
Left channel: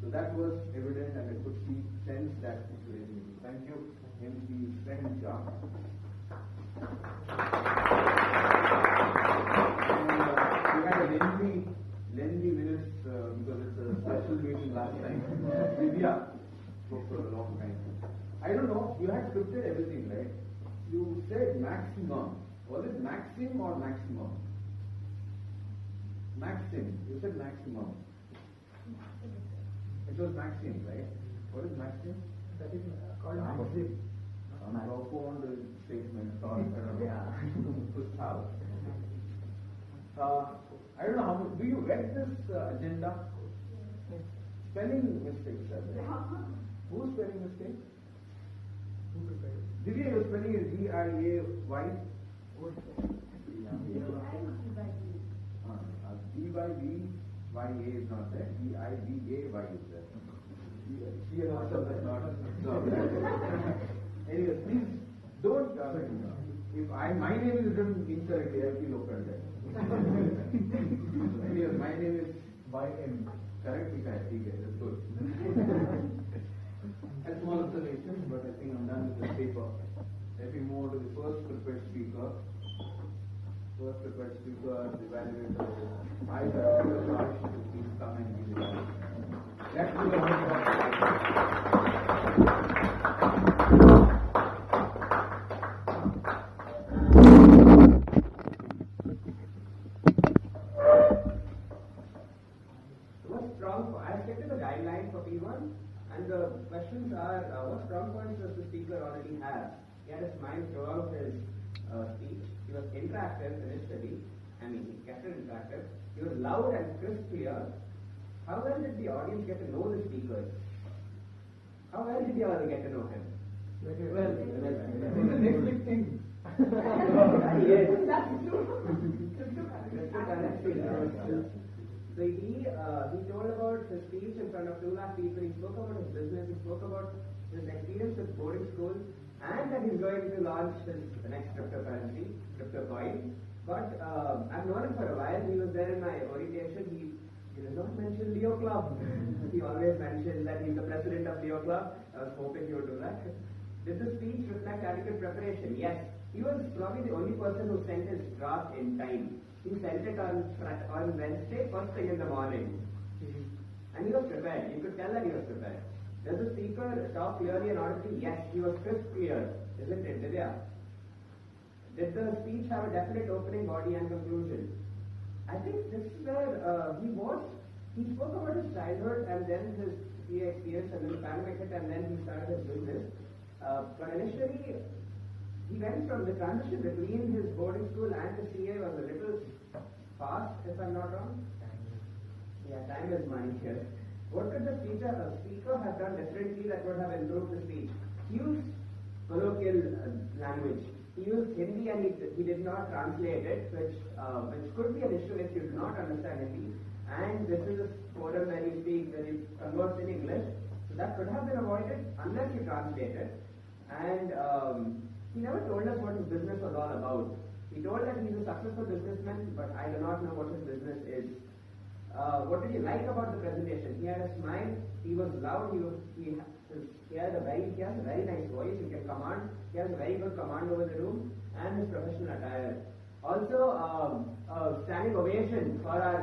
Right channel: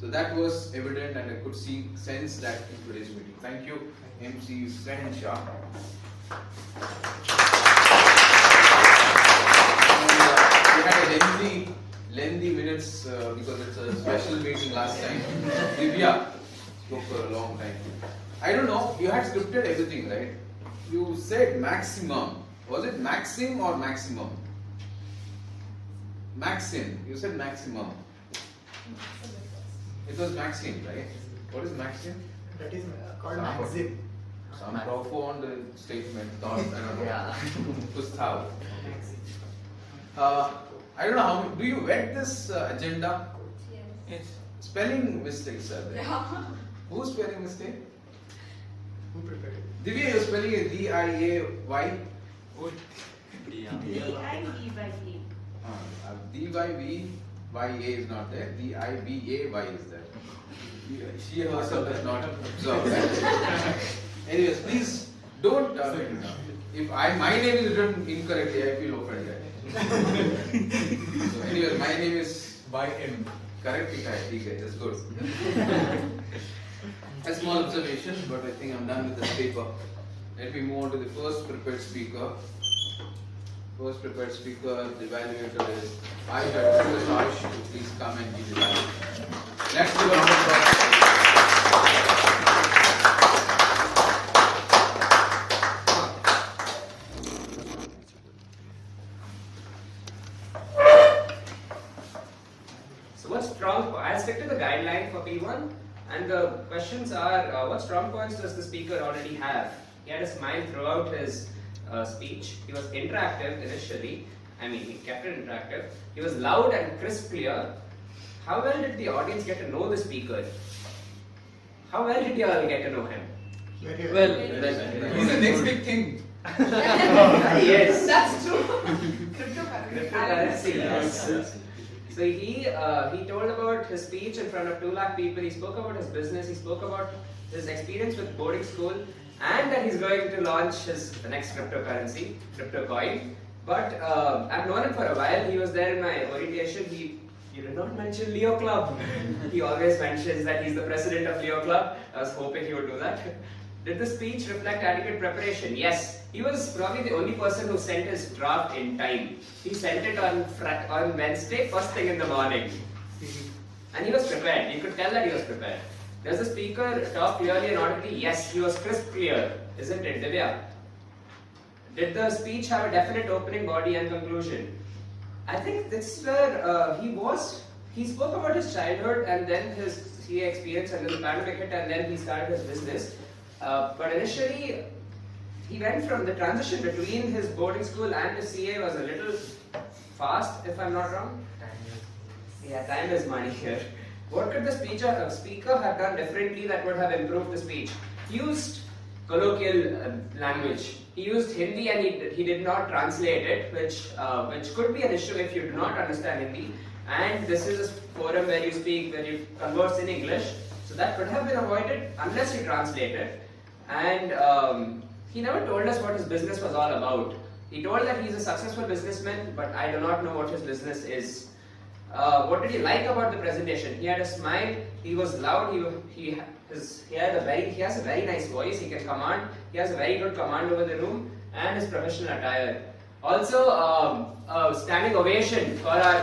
So that was evident and I could sense that in today's meeting. Thank you, MC Sahansha. We had a lengthy minutes because it's a special special meeting last time. Divya spoke for a long time. I don't know, you had scripted everything, right? You said maximum. Was it maxim or maximum? Maxim. You said maximum. It was maxim, right? What is maxim? That is called maxim. Some profound statement, thought, I don't know. Yeah. Gustav. I don't know how, do you vet this agenda? Yes. Spelling mistakes are there. Yeah. Who's spelling mistake? Who prepared it? Divya, you're spelling it D-I-A-Y? D-I-V-Y-A. D-Y-V-Y-A is not there. D-I-B-A-Y is there. She herself is not observed. Anyways, please don't. If my name is written incorrectly, I feel offended. So, anyways, my name is Y-M. Correct? Okay, that's good. A small observation, but I think I'm done with this paper. Let me move on to the first prepared speaker. First prepared speaker, the evaluator is I request Harsh to please come and give the evaluation. Let's give a round of applause. So what strong, I'll stick to the guideline for P1 and the questions are what strong points does the speaker already have? He had a smile throughout his speech. He was interactive initially. I mean, he kept it interactive. He was loud and crisp clear. How well did the audience get to know the speaker? How well did you all get to know him? Well, he's the next big thing. Yes. That's true. Cryptocurrency, yes. So he told about his speech in front of 2 lakh people. He spoke about his business. He spoke about his experience with boarding school, and that he's going to launch the next cryptocurrency, crypto coin. But I've known him for a while. He was there in my orientation. He did not mention Leo Club. He always mentions that he's the president of Leo Club. I was hoping he would do that. Did the speech reflect adequate preparation? Yes. He was probably the only person who sent his draft in time. He sent it on Wednesday, first thing in the morning. And he was prepared. You could tell that he was prepared. Does the speaker talk clearly and audibly? Yes, he was crisp clear. Isn't it, Divya? Did the speech have a definite opening, body and conclusion? I think this is where he spoke about his childhood and then his CA experience and then the pandemic hit and then he started his business. But initially, he went from the transition between his boarding school and his CA was a little fast, if I'm not wrong. Yeah, time is money here. What could the speaker have done differently that would have improved the speech? He used colloquial language. He used Hindi and he did not translate it, which could be an issue if you do not understand Hindi. And this is a forum where you converse in English. So that could have been avoided unless you translate it. And he never told us what his business was all about. He told that he's a successful businessman, but I do not know what his business is. What did he like about the presentation? He had a smile. He was loud. He has a very nice voice. He can command. He has a very good command over the room and his professional attire. Also, a standing ovation for our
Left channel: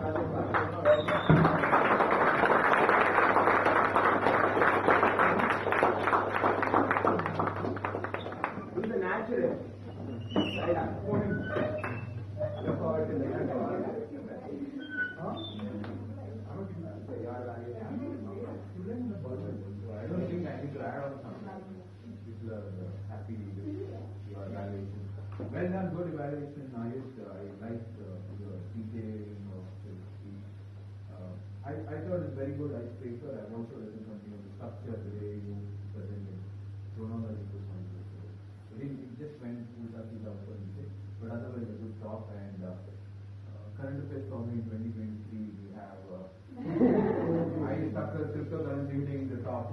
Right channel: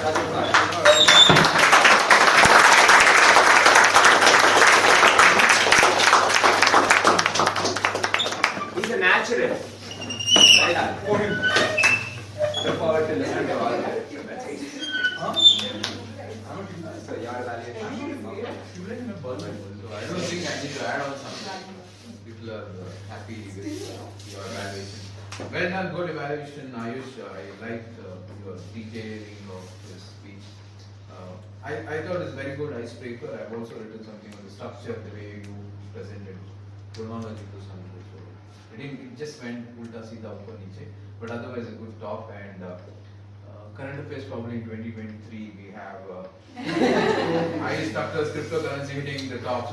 brother. He's a natural. Well done. For him. Look forward to listening to all that. So your evaluation. I don't think I need to add on something. People are happy with your evaluation. Well done, good evaluation, Ayush. I liked your detailing of this speech. I thought it's very good icebreaker. I've also written something on the structure, the way you presented chronological summary. So it just went ulta seedha upper niche. But otherwise a good talk and current affairs probably in 2023 we have high structures, cryptocurrency hitting the top.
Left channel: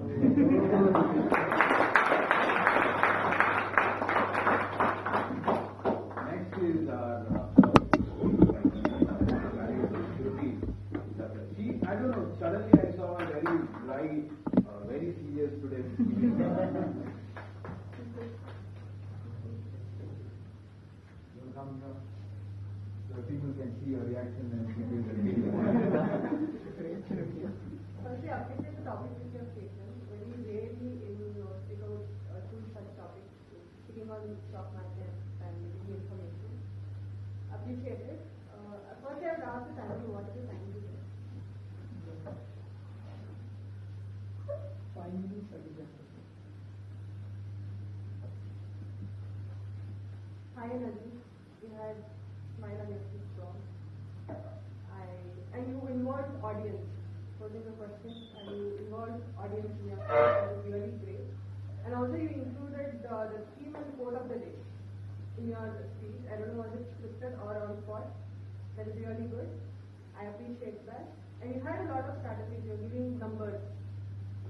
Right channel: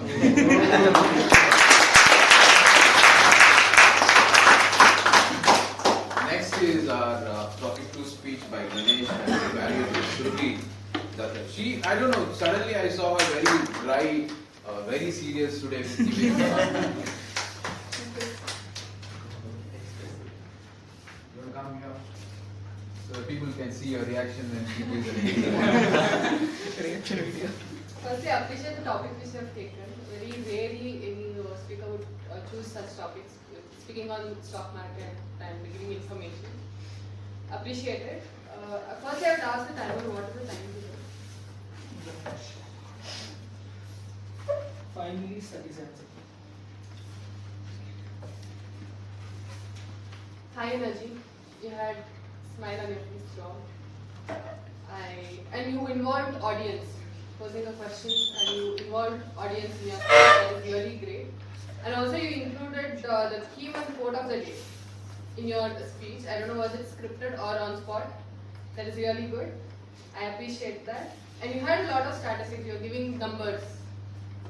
Next is our topic 2 speech by Ganesh and evaluator Shruti. I don't know, suddenly I saw her very dry, very serious today. So people can see your reaction when she gives a Firstly, I appreciate the topic which you have taken. Very rarely any speaker would choose such topics, speaking on stock market and giving information. Appreciate it. First, I would ask the timer, what is the time to do? 5 minutes 37 seconds. High energy. You had smile on your face, strong. And you involved audience, posing a question, and you involved audience in your speech. That is really great. And also you included the theme and quote of the day in your speech. I don't know, was it scripted or on spot? That is really good. I appreciate that. And you had a lot of statistics. You were giving numbers,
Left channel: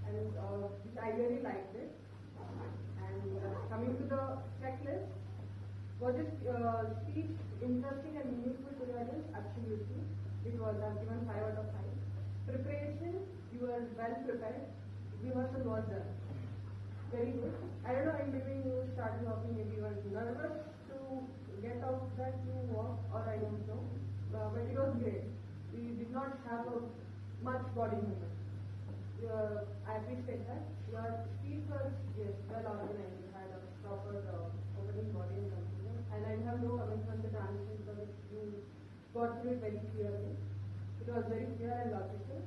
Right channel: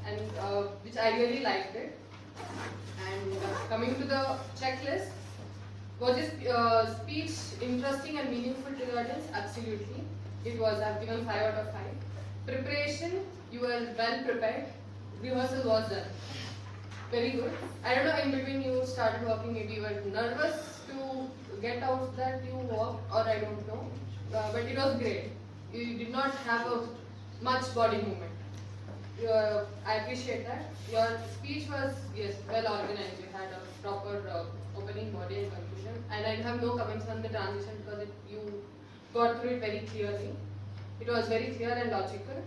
and which I really liked it. And coming to the checklist, was this speech interesting and meaningful to the audience? Absolutely. It was. I've given 5 out of 5. Preparation, you were well prepared. Rehearsal was done. Very good. I don't know, in between you started walking, maybe you were nervous to get out that you walked, or I don't know. But it was great. You did not have much body movement. I appreciate that. Your speech was, yes, well organized. You had a proper opening, body and conclusion. And I have no comments on the transition because you got through it very clearly. It was very clear and logical.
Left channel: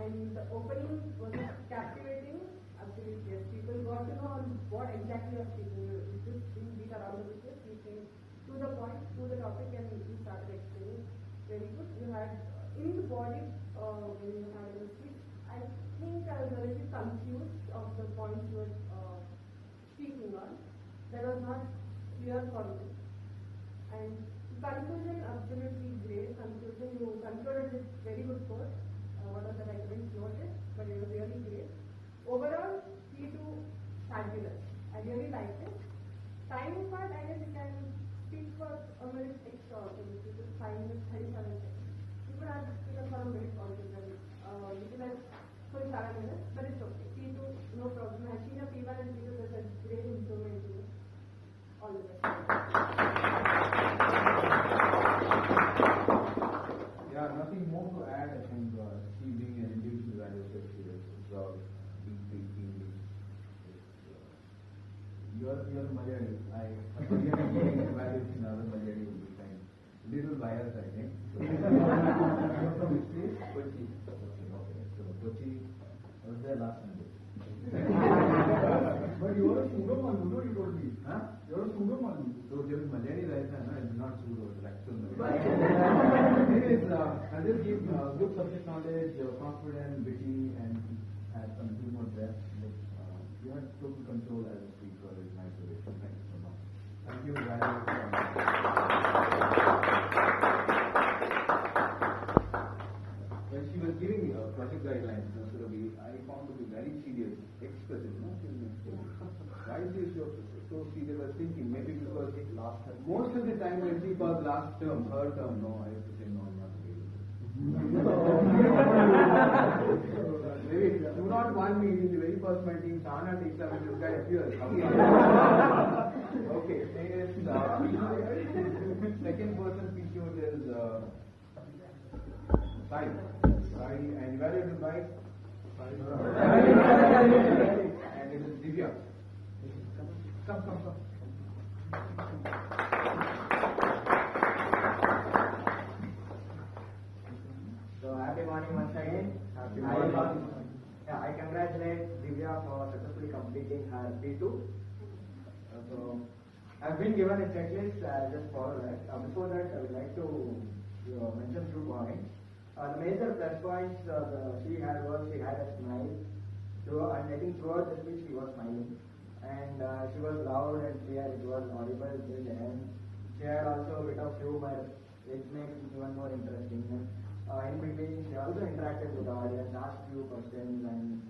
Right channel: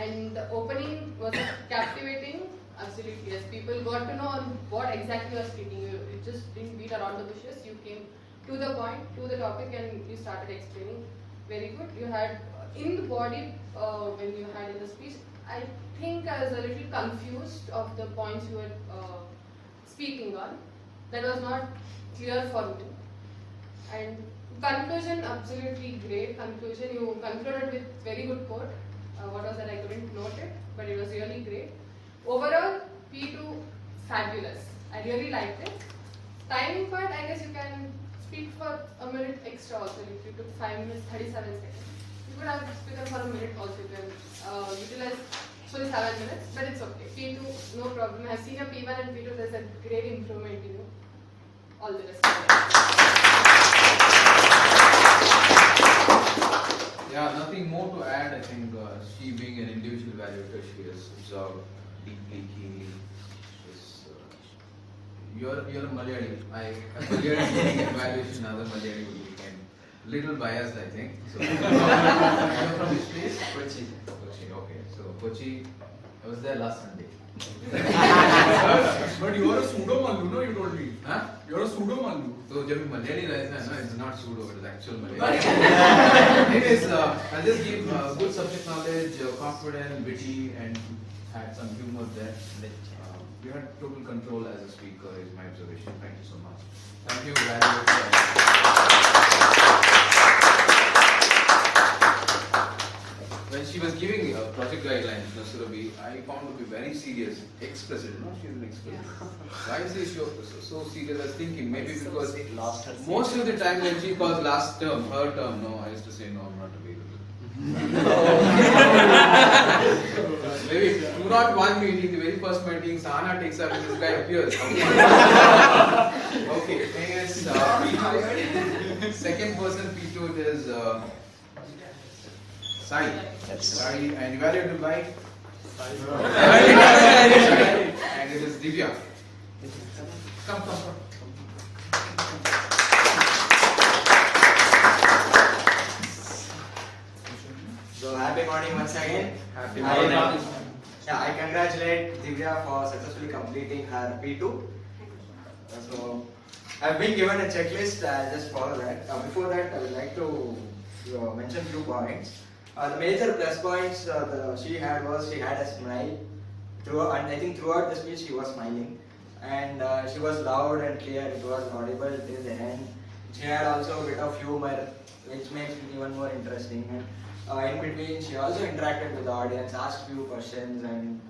And the opening was captivating. Absolutely, yes. People got to know on what exactly you are speaking. You just didn't beat around the bushes. You came to the point, to the topic, and you started explaining. Very good. You had in the body when you had in the speech. I think I was a little confused of the points you were speaking on. That was not clear for me. And conclusion, absolutely great conclusion. You concluded with very good quote. What was that? I couldn't note it, but it was really great. Overall, P2 fabulous. I really liked it. Timing part, I guess you can speak for a minute extra also. If you took 5 minutes, 37 seconds. You could have spoken for a minute also. You can utilize full 7 minutes, but it's okay. P2, no problem. I've seen a P1 and P2, there's a great improvement in you. All the best. Yeah, nothing more to add. I think she being an individual evaluator, she has observed deeply, keenly. You're a Malayali. A Malayali doing evaluation, other Malayali would be a little biased, I think. So, you're from which place? Kochi. Kochi, okay. So, Kochi, I was there last Sunday. But you are a pseudo Mallu, no? You told me. Huh? You're a pseudo Mallu. So, जब Malayali रहता है ना, it's not pseudo, it is actual Malayali. It is. I'll just give good subject knowledge, confident, witty, and had some humor there. You had total control as a speaker, is my observation. Thank you so much. Thank you very much. When she was giving project guidelines, Surabhi, I found to be very serious. Ex-president, no? She's an ex-president. Why is she so serious? I was thinking maybe because most of the time when she calls last term, her term, no, I used to say no, I'm not available. Maybe 201 meeting, the very first meeting, Sahana takes up and this guy appears. Okay, next, P2. Second person, P2, it is Sai. Sai, and evaluated by? And it is Divya. Come. So happy morning once again. Happy morning. I congratulate Divya for successfully completing her P2. So I've been given a checklist. I'll just follow that. Before that, I would like to mention few points. The major plus points she had was she had a smile. And I think throughout the speech she was smiling. And she was loud and clear. It was audible till the end. She had also a bit of humor, which makes it even more interesting. And in between, she also interacted with the audience, asked few questions, and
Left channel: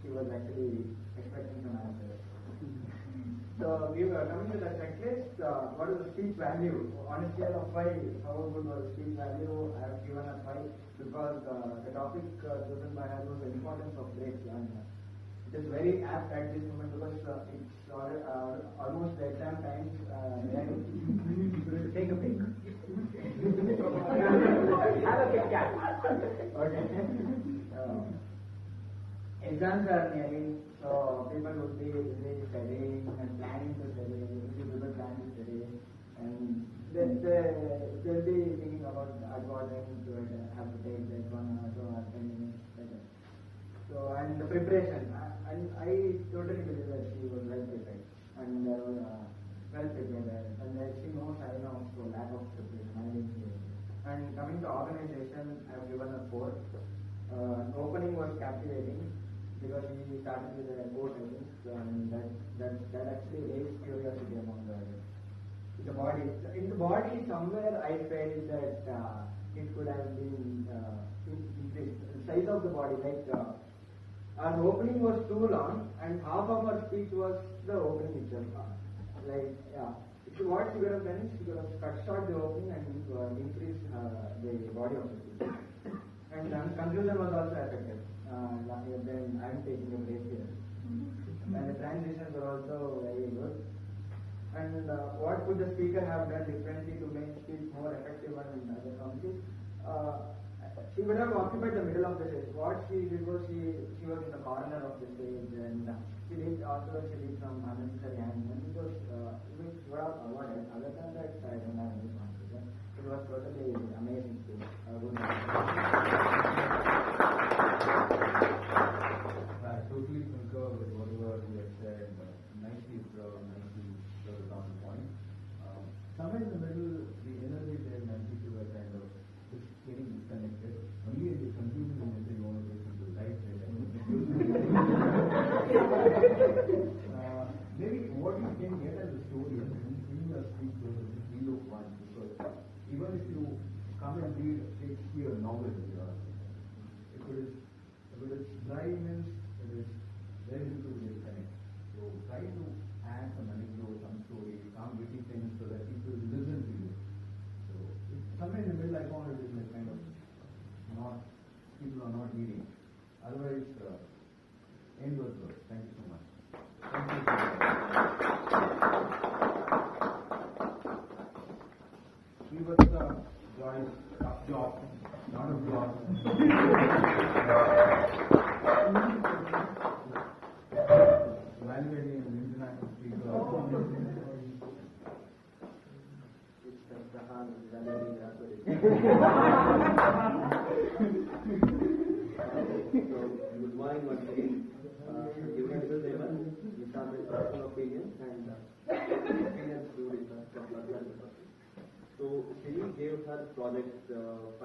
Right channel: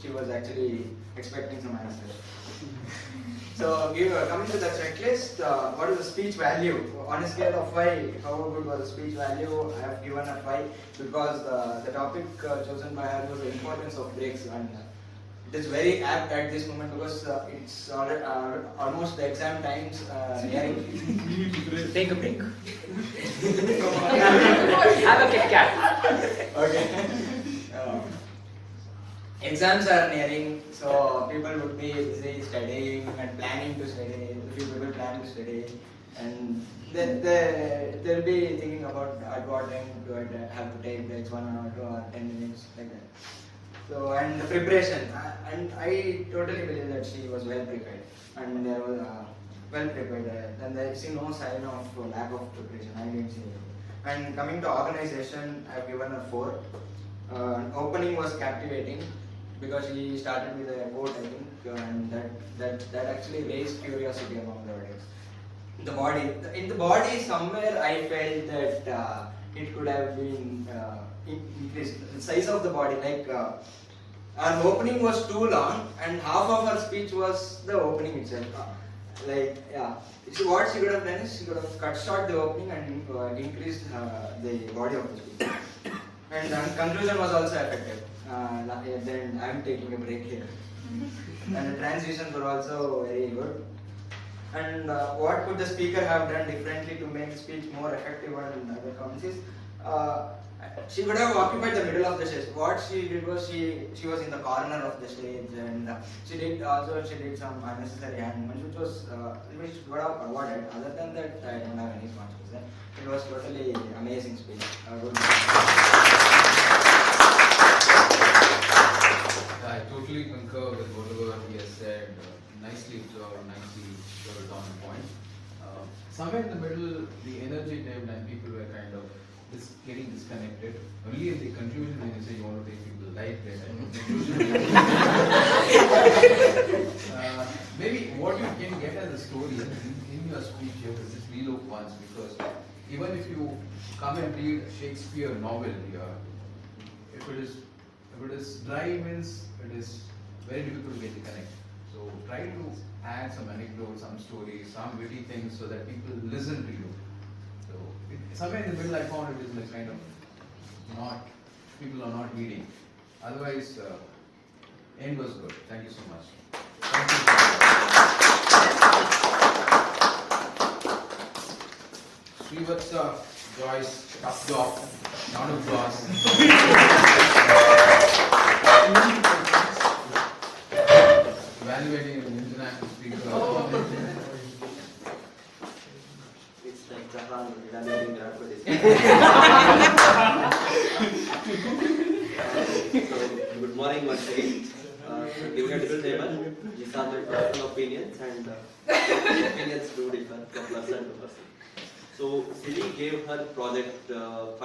she was actually expecting some answers. So, coming to the checklist, what is the speech value? On a scale of 5, how good was the speech value? I have given a 5 because the topic chosen by her was the importance of breaks. And it is very apt at this moment because it's almost the exam times nearing. Take a break. Have a Kit Kat. Okay. Exams are nearing, so people would be busy studying and planning to study. A few people plan to study, and they'll be thinking about at what time do I have to take breaks, 1 hour, 2 hours, 10 minutes, like that. So, and the preparation, and I totally believe that she was well prepared, and there was well prepared, and I see no sign of lack of preparation. I didn't see it. And coming to organization, I've given her 4. Opening was captivating because she started with a quote, I think, and that actually raised curiosity among the audience. In the body, somewhere I felt that it could have been increased. The size of the body, like our opening was too long, and half of her speech was the opening itself. So what she could have done is she could have cut short the opening and increased the body of the speech. And conclusion was also affected. Then I'm taking a break here. And the transitions were also very good. And what could the speaker have done differently to make speech more effective and other comments is she could have occupied the middle of the stage. What she did was she was in the corner of the stage, and she did some unnecessary hand movements, which would have avoided. Other than that, I don't have any points to say. It was totally amazing speech. I totally concur with whatever he has said. Nicely observed, nicely put on point. Somewhere in the middle, the energy dipped and people were kind of getting disconnected. Only in the conclusion, when you say you want to take people light, maybe what you can get as a story in your speech, you have to just relook once, because even if you come and read a Shakespeare novel here, if it is dry, means it is very difficult to get the connect. So try to add some anecdotes, some stories, some witty things so that people listen to you. So somewhere in the middle I found it is like kind of people are not reading. Otherwise, end was good. Thank you so much. Thank you. Srivatsa, Joyce, Updog, round of applause. Evaluating an international speaker. It's like Jahan evaluating graduates. Good morning once again. Giving a disclaimer, these are my personal opinions, and opinions do differ from person to person. So Siri gave her project 5,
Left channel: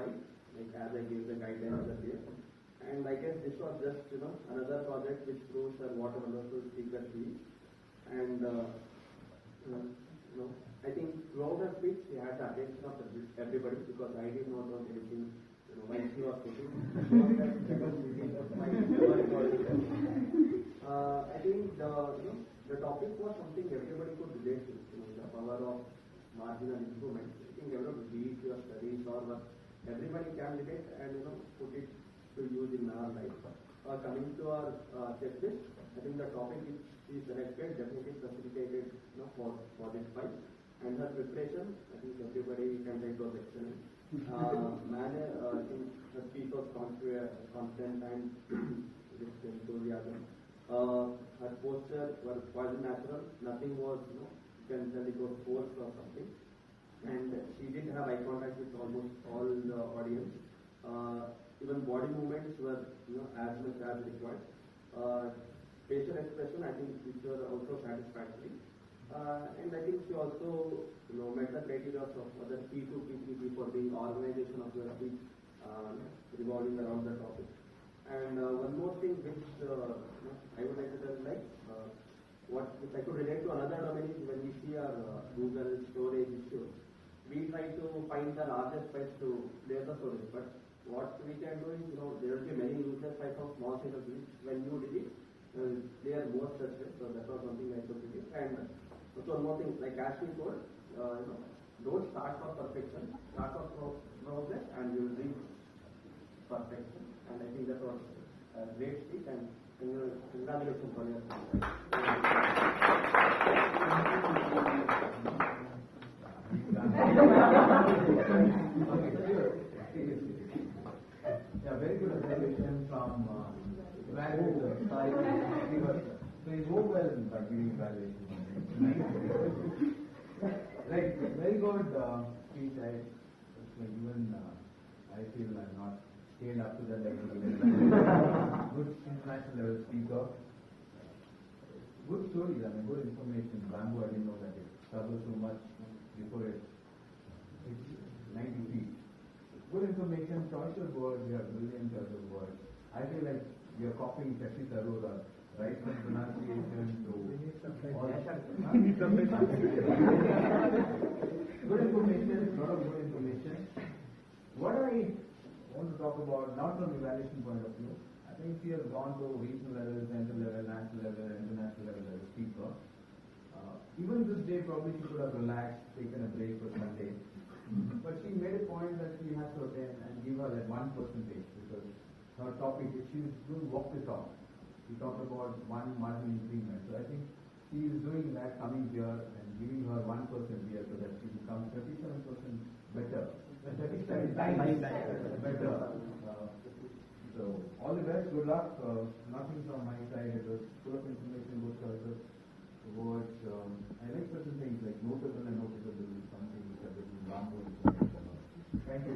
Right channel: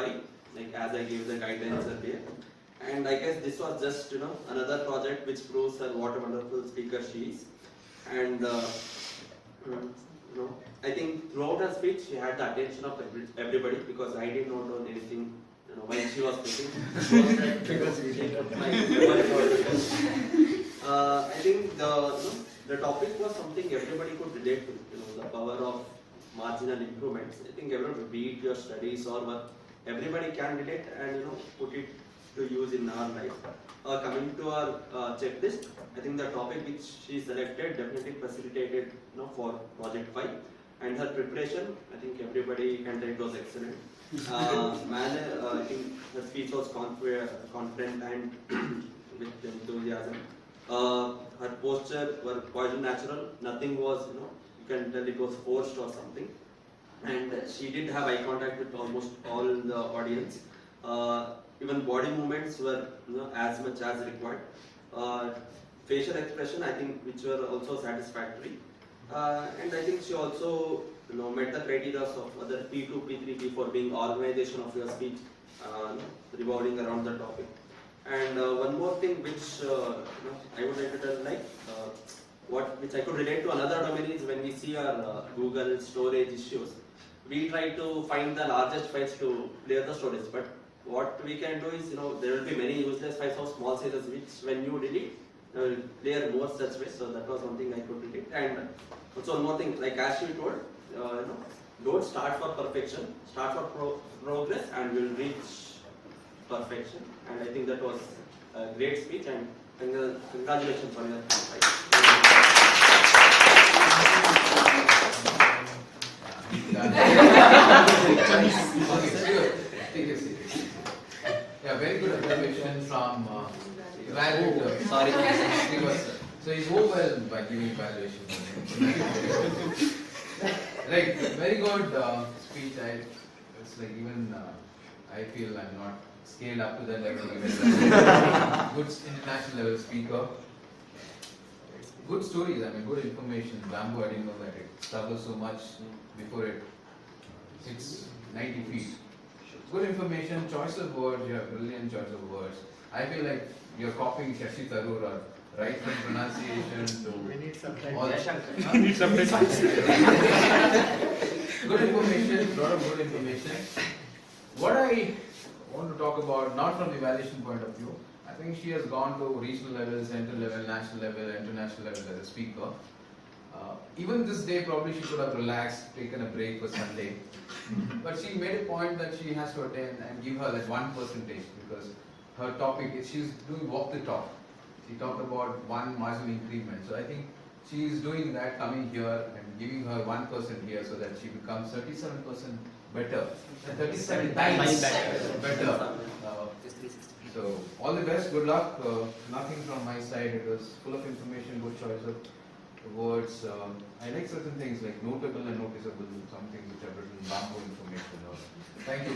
like as I gave the guidelines earlier. And I guess this was just another project which proves her what a wonderful speaker she is. And I think throughout her speech she had the attention of everybody, because I did not know anything when she was speaking. Because we did I think the topic was something everybody could relate to. The power of marginal improvements. I think everyone, be it your studies or work, everybody can relate and put it to use in our life. Coming to our checklist, I think the topic which she selected definitely facilitated for project 5, and her preparation, I think everybody can tell it was excellent. I think her speech was confident and with enthusiasm. Her posture were quite natural. Nothing was, you can tell it was forced or something. And she did have eye contact with almost all the audience. Even body movements were as much as required. Facial expression, I think, which were also satisfactory. And I think she also met the criteria of other P2, P3, P4 being organization of your speech, revolving around the topic. And one more thing which I would like to tell, which I could relate to another domain is when we see our Google storage issues, we try to find the largest files to clear the storage. But what we can do is, there will be many useless files of small sizes which when you delete, clear more such ways. So that was one thing I could relate. And also one more thing, like as you told, don't start for perfection, start for progress, and we'll reach perfection. And I think that was a great speech, and Congratulations on your Yeah, very good observation from valued. Sorry. So he's overwhelmed by giving evaluation. Right, very good speech. It's like even I feel I'm not scaled up to that level. Good international level speaker. Good stories. I mean, good information. Bamboo, I didn't know that it struggles so much before it hits 90 feet. Good information, choice of words, you have brilliant choice of words. I feel like you're copying Shashi Tharoor, right from pronunciation to all. We need subtitles. Good information, lot of good information. What I want to talk about, not from the evaluation point of view, I think she has gone to regional level, central level, national level, international level as a speaker. Even this day, probably she could have relaxed, taken a break for Sunday. But she made a point that she has to attend and give her like 1% because her topic is she's doing walk the talk. She talked about one marginal increment. So I think she is doing that, coming here and giving her 1% here so that she becomes 37% better. 37 times better. So all the best, good luck. Nothing from my side. It was full of information, good choice of words. I like certain things like notable and noticeable, some things which are written bamboo information. Thank you.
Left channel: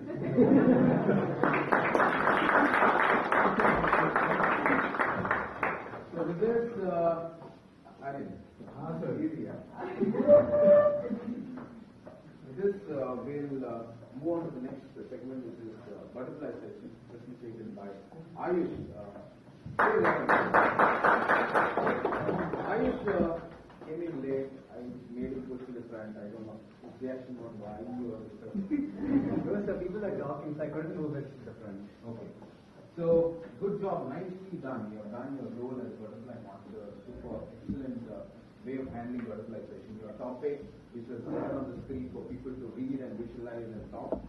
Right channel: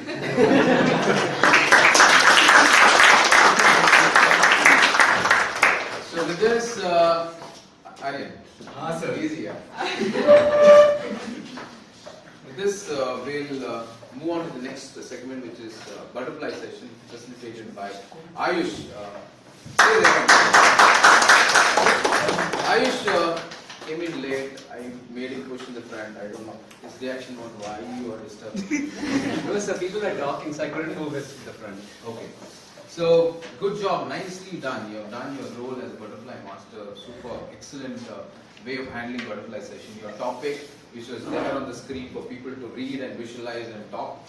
So with this, Aryan. Sir. Easy, yeah. With this, we'll move on to the next segment, which is butterfly session, facilitated by Ayush. Ayush came in late. I made him push in the front. I don't know. His reaction was why you are disturbing. No, sir, people were talking, so I couldn't move it to the front. Okay. So, good job. Nicely done. You have done your role as a butterfly master. Super. Excellent way of handling butterfly session. Your topic, which was there on the screen for people to read and visualize and talk.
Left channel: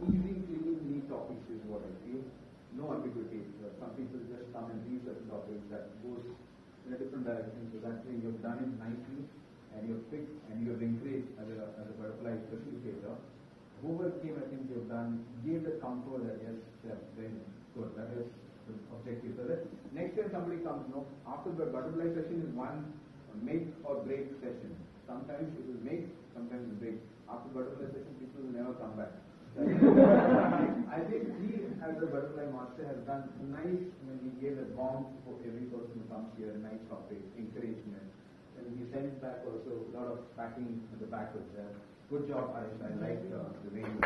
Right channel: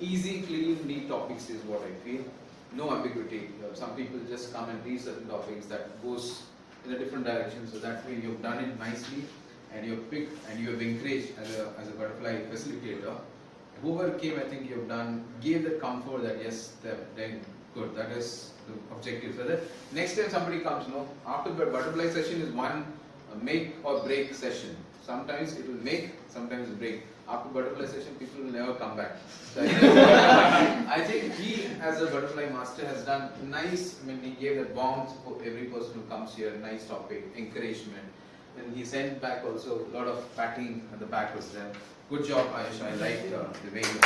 Easy, clean, neat topics is what I feel. No ambiguity. Some people just come and read certain topics that goes in a different direction. So that way you've done it nicely and you've picked and you have encouraged as a butterfly facilitator. Whoever came, I think you've done, gave that comfort that yes, they're good. That is the objective. So that next time somebody comes, after the butterfly session is one make or break session. Sometimes it will make, sometimes it break. After butterfly session, people will never come back. So I think he, as a butterfly master, has done nice. I mean, he gave that warmth for every person who comes here. Nice topic, encouragement, and he sent back also a lot of patting at the back was there. Good job, Ayush. I liked the way you did it.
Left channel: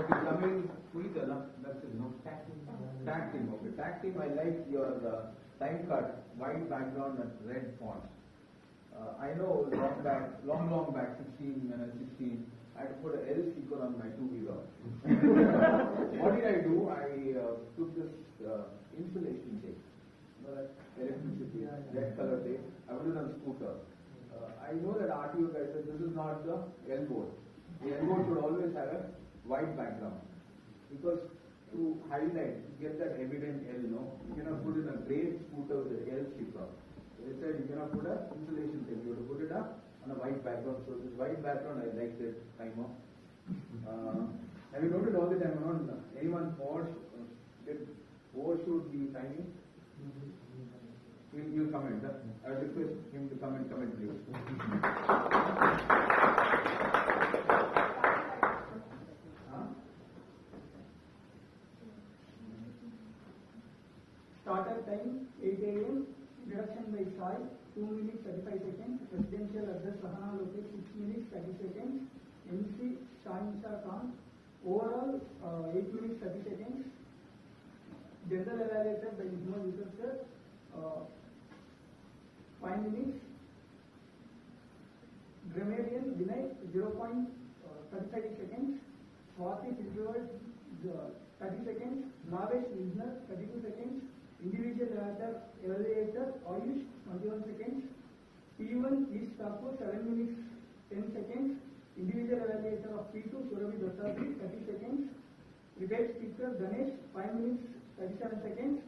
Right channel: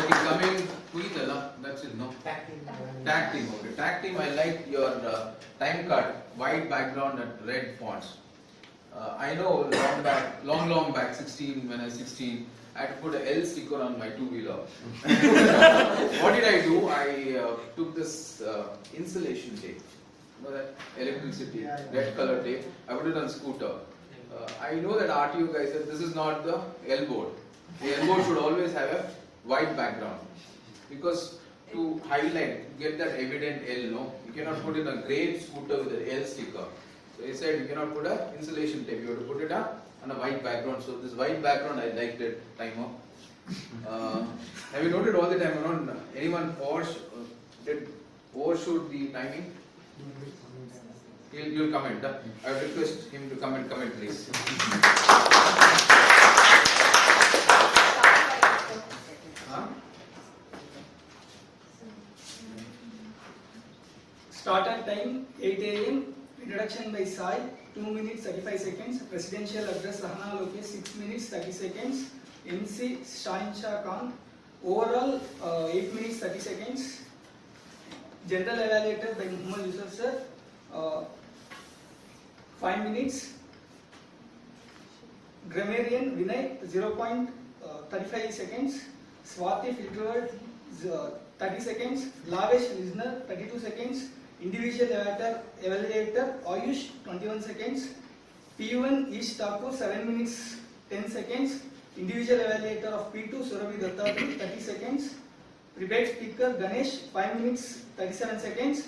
Okay, coming, Puitala, that's it, no? Tag team, okay. Tag team, I like your time cut, white background and red fonts. I know long back, 16, when I was 16, I had to put a L sticker on my two-wheeler. What did I do? I took this insulation tape, you know that electricity, red color tape. I put it on scooter. I know that RTO guy said this is not the L board. The L board should always have a white background because to highlight, get that evident L, no, you cannot put in a grey scooter with an L sticker. So he said you cannot put a insulation tape. You have to put it on a white background. So this white background, I liked it. Timer. Have you noted all the time around? Anyone did overshoot the timing? You'll comment. I would request him to comment, please. Startup time 8 a.m. Introduction by Sai 2 minutes 35 seconds. Presidential address Rahana Lokesh 6 minutes 30 seconds. MC Shahinshah Khan. Overall 8 minutes 30 seconds. General evaluator by Muhammad Yusuf sir 5 minutes. Grammarian Vinay 0.35 seconds. Swati filtered 30 seconds. Lavesh listener 32 seconds. Individual evaluator Ayush 21 seconds. P1 Ish Thakur 7 minutes 10 seconds. Individual evaluator of P2 Surabhi Dattapur 30 seconds. Prepared speaker Ganesh 5 minutes 37 seconds.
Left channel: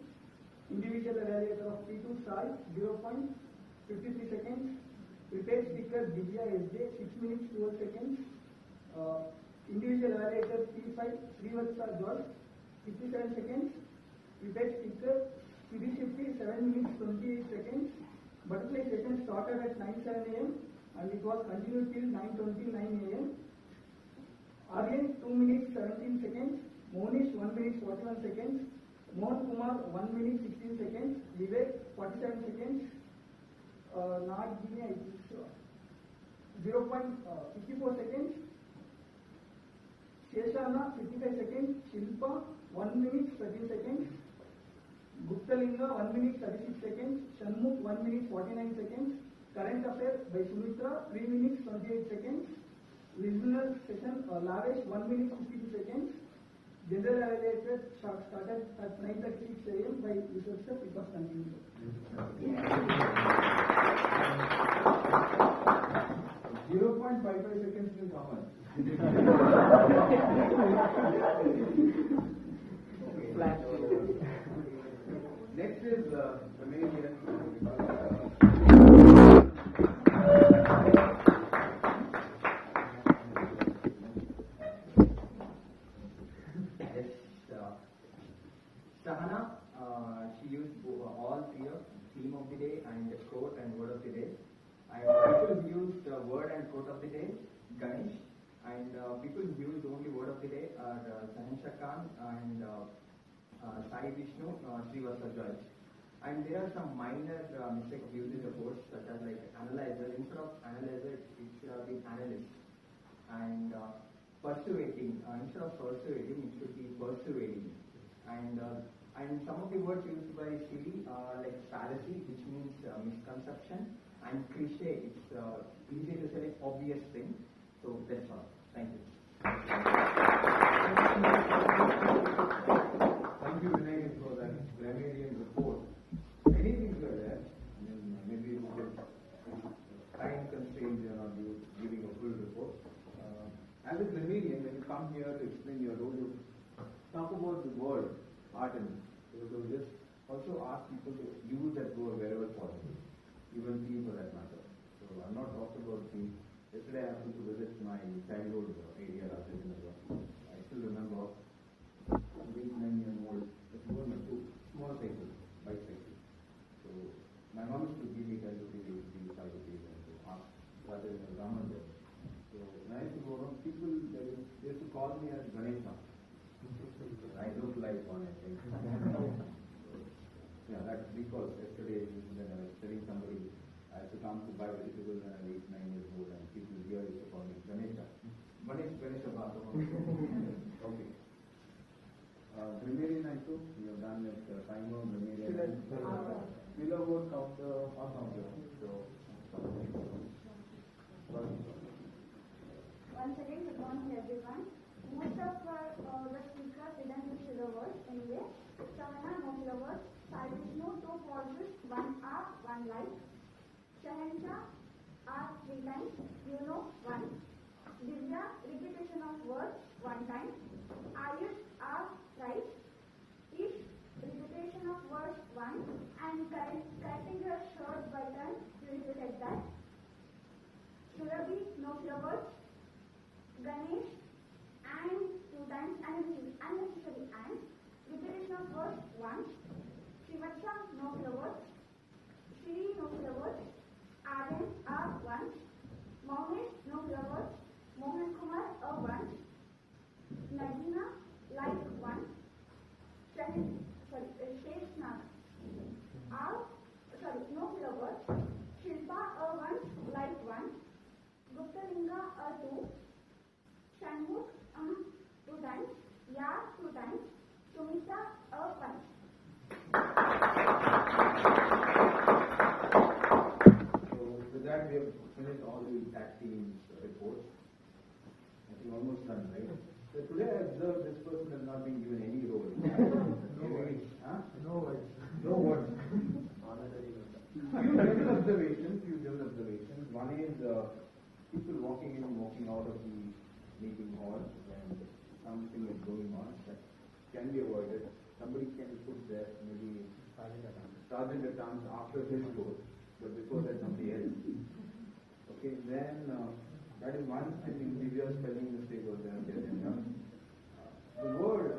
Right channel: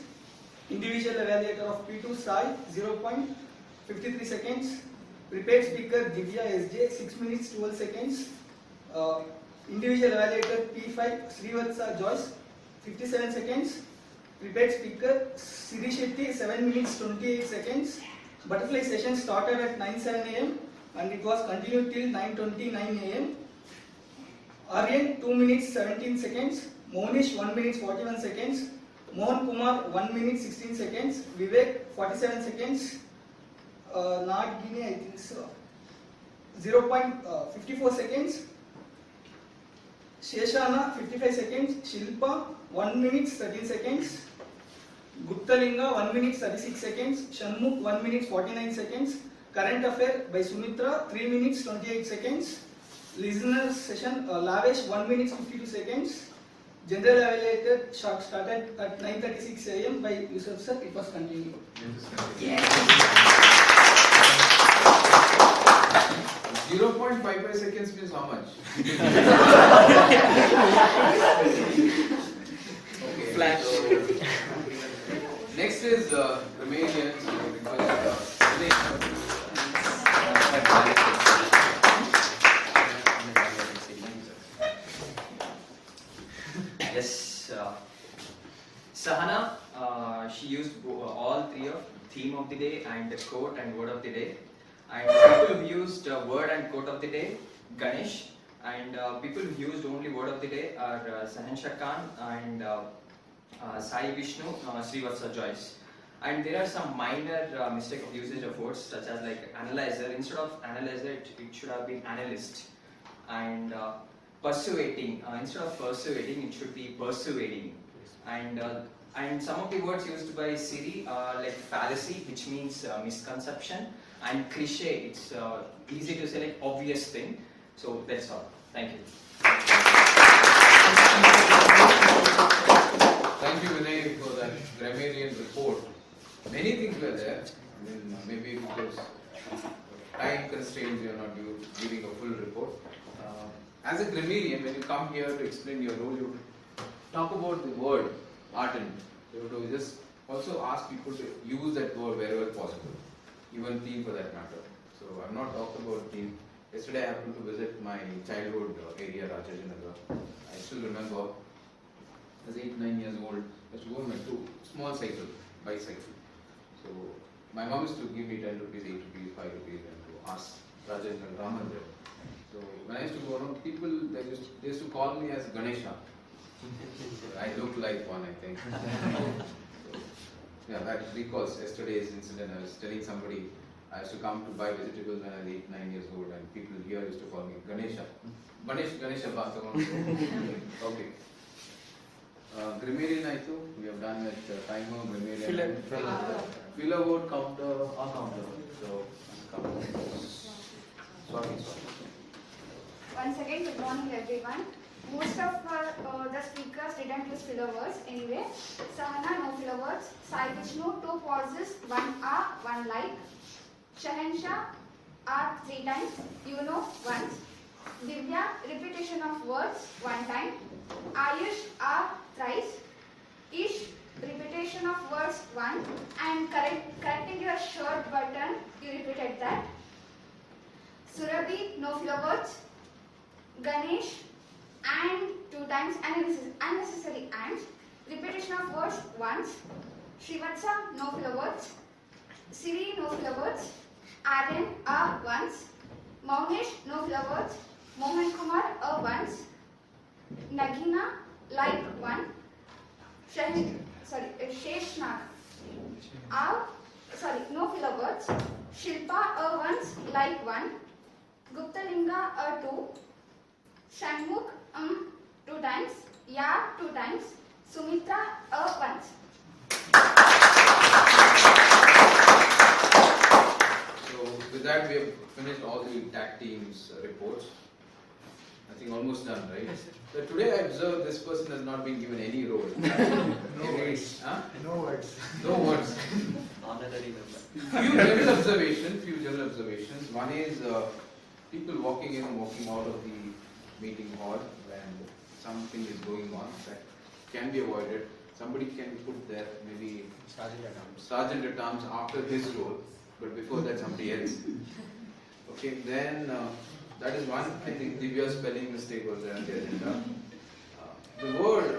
Individual evaluator of P2 Sai 0.53 seconds. Prepared speaker Divya SJ 6 minutes 12 seconds. Individual evaluator P5 Srivatsa Joyce 57 seconds. Prepared speaker Siri Shetty 7 minutes 28 seconds. Butterfly session started at 9:07 a.m. and it was continued till 9:29 a.m. Aryan 2 minutes 17 seconds. Monish 1 minute 41 seconds. Mohan Kumar 1 minute 16 seconds. Vivek 47 seconds. Not Guinea, I think so. 0.54 seconds. Sheshana 55 seconds. Shilpa 1 minute 13 seconds. Guptalinga 1 minute 36 seconds. Shanmukh 1 minute 49 seconds. Current affair by Sumitra 3 minutes 28 seconds. Listener session Lavesh 1 minute 52 seconds. General evaluated started at 9:36 a.m. by Yusuf sir. It was continued. Yeah. 0.55 seconds means how much? Okay. Flash. So, next is Romanian. Yes, Sahana, she used all three of theme of the day and the quote and word of the day. And people who used word and quote of the day, Ganesh. And people who used only word of the day are Sahansha Khan and Sai Vishnu, Srivatsa Joyce. And there are some minor mistake of usage of words such as like analyzer. Instead of analyzer, it should have been analyst. And persuading, instead of persuading, it should be persuading. And some of the words used by Siri are like fallacy, which means misconception, and cliche. It's easy to say like obvious thing. So that's all. Thank you. Thank you, Vinay, for that grammarian report. Many things were there. I mean, maybe because time constraints, you are not giving a full report. As a grammarian, when you come here to explain your role, you talk about the word ardent. You have to just also ask people to use that word wherever possible, even theme for that matter. So I'm not talking about theme. Yesterday I happened to visit my childhood area, Rajajinagar. I still remember, I was 8-9 years old. I used to go on my small bicycle. So my mom used to give me 10 rupees, 8 rupees, 5 rupees, and to ask Rajajinagar Raman. So when I used to go around, people they used to call me as Ganesha. I look like one, I think. So, yeah, that recalls yesterday's incident. I was telling somebody I used to come to buy vegetables when I was 8-9 years old, and people here used to call me Ganesha. Ganesha Bhasavaram. Okay. Grammarian I too. We have done with timer, grammarian, filler word, counter, or counter. So, sorry. Once again, good morning everyone. Most of the speakers didn't use filler words anyway. Sahana, no filler words. Sai Vishnu, 2 pauses, 1 R, 1 like. Shahansha, R 3 times. You know, once. Divya, repetition of words, 1 time. Ayush, R thrice. Ish, repetition of words, 1. And correcting your shirt button, you repeated that. Surabhi, no filler words. Ganesh, and 2 times, unnecessary and. Repetition of words once. Srivatsa, no filler words. Siri, no filler words. Aryan, once. Maunesh, no filler words. Mohan Kumar, once. Nagina, like 1. Sheshna, no filler words. Shilpa, once, like 1. Guptalinga, 2. Shanmukh, 2 times. Ya, 2 times. Sumitra, once. So with that we have finished all the tag teams reports. I think almost done, right? So today I observed this person has not been given any role. No words. Huh? No words. No words. Honorary Few general observations. One is people walking in and walking out of the meeting hall, and something is going on that can be avoided, somebody can be put there, maybe Sergeant at Arms after his role, but before that somebody else. Okay, then that is one. I think Divya's spelling mistake was there on the agenda. The word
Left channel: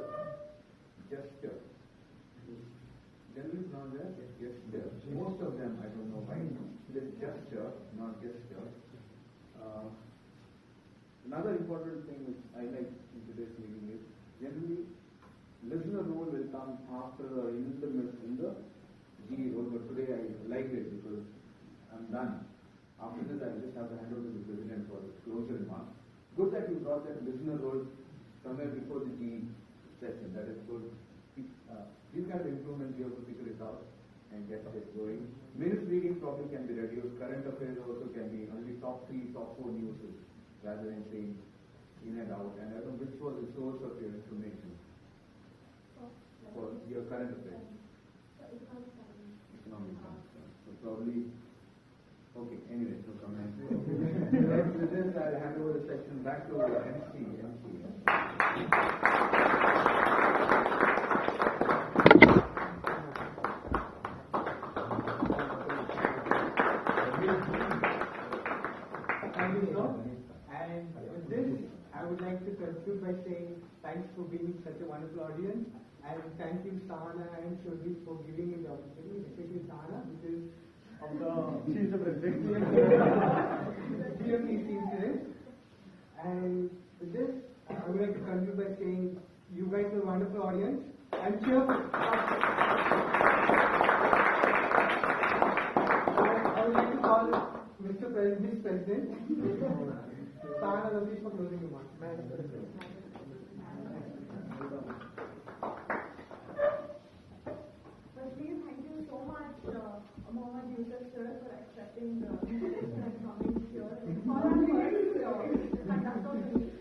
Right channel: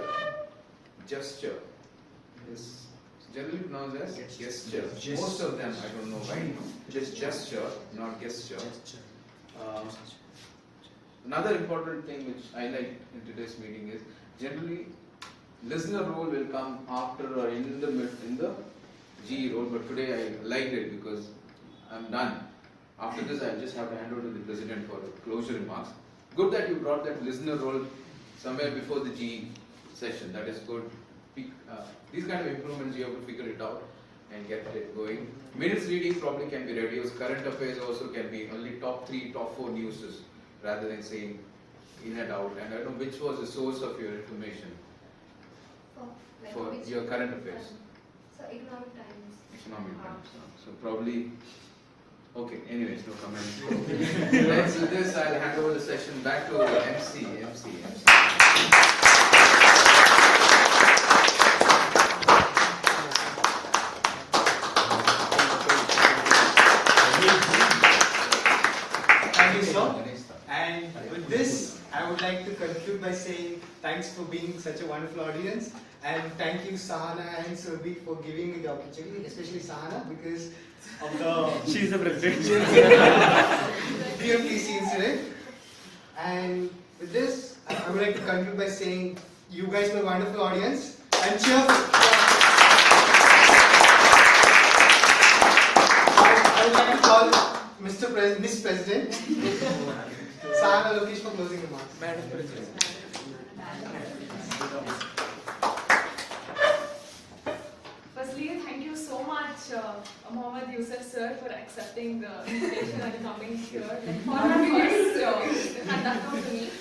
gesture is generally pronounced as gesture. Most of them, I don't know why, just gesture, not gesture. Another important thing which I like in today's meeting is generally listener role will come after or in the GE role, but today I liked it because I'm done. After this, I'll just have to hand over to the president for the closure remarks. Good that you brought that listener role somewhere before the GE session. That is good. These kind of improvements, you have to figure it out and get it going. Minutes reading probably can be reduced. Current affairs also can be only top 3, top 4 news rather than saying in and out. And I don't know which was the source of your information for your current affairs. So Economic Times. Economic Times. So probably, okay, anyways, no comments. Let's do this. I'll hand over the session back to MC. Thank you, sir. And with this, I would like to conclude by saying thanks for being such a wonderful audience. And thank you, Sahana and Surbi, for giving me the opportunity, especially Sahana, because of the... She's the president. BMTC incident. And with this, I would like to conclude by saying you guys were a wonderful audience. And cheerful. I would like to call Miss President, Sahana Lokesh for closing remarks. Madam President. Firstly, thank you so much, Mohammad Yusuf sir, for accepting the invitation and coming here for our first conductor to meet.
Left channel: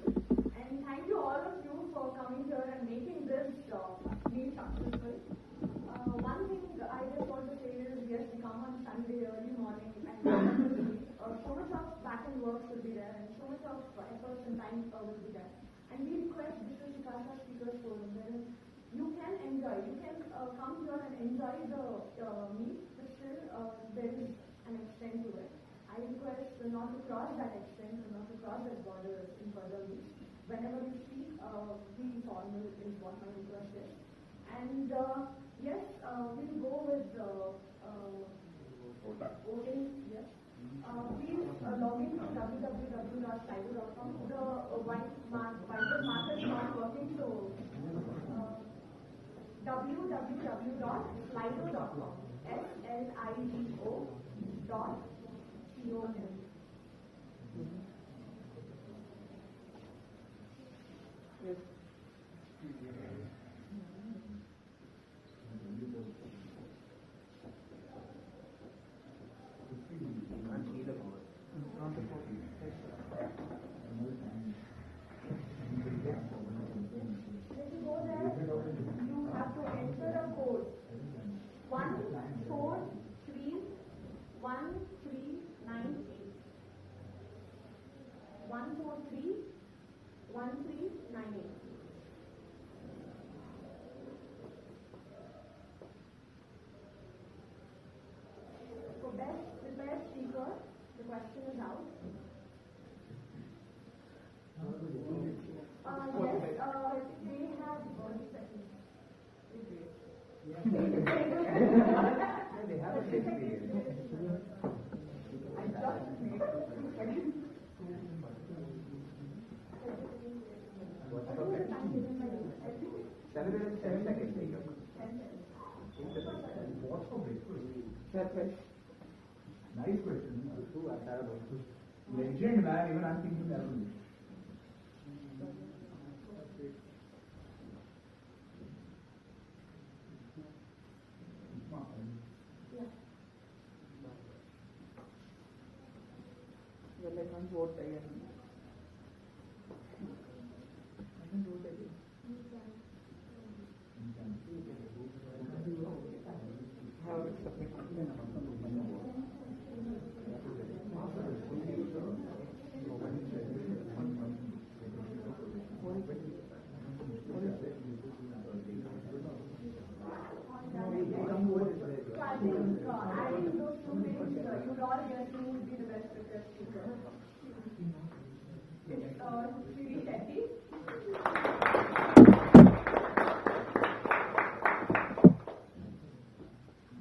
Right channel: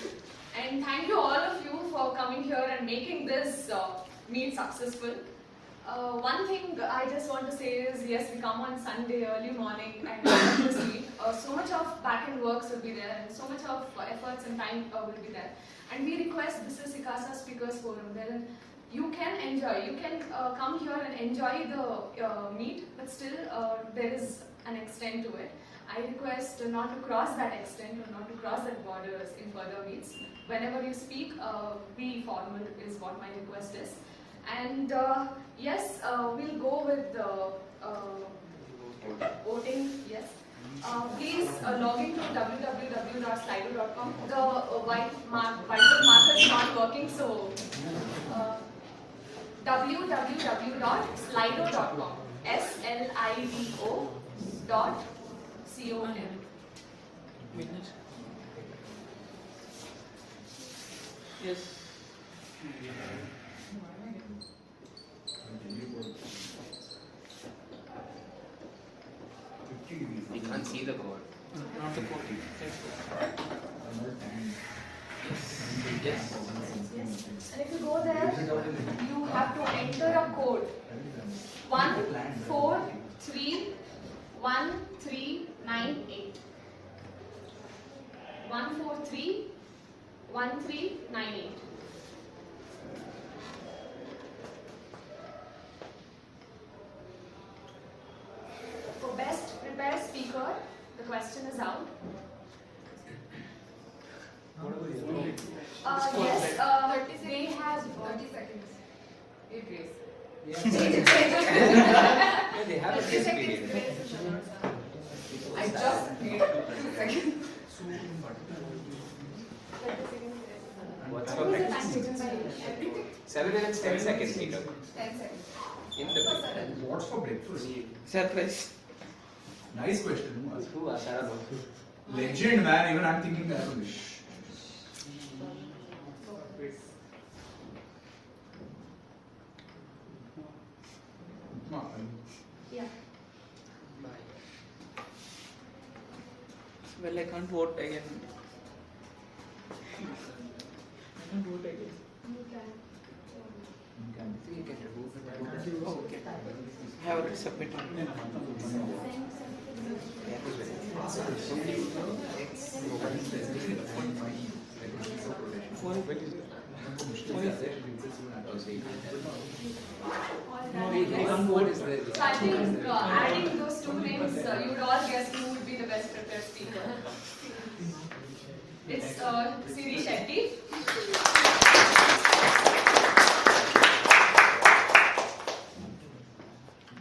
And thank you all of you for coming here and making this meet successful. One thing I just want to say is, yes, we come on Sunday early morning and have this meet. So much of back-end works will be there, and so much of efforts and time will be there. And we request this is SICASA Speakers Forum, wherein you can enjoy, you can come here and enjoy the meet, but still there is an extent to it. I request not to cross that extent or not to cross that borders in further meets. Whenever you speak, be formal is what my request is. And yes, we'll go with the voting, yes. Please log into www.slido.com. The white marker is not working, so www.slido.com. SLIDO.com. Yes. You can't see the board. Not the code. Yes. And if you go there, you have to enter a code. 1431398. 1431398. For best prepared speaker, the question is out. Yes, they have 30 seconds. Hey, Grace. They have a 30 test seconds. period. I just made 2 seconds. What's What your was the practice? time taken by everything? 7 minutes, 10 seconds, Peter. 10 seconds. In the What's for breakfast? Surprise. Nice question. Who asked that? Legend, man. Even I'm thinking that. Yeah. Well, I can't vote again. I can't vote again. You can. Okay. I have already submitted. So I think adding those two names, you would all guess who would be the best prepared speaker. It's Siri Shetty.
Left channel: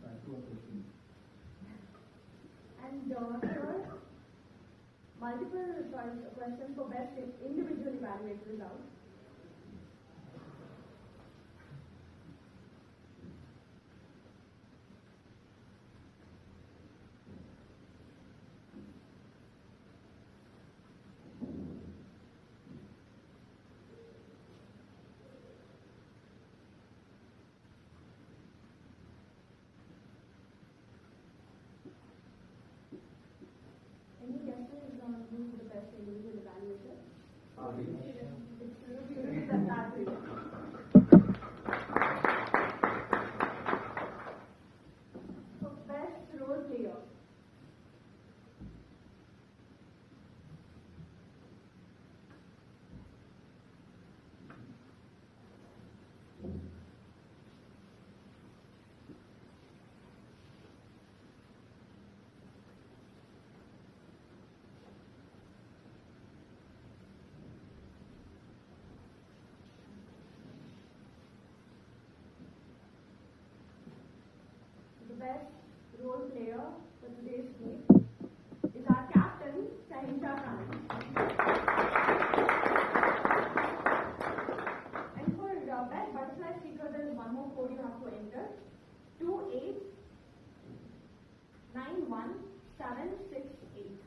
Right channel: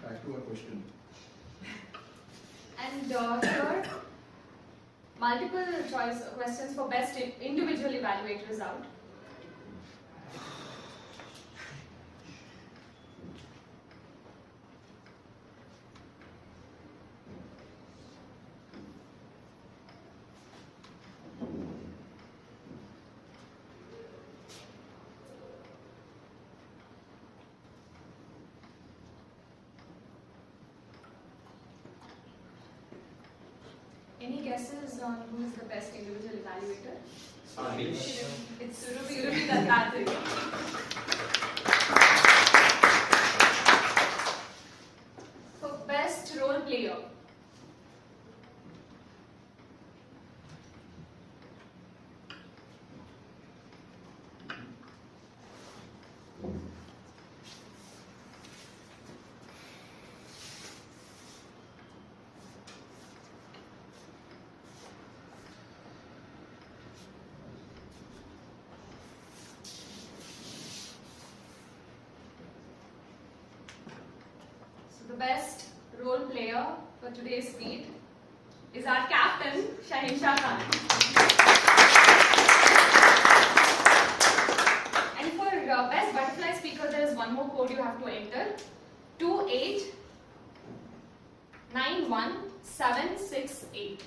Back to our question. And here, multiple choice questions for best individual evaluator is out. Any guesses on who is the best individual evaluator? It's Surabhi Dattatri. For best role player. So the best role player for today's meet is our captain, Shahinsha Khan. And for best butterfly speaker, there is one more code you have to enter: 2891768.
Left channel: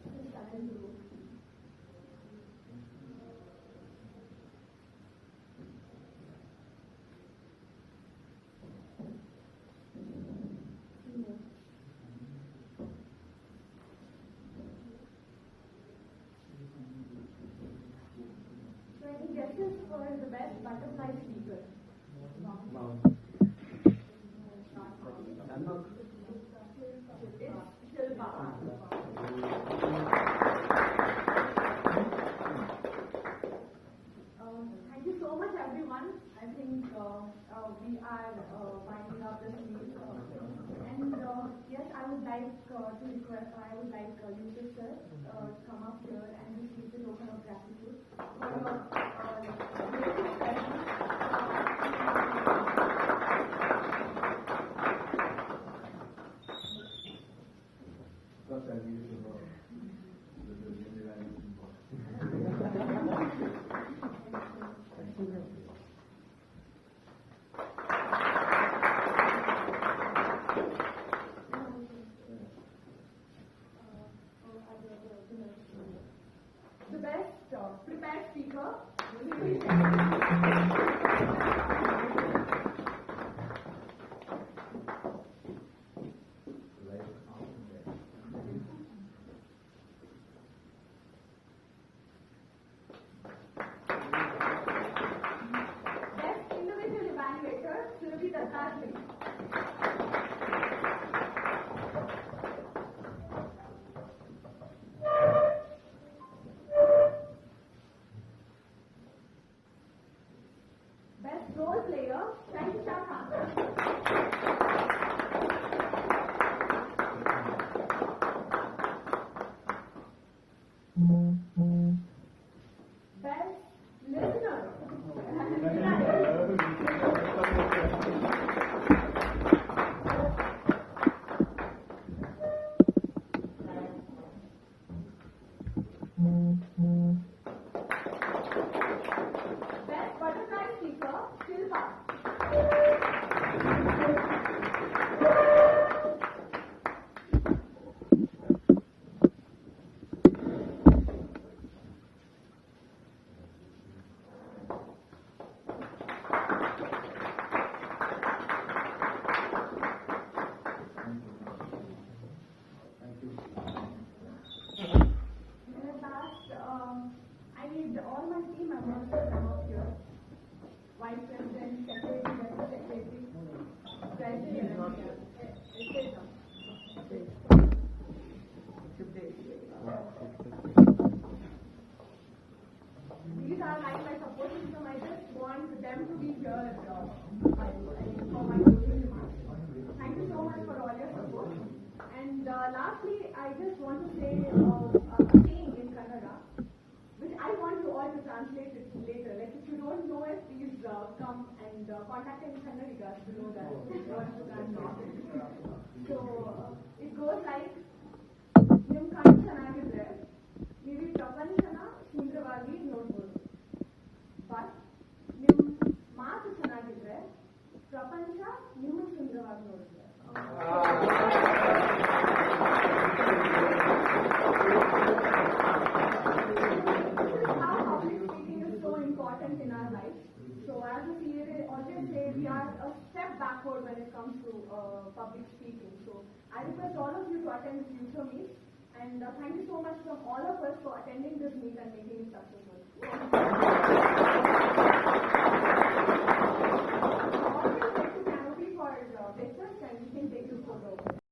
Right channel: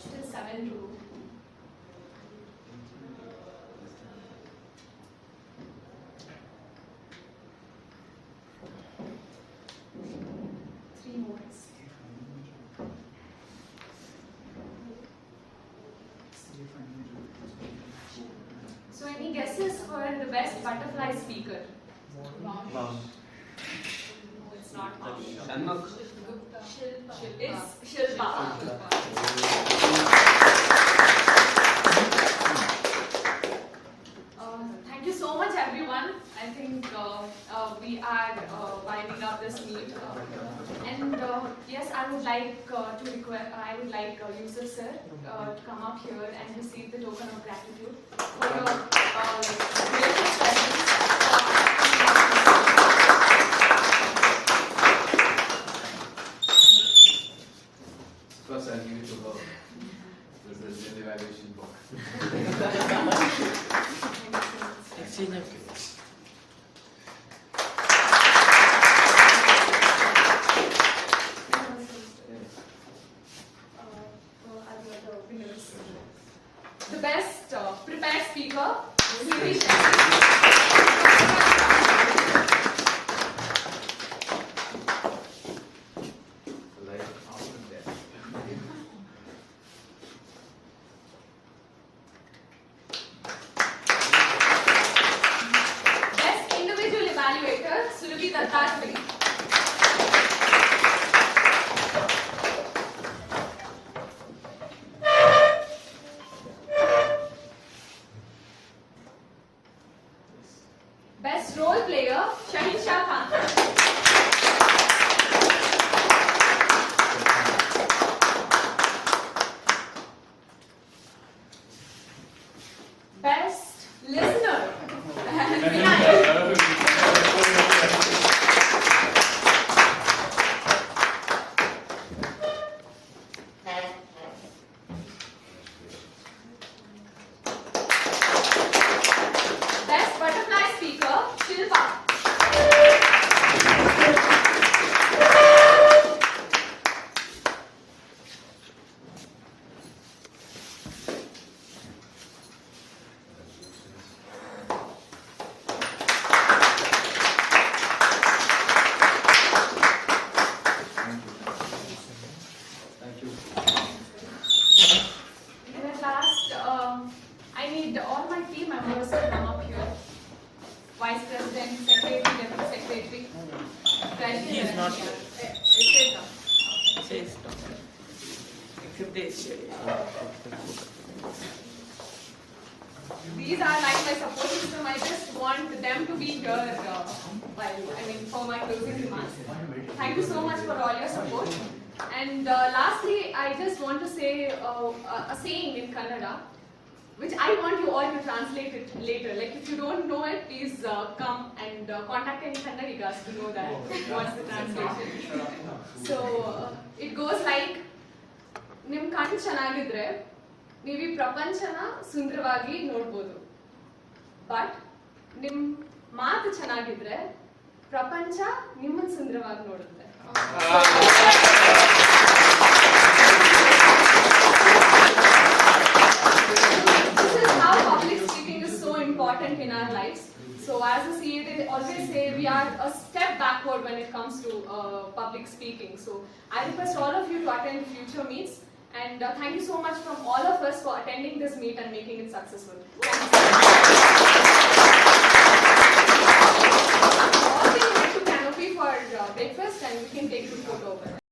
Still 7 to go. Three more. So any guesses for the best butterfly speaker? It's not Mount. It's Shilpa. Thank you so much, everyone. I think we are winding up this meet. And yes, I would like to request. I would like Yusuf sir to come up here and receive the token of gratitude for your gracious presence. First, I'll give it to her. This is the evaluation book. The best prepared speaker, Siri Best individual evaluator, Surabhi Dattatri. lastly, I just want to say a saying in Kannada, which I want you all to translate it later. Like if you don't know it, please come and contact any Kannadigas to know that what's the translation. So it goes like, ನಿಮ್ ಕಣ್ಣು ಚೆನ್ನಾಗಿದ್ರೆ ನೀವು ಈ ಪ್ರಪಂಚನ ಸುಂದರವಾಗಿ ನೋಡ್ಬೋದು, but ನಿಮ್ ಮಾತು ಚೆನ್ನಾಗಿದ್ರೆ ಪ್ರಪಂಚ ನಿಮ್ಮನ್ನ ಸುಂದರವಾಗಿ ನೋಡುತ್ತೆ. This is how public speaking is so important in our lives. So as a CA, they always say we are a step backward when it comes to public speaking. So I request all of you to attend future meets. And thank you so much from all of us for attending this meet and making it successful. Thank you so much. All the way to Canopy for breakfast, and we can take the photo over there.